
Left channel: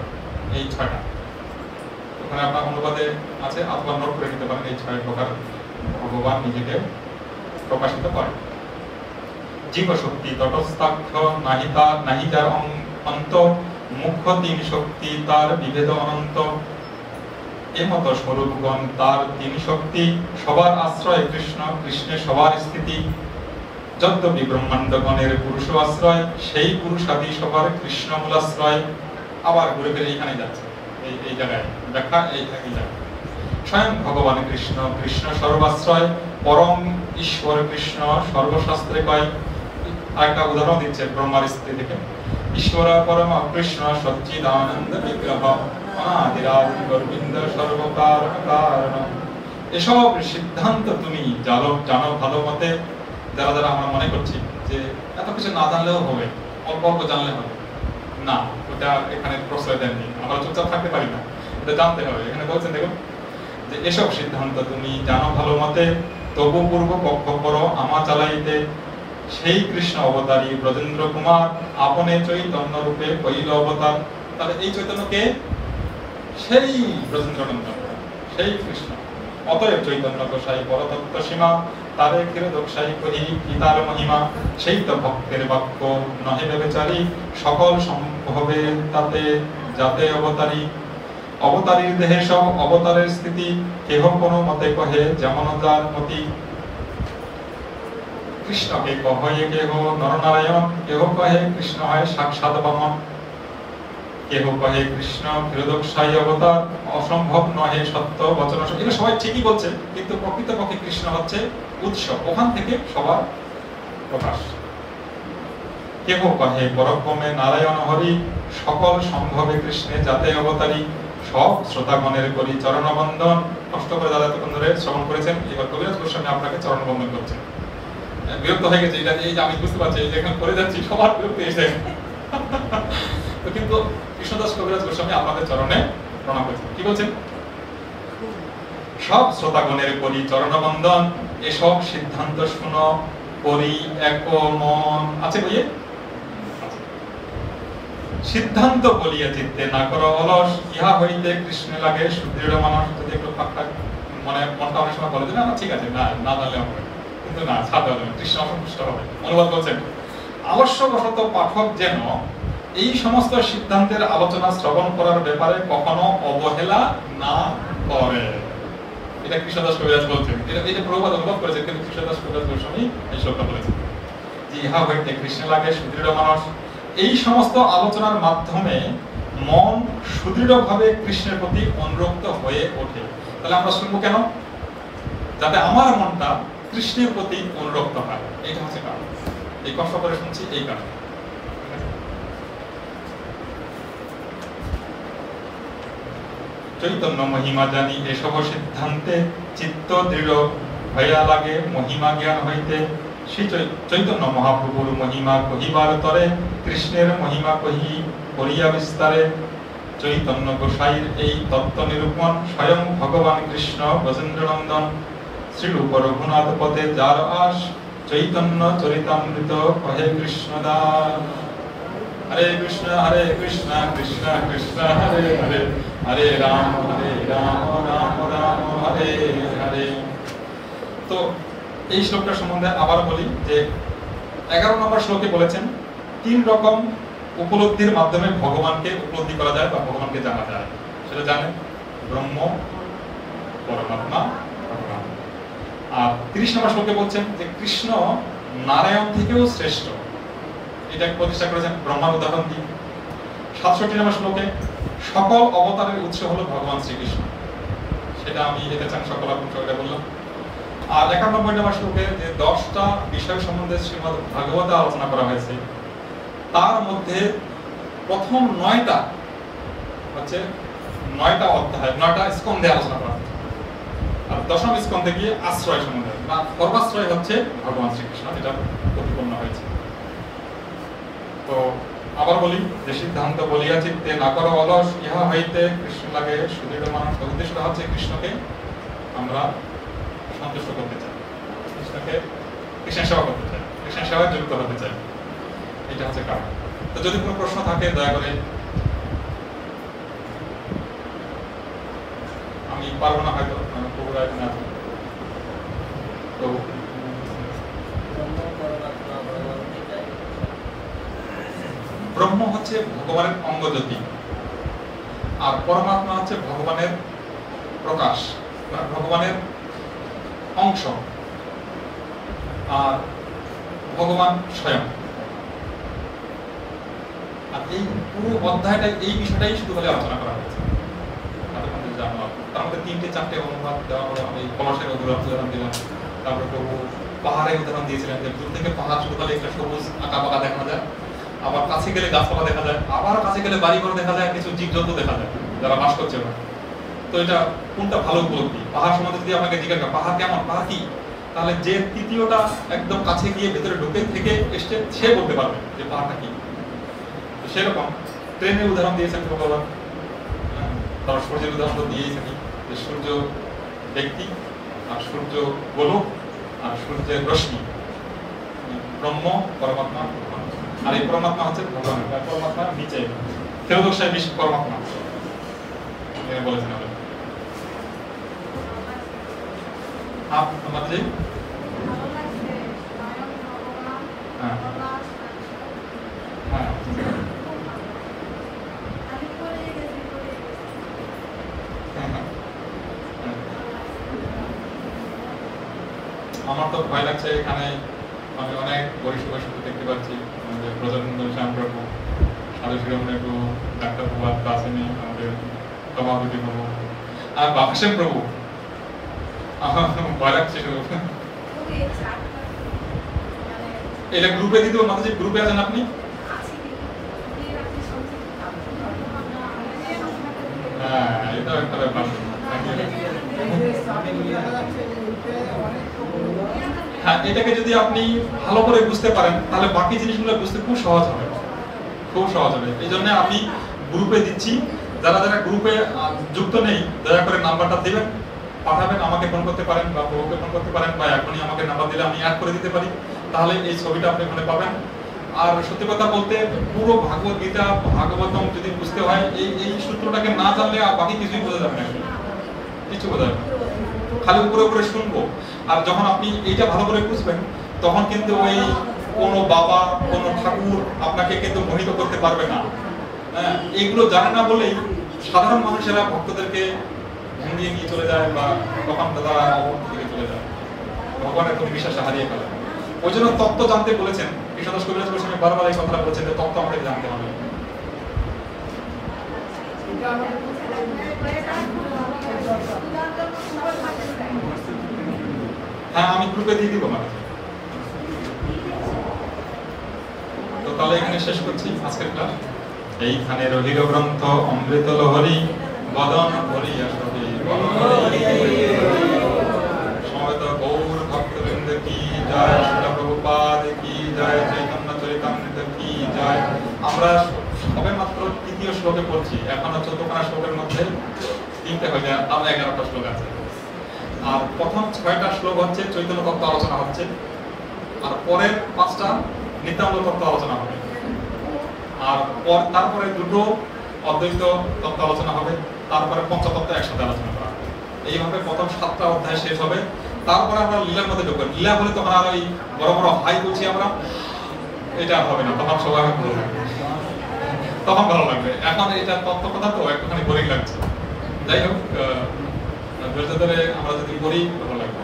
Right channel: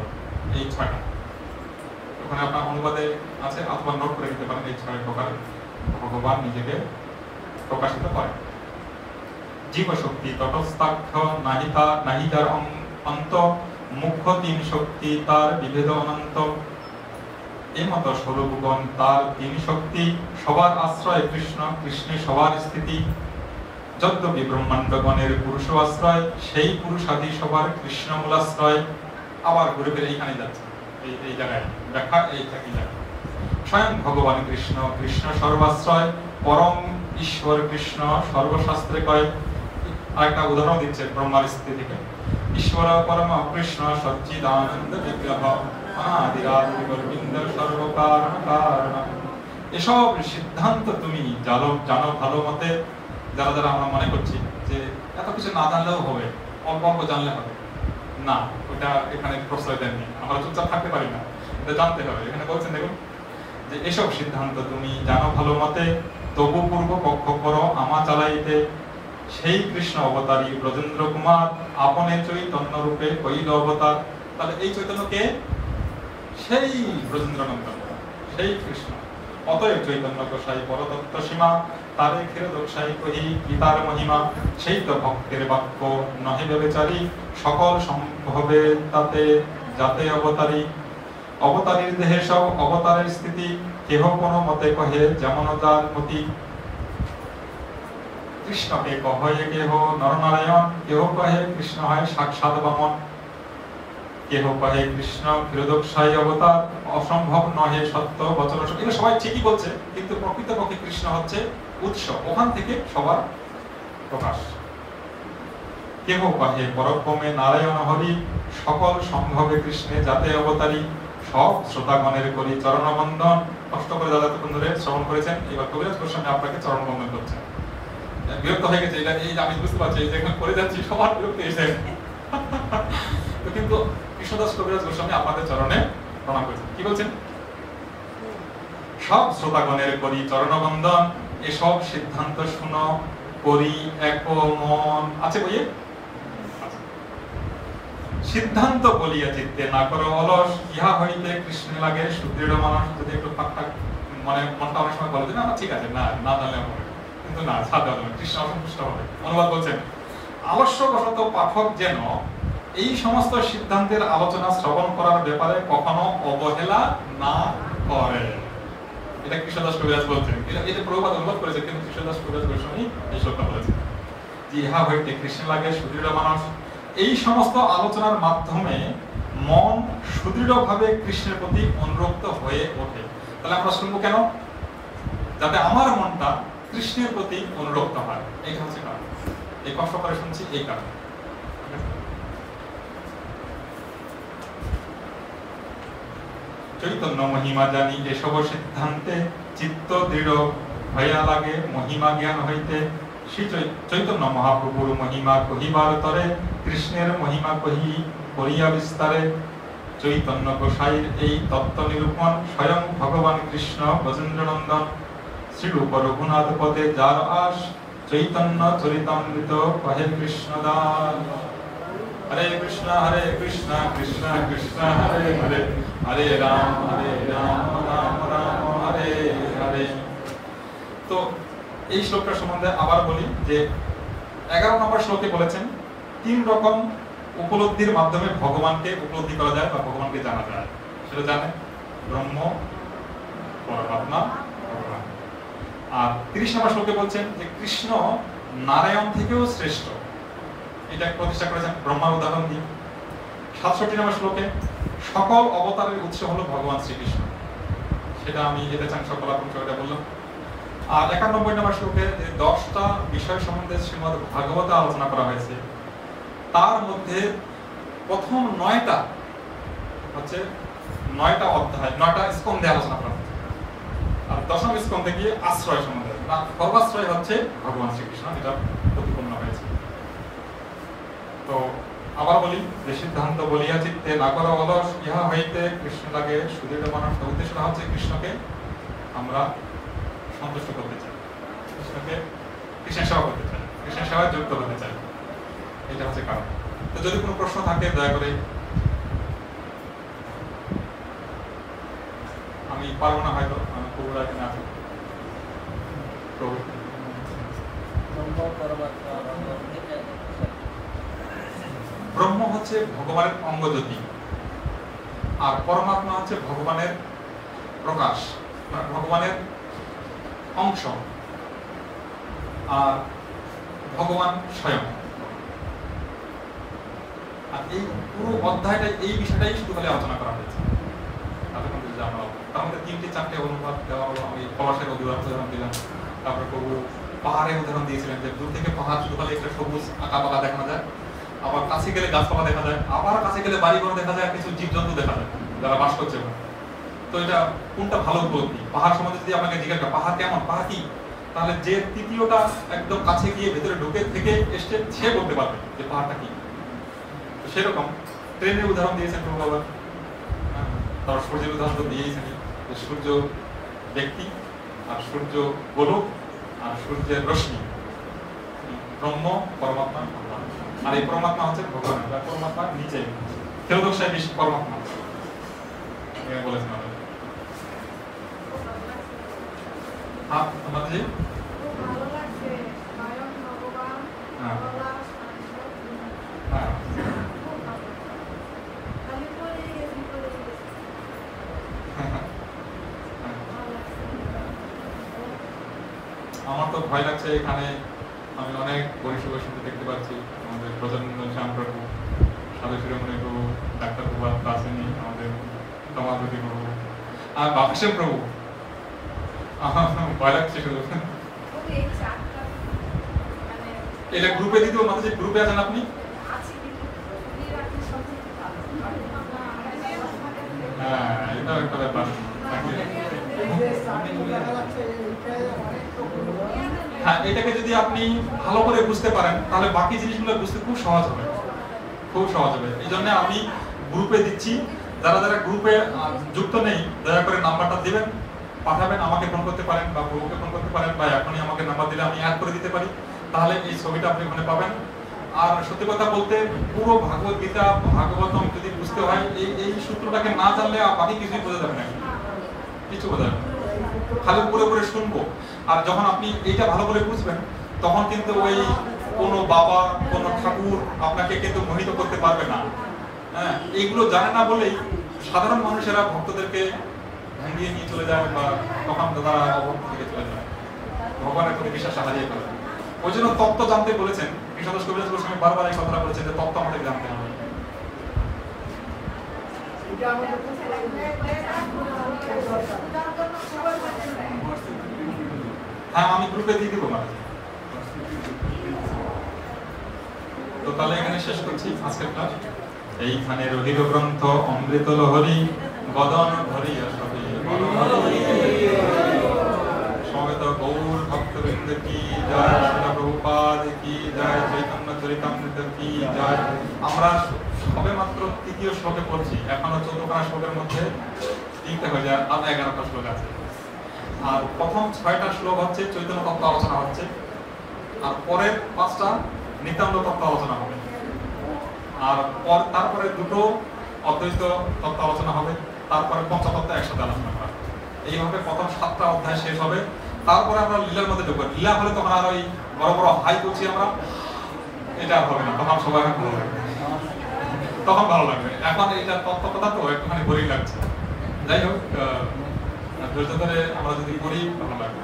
এই 6টা ওখানে আপনার অনুবাদে আছে, অথবা নোট করে নিতে পারেন। এই 6 প্রকার ভগবান নিজেকে প্রকাশিত করেন। জীব শক্তি তটস্থাক্ষ, নাহি তার অন্ত, মুখ্য 3 শক্তি তার বিভেদ অনন্ত। এমত স্বরূপগণ তার 3 শক্তি, সবার আশ্রয় কৃষ্ণ, কৃষ্ণের সবার স্থিতি। যদ্যপি ব্রহ্মাণ্ডগণের পুরুষ আশ্রয়, সেই পুরুষাদি সবার কৃষ্ণ মূলাশ্রয়। আবার ঘুরে ফিরে এইখানে যাচ্ছে, এই জায়গায় ব্যাখ্যা এই থাকি যায়। স্বয়ং ভগবান কৃষ্ণ, কৃষ্ণ সর্বাশ্রয়, পরম ঈশ্বর কৃষ্ণ সর্বশাস্ত্রে কয়। আরেকটা উদাহরণ দিচ্ছে ব্রহ্মার স্থিতি থেকে। ঈশ্বর পরম কৃষ্ণ সচ্চিদানন্দ বিগ্রহ, অনাদিরাদি গোবিন্দ সর্বকারণ কারণ। এসব সিদ্ধান্ত তুমি জানো ভালো মতে। যারা যারা আমরা মনে করছি যে এত কিছু না জানলেও হবে, অল্প অল্প জানলে হবে, না, ওটা এখানে প্রশ্রয় দেননি। আমরা চুপচাপ থাকতে পারি না, এটা জানতে হবে। এখানে বলছেন দেখুন যে এসব সিদ্ধান্ত তুমি জানো ভালো মতে, তবু পূর্ব পক্ষ করো আমা চালাইতে। সেই কৃষ্ণ অবতারী ব্রজেন্দ্র কুমার, আপনে চৈতন্য রূপে কইল অবতার। তাহলে এই চৈতন্য কে? সেই ব্রজেন্দ্রনন্দন, সেই কৃষ্ণ। অতএব চৈতন্য গোসাই পরতত্ত্ব সীমা, তারে ক্ষীরোদকসাই কহি পিতার মহিমা। সেই তো ভক্তের বাক্য নহে বেচারি, সকল সম্ভবে তাতে যাতে অবতারী। অবতারীর দেহে সব অবতারের স্থিতি, কেহ কোন মতে কহে যেমন তার মতি। কৃষ্ণকে কহে কেহ নরনারায়ণ, কেহ কহে কৃষ্ণ হয় সাক্ষাৎ বামন। কেহ কহে কৃষ্ণ ক্ষীরোদকসাই অবতার, অসম্ভব নহে সত্য বচন। এটা সবাই ঠিকই বলছে, কিন্তু প্রকৃতপক্ষে কৃষ্ণ হচ্ছে উৎস, ওখান থেকে সবার প্রকাশ। কেহ কহে পরক্রমে নারায়ণ হরি, সকল সম্ভবে কৃষ্ণে যাতে অবতারী। সব শ্রোতাগণের করি চরণবন্দন। কষ্ট করে দাদা তখন ধরে শ্রবণ করেছেন, এবার কবিরাজ গোস্বামী আপনাকে চরণবন্দন করছেন। বিরক্ত হয়ে গেছে, এটা এই আমি বুঝতে পারছি, এই যেখানে করে যাচ্ছি সবার বিরক্ত এসে। তো কিন্তু কৃষ্ণদাস কবিরাজ গোস্বামী আপনাদের চরণে প্রণাম করছেন। কি বলছেন? সব শ্রোতাগণের করি চরণবন্দন, এসব সিদ্ধান্ত শুনো করি এক মন। আছে বইয়ে? সিদ্ধান্ত বলিয়া চিত্তে না করো অলস, ইহা হইতে কৃষ্ণ লাগে সুদৃঢ় মানস। যদি একটু ফাঁকফাক মানে মনটা অনেক সময় বলে যে না ঠিক আছে, না না জানলে হবে, কিন্তু না ছাড়তে হবে না, কৃষ্ণ অসন্তুষ্ট হবে। অনুবাদ বলছেন, আলস্যবশত পাঠক যেন এই সমস্ত সিদ্ধান্তের আলোচনা শ্রবণ করার ব্যাপারে কখনো অবহেলা না করে। এটা কৃষ্ণদাস কবিরাজ বলছেন। এটা প্রভুপাদ অনুবাদ করেছেন, কিন্তু কৃষ্ণদাস কবিরাজ গোস্বামী এই শ্লোকটা বলেছেন যে ইহা হইতে কৃষ্ণ লাগে সুদৃঢ় মানস। এই সমস্ত আলোচনার মাধ্যমে মন সুদৃঢ়ভাবে কৃষ্ণের প্রতি অনুরক্ত হয়ে ওঠে। তাহলে আমরা শুনবো কেন? যাতে আমার মনটা কৃষ্ণের প্রতি অনুরক্ত হয়। এইটা হচ্ছে কারণ। এই কষ্ট করে শুনছি এই কারণে। চৈতন্য মহিমা জানি এসব সিদ্ধান্তে, চিত্ত দৃঢ় হইয়া লাগে মহিমা জ্ঞান হইতে। শ্রী চৈতন্য মহাপ্রভুর মহিমা কহিবার তরে, কৃষ্ণের মহিমা কহি করিয়া বিস্তারে। চৈতন্য গোসাইর এই তত্ত্ব নিরূপণ, স্বয়ং ভগবান কৃষ্ণ ব্রজেন্দ্রনন্দন। শ্রীরূপ রঘুনাথ পদে যার আস, চৈতন্য চরিতামৃত কহে কৃষ্ণদাস। হরে কৃষ্ণ কৃষ্ণ কৃষ্ণ হরে হরে, হরে রাম রাম রাম হরে হরে। তো এই শ্লোকটা সম্বন্ধে আবার বলি যে 11 নম্বর শ্লোকে বলেছেন 3 রকম উপলব্ধির মাধ্যমে ভগবানকে উপলব্ধি করা যায় বা ভগবানকে জানা যায়। সেটা জানেন, ব্রহ্ম, পরমাত্মা, ভগবান। আর 30 নম্বর শ্লোকে বলছেন যে কৃষ্ণ নারায়ণ থেকেও শ্রেষ্ঠ, এটা প্রতিষ্ঠা করেছেন ব্রহ্মার উদাহরণ দিয়ে। 67 নম্বর শ্লোকে সকল অবতারের উৎস হলো ভগবান শ্রীকৃষ্ণ, সেটা আমি এটা চান সকল আপনাকে বললাম। আর 91 নম্বর শ্লোকে যে 10টা বিষয় সম্বন্ধে শ্রীমদ্ ভাগবত আলোচনা করা হয়েছে, তার মধ্যে প্রথম 9টা হচ্ছে 9টা অধ্যায়, 9টা স্কন্ধে আলোচনা করা হয়েছে। আর 10ম স্কন্ধে গিয়ে আশ্রয় সম্বন্ধে, সর্বাশ্রয় হচ্ছে ভগবান শ্রীকৃষ্ণ, এটা প্রতিপন্ন হয়েছে। তো আবার বলি যে সিদ্ধান্ত বলিয়া চিত্তে না করা অলস, ইহা হইতে কৃষ্ণ লাগে সুদৃঢ় মানস। উদ্দেশ্যটা হচ্ছে কৃষ্ণকে আমরা সন্তুষ্ট করতে চাই, কৃষ্ণের সেবা করতে চাই, কৃষ্ণের সেবায় যুক্ত হতে চাই, এটা হচ্ছে কারণ। তো যদি কোনো প্রশ্ন থাকে দয়া করে, আমি পারবো না হয়তো, আমি প্রভুরা এখানে আছি। প্রভু ব্রহ্ম হচ্ছে ভগবানের অঙ্গজ্যোতি, আর পরমাত্মা হচ্ছে ভগবানের প্রকাশ, ভগবানের অংশ, আর ভগবান স্বয়ং। আর এই পুরো অধ্যায়টাই এই বিষয়টাই শুধু খালি আলোচনা করা হয়েছে। তার মধ্যে 3-4টে অনুবাদ দেওয়া হলো। আমি পলাশের উদাহরণ দিলাম, তারপরে প্রভু পাহাড়ের উদাহরণ দিয়েছিলেন যে দূর থেকে পাহাড় শুধু খালি একটা সবুজ আঁকা পাকা দেখা যায়, আবার কাছে গেলে গাছপালা দেখা যায়, আবার কাছে গেলে বাড়িঘর দেখা যায়, কিছু জীবজন্তু দেখা যায় যারা বাস করছে না। তো এটা কোনটা ভালো উপলব্ধি? পাহাড় সম্বন্ধে যদি আপনাকে জিজ্ঞাসা করা পাহাড় কেমন, পাহাড় কি, তাহলে যে তৃতীয়টা একদম কাছে গিয়ে ভেতরে ঢুকে থেকে এসে সে বলতে পারবে যে পাহাড়টা কি। তো সেরকম ট্রেনের উদাহরণ দিয়েছেন প্রভু বাবা, তার সূর্যের উদাহরণ দিয়েছেন যে সূর্য ব্যক্তি, আর সূর্য গোলক, আর সূর্যের রশ্মি, ব্রহ্ম, পরমাত্মা, ভগবান। আর এই পরমাত্মা হচ্ছে ভগবান, পরমাত্মা নিচে থেরোদক সাহেব বেশি পরমাত্মা বলেছেন আমাদের। আমাদের আমার তো ভয় লাগছে, এখানে আমি অনেক বৈষ্ণব দেখতে পাচ্ছি, আমাদের ব্রজেন্দ্র শ্যাম প্রভু, সাধু শিরোমণি প্রভু, ডাক্তার প্রভু আসেনি, আমাদের সমাপতি প্রভু আর বাপসেন প্রভু। আমার ভয় লাগছে শুধু। এটা গ্রুপে দিতে মাঝে যে গ্রুপে আছেন আপনি, হ্যাঁ এটা একটা ব্যাপার। হ্যাঁ, এটাকে যদি আপনি ভালো করে বুঝতে পারেন তাহলে বাকি জিনিসগুলো বুঝতে খুব সহজ হবে, খুব সহজ হবে। এই জন্য আমি গ্রুপে দিচ্ছি, যারা যারা গ্রুপে যুক্ত নেই দয়া করে নাম্বারটা দিবেন, পাঠাবেন, আমাকে ফোন করতে পারেন বা প্রভুকে ফোন করতে পারেন, বা এখনই আমাকে নাম্বার দিলে আমি অ্যাড করে দিতে পারি, তাহলে এই ছবিটা আপনি ওখানে পাবেন। আর সত্যি কথা বলতে পুরো ভাগবত গীতা ভাগবতম যদি বুঝতে হয় এই সূত্রটাকে না জানলে বাকি কিছুই বোঝা যাবে না, কিছু বোঝা যাবে না, খালি উপরে উপরে শুনবো। আর যখন আপনি এইটা ভালো করে বুঝবেন তখন কিন্তু ওই কোনো বাবা কোনো ঠাকুর আপনাকে কিন্তু মোহিত করতে পারবে না। হ্যাঁ, এইগুলো জানে না বলেই সাধারণ মানুষেরা ভক্তদেরকে ভেঙিয়ে নিয়ে চলে যায়, বা তখন তারা অবস্থা থেকে চলে যায়, ভগবানের প্রতি বিশ্বাস হারিয়ে ফেলে। ওই জন্য তত্ত্ব জানতে বলেছেন কৃষ্ণদাস কবিরাজ গোস্বামী, বারবার এই কথাটা বলেছেন যে তত্ত্ব আমাদের জানতে হবে। হ্যাঁ, আমি গ্রুপে দিয়ে দিব মানে। তো তাহলে এখানে শেষ করছি আজকের ক্লাস। এইখানে রহিল গ্রন্থ অমৃত লহরী, বদন ভরিয়া সবই সমবেত গৌর ভক্তবৃন্দ কি জয়, শিলা প্রভুপাদ কি জয়, চৈতন্য চরিতামৃত কি জয়। আমরা সবে মাত্র 3য় শ্লোকে পড়ছি, এখনো 14খানা শ্লোকের মধ্যে 3টে হয়ে যায়, আরো 11টা শ্লোক আছে। আর প্রথম 6টা শ্লোক হচ্ছে চৈতন্য তত্ত্ব আলোচনা হচ্ছে, আর পরের 5টা নিত্যানন্দ তত্ত্ব আলোচনা হবে, আর তারপরে 2টো অদ্বৈত তত্ত্ব আলোচনা হবে, তারপরে পঞ্চতত্ত্ব একসাথে আলোচনা করা হবে। এইভাবে প্রথম 7টা অধ্যায় শেষ হবে। তারপরে আমরা লীলার মধ্যে ঢুকবো। লীলা হলে তখন আর ওই বড় বড় হাই করছি আমরা, এটা আর হবে না, তখন সবাই ভালো লাগবে, তখন ভালো লাগবে। এখন এটা তত্ত্ব কথা তো একটুখানি বোরিং লাগছে। যাই হোক, ধৈর্য ধরে আমরা যদি পড়ি ভালো লাগবে।